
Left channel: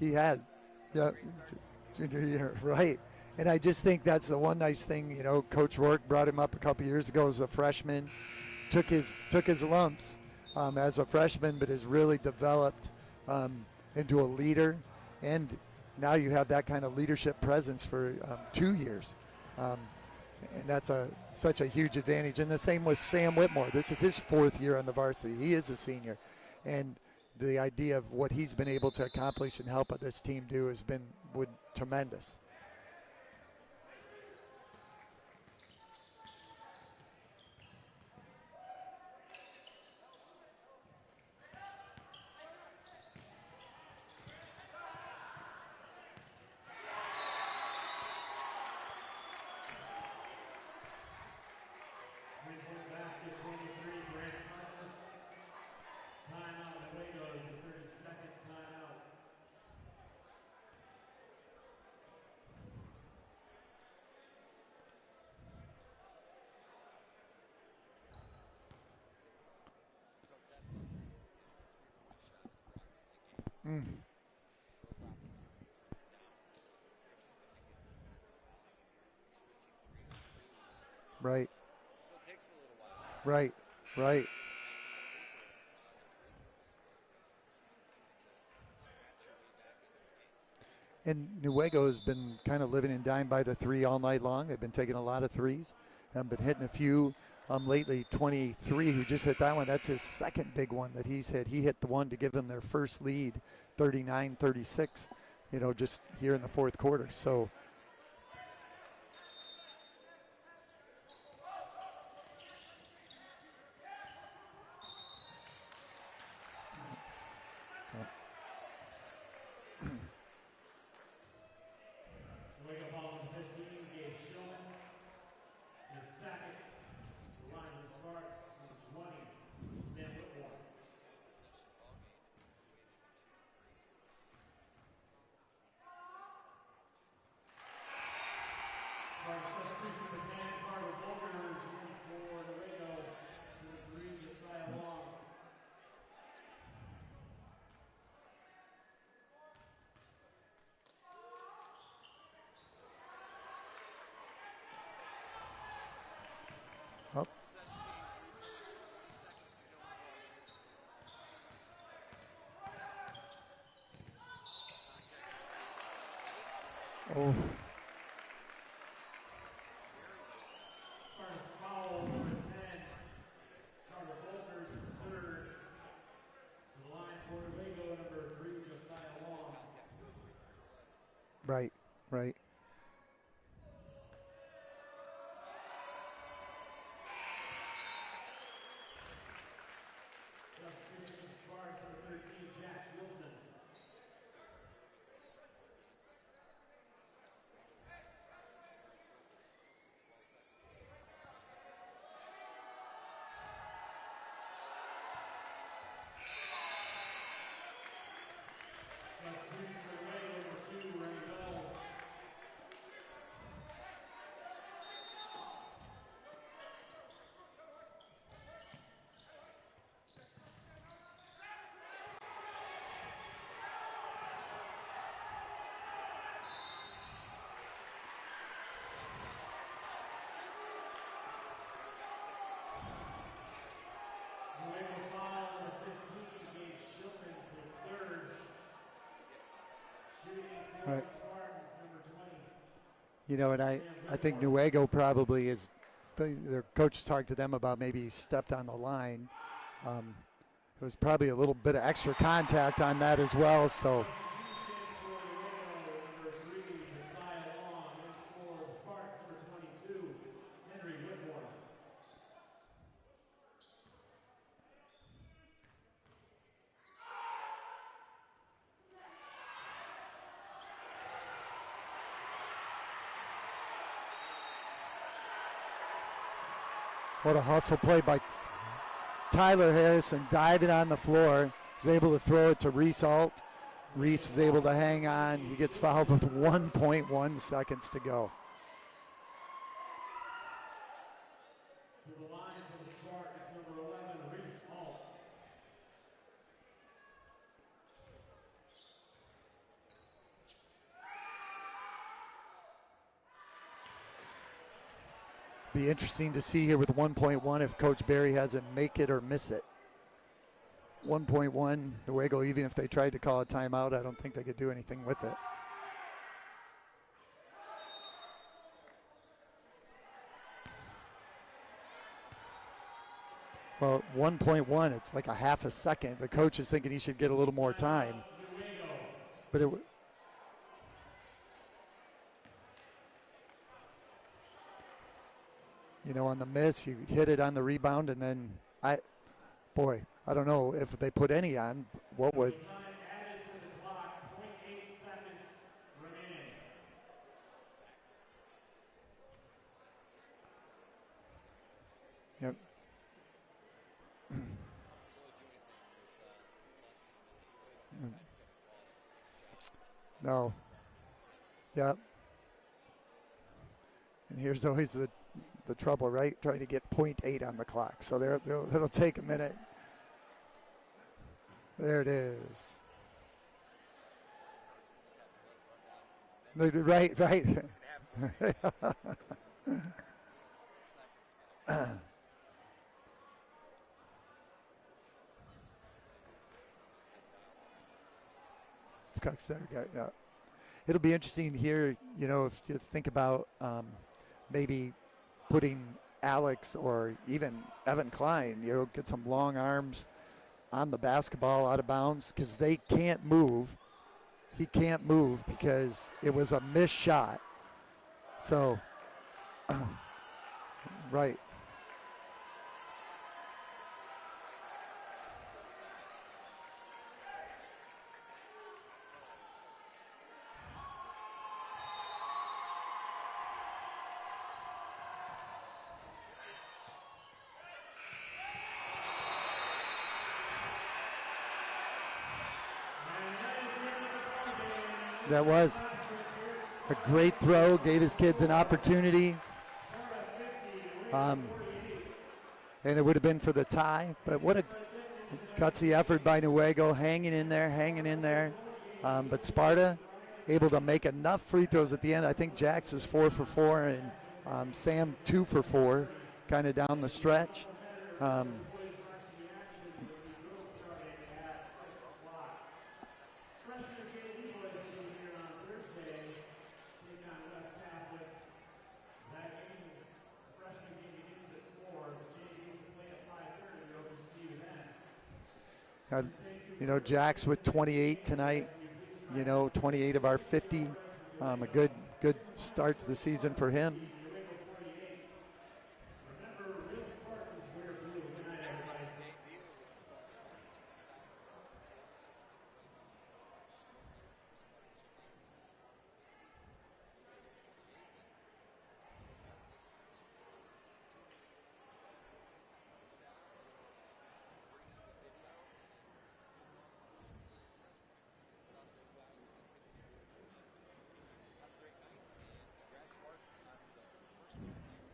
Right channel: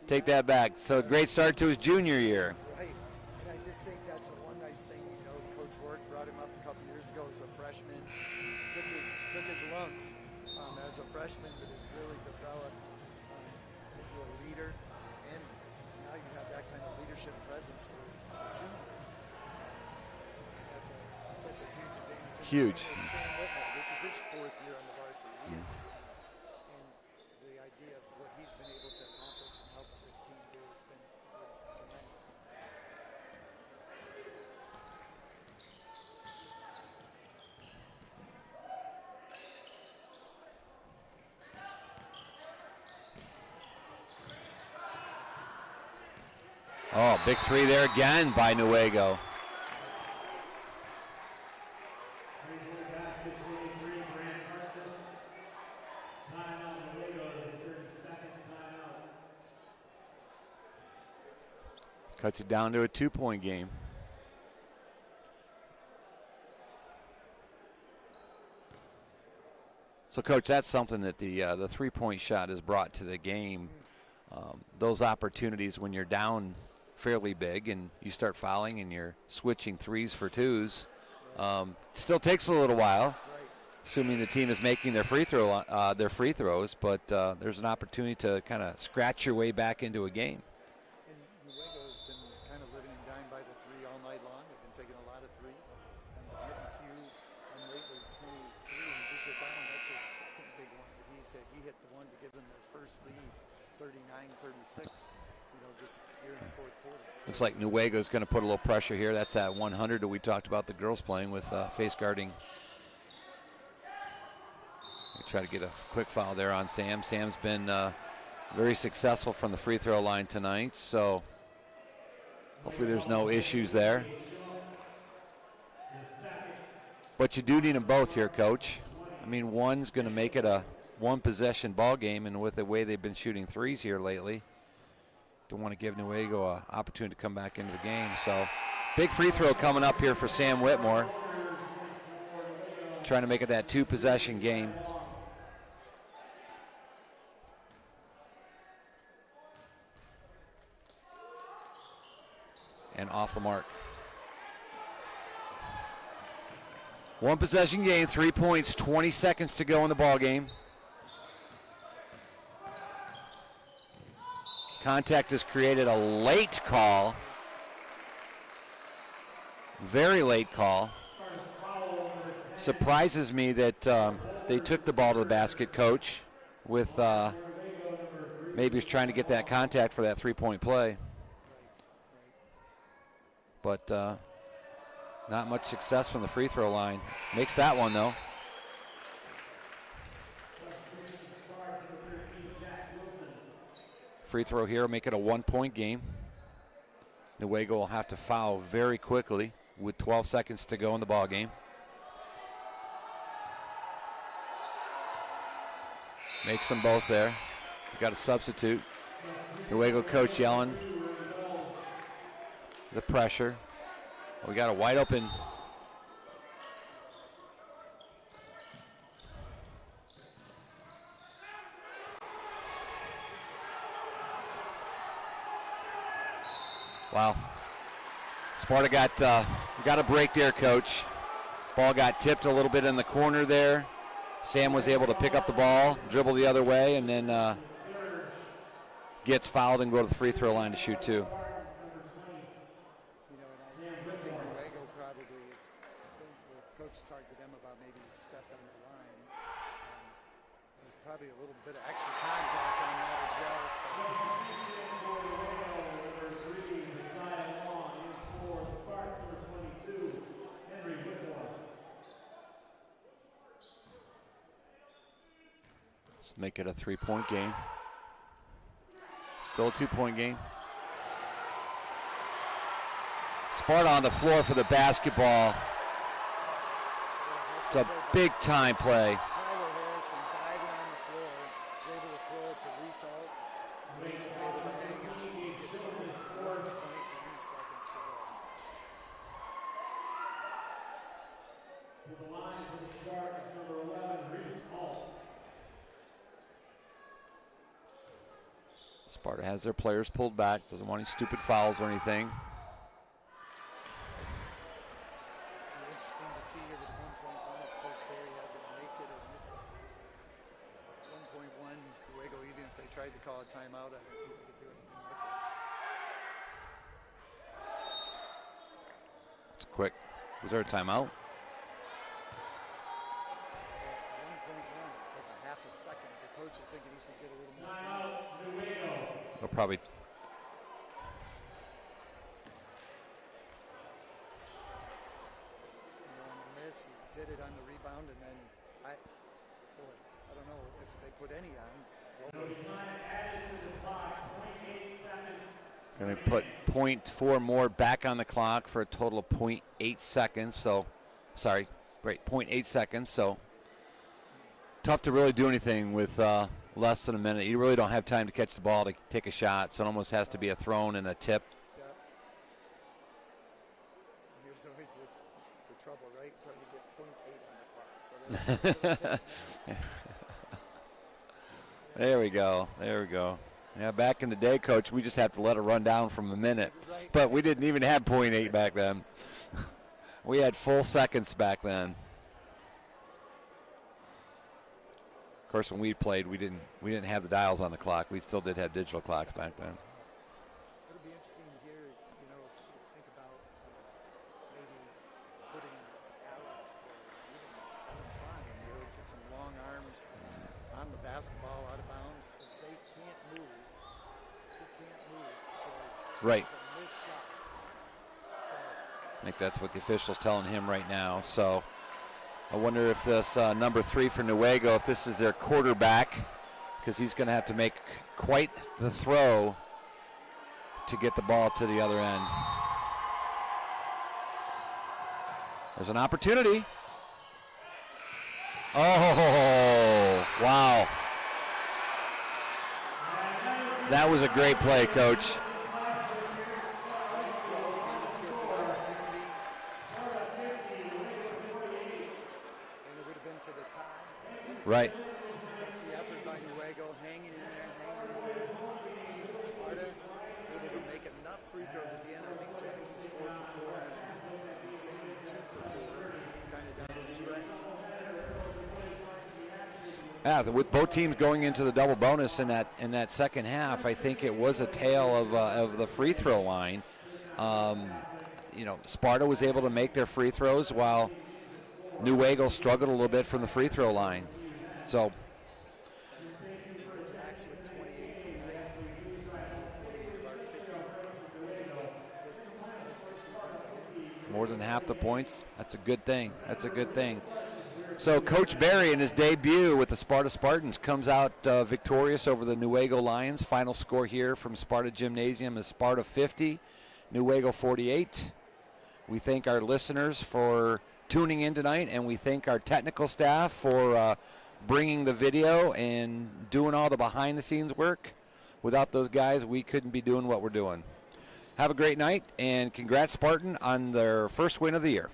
take that back. So great start to his junior year. Right. And I just think that's the one nice thing, you know, Coach Rourke brought him up a couple years ago as a freshman, took his lumps as a freshman, but has really developed into a leader. And now you have that kind of leadership presence for 2 years. And that's such a huge advantage. And the same with Sam Whitmore. This is his 4th year on the varsity. He is a senior. And the idea of what he's been able to accomplish and help this team do has been tremendous. Oh, big 3 there again by Newaygo. Cuts it down to a 2-point game. So, Coach, that's something that the 3-point shot has brought to the game. Those opportunities when you're down fairly big and you start fouling and you're switching 3s for 2s. Right. Still takes a little while. Right. Assuming the team is making their free throws, but there's an opportunity to kind of scratch your way back into a game. And Newaygo has been kind of living and dying by the 3 all night long. They've been taking a lot of 3s. Been hitting a few lately. 23, he just hit that one. That's his 2nd big one that he's hit. He hit the one to give them their first lead, 39-36, you know, just here in the 4th quarter. So looks like Newaygo's going to put a little pressure here. That's that 100 that we talked about the girls playing with face guarding. Try to get a quick foul there on Sam. Sam's been very successful from the free throw line tonight, so hopefully there's no issues there. But you do need them both here, Coach. I mean, one's going to make it a 1-possession ball game, and with the way they've been shooting 3s here lately, don't want to give Newaygo an opportunity to come back into the game. So big free throw coming up here for Sam Whitmore, trying to make it that 2-possession game. And off the mark. 1-possession game, 3 points, 20 seconds to go in the ball game. Contact has created a late call. Very late call. Surprises me that they took the ball to the basket, Coach, with maybe he's trying to get that contact for that 3-point play. Right. But not much success from the free throw line. Makes that one, though. Free throw here will make it a 1-point game. Newaygo will have to foul very quickly with 12 seconds to go in the ball game. Makes them both there. Got a substitute. Newaygo coach yelling. The pressure. We got a wide open. Wow. Sparta got a break there, Coach. Ball got tipped a little bit in the corner there. Sam was able to pick up the ball, dribble the other way, and then gets fouled and go to the free throw line to shoot 2. And I think Newaygo probably is, their coaches talked to them about maybe he stepped on the line. There was probably a little bit of extra contact on that as well, so. Let's make it a 3-point game. Still a 2-point game. Sparta on the floor for the basketball. What a hustle play by big time play. Tyler Harrison diving on the floor. He's able to throw it to Reese Alt. Reese is able to hang on. He gets fouled with 1.1 seconds to go. Sparta has their players pulled back. Doesn't want any stupid fouls or anything. Be interesting to see here with 1.1 if Coach Barry has it make it or miss it. 1.1, Newaygo, even if they tried to call a timeout, I don't think they could do anything with it. It's quick. Was there a timeout? Well, 1.1, it's like a half a second. The coach is thinking he should get a little more time. They'll probably. On the miss, you hit it on the rebound, and then I don't know if they put any on, what would? Going to put 0.4 more back on the clock for a total of 0.8 seconds. So, sorry, right, 0.8 seconds. So, tough to really do anything with less than a minute. You really don't have time to catch the ball to take a shot, so it almost has to be a thrown and a tip. Yep. And here's always the trouble, right? Trying to get 0.8 on the clock. So it'll take a minute. There we go. There we go. Yeah, back in the day, Coach, we just have to let it run down from a minute. Right. But we didn't even have 0.8 back then. We had full seconds back then. Of course, when we played, we didn't have the dials on the clock. We still did have digital clocks back then. Yeah. It'll be interesting here, if you think about maybe putting Alex or even Evan Klein, get some long arms on the basketball out of bounds because they can't move. He can't move because it was a missed shot. So I think that's what the official's telling him right now. Right. So I wonder if this number 3 for Newaygo, if this is their quarterback, because he's going to have to make quite the throw to get the ball to the other end. There's an opportunity. Oh, wow. That was a great play, Coach. That was a great throw, gave his kids an opportunity. And it would have been for the tie, but what a gutsy effort by Newaygo, hanging in there. But Sparta able to make enough free throws at the end. I think Jax is 4 for 4, and Sam 2 for 4, kind of down the stretch. With both teams going into the double bonus in that second half, I think it was a tale of the free throw line. Sparta was able to make their free throws while Newaygo struggled a little bit from the free throw line. So, Jax with 28 tonight. 28 of our 50. A good start to the season for him. More than half the points. That's a good thing. So Coach Barry in his debut with the Sparta Spartans comes out victorious over the Newaygo Lions. Final score here from Sparta Gymnasium is Sparta 50, Newaygo 48. We thank our listeners for tuning in tonight, and we thank our technical staff for bringing the video and doing all the behind-the-scenes work. Without those guys, we couldn't be doing what we're doing. Have a great night, and congrats, Spartan, on their first win of the year.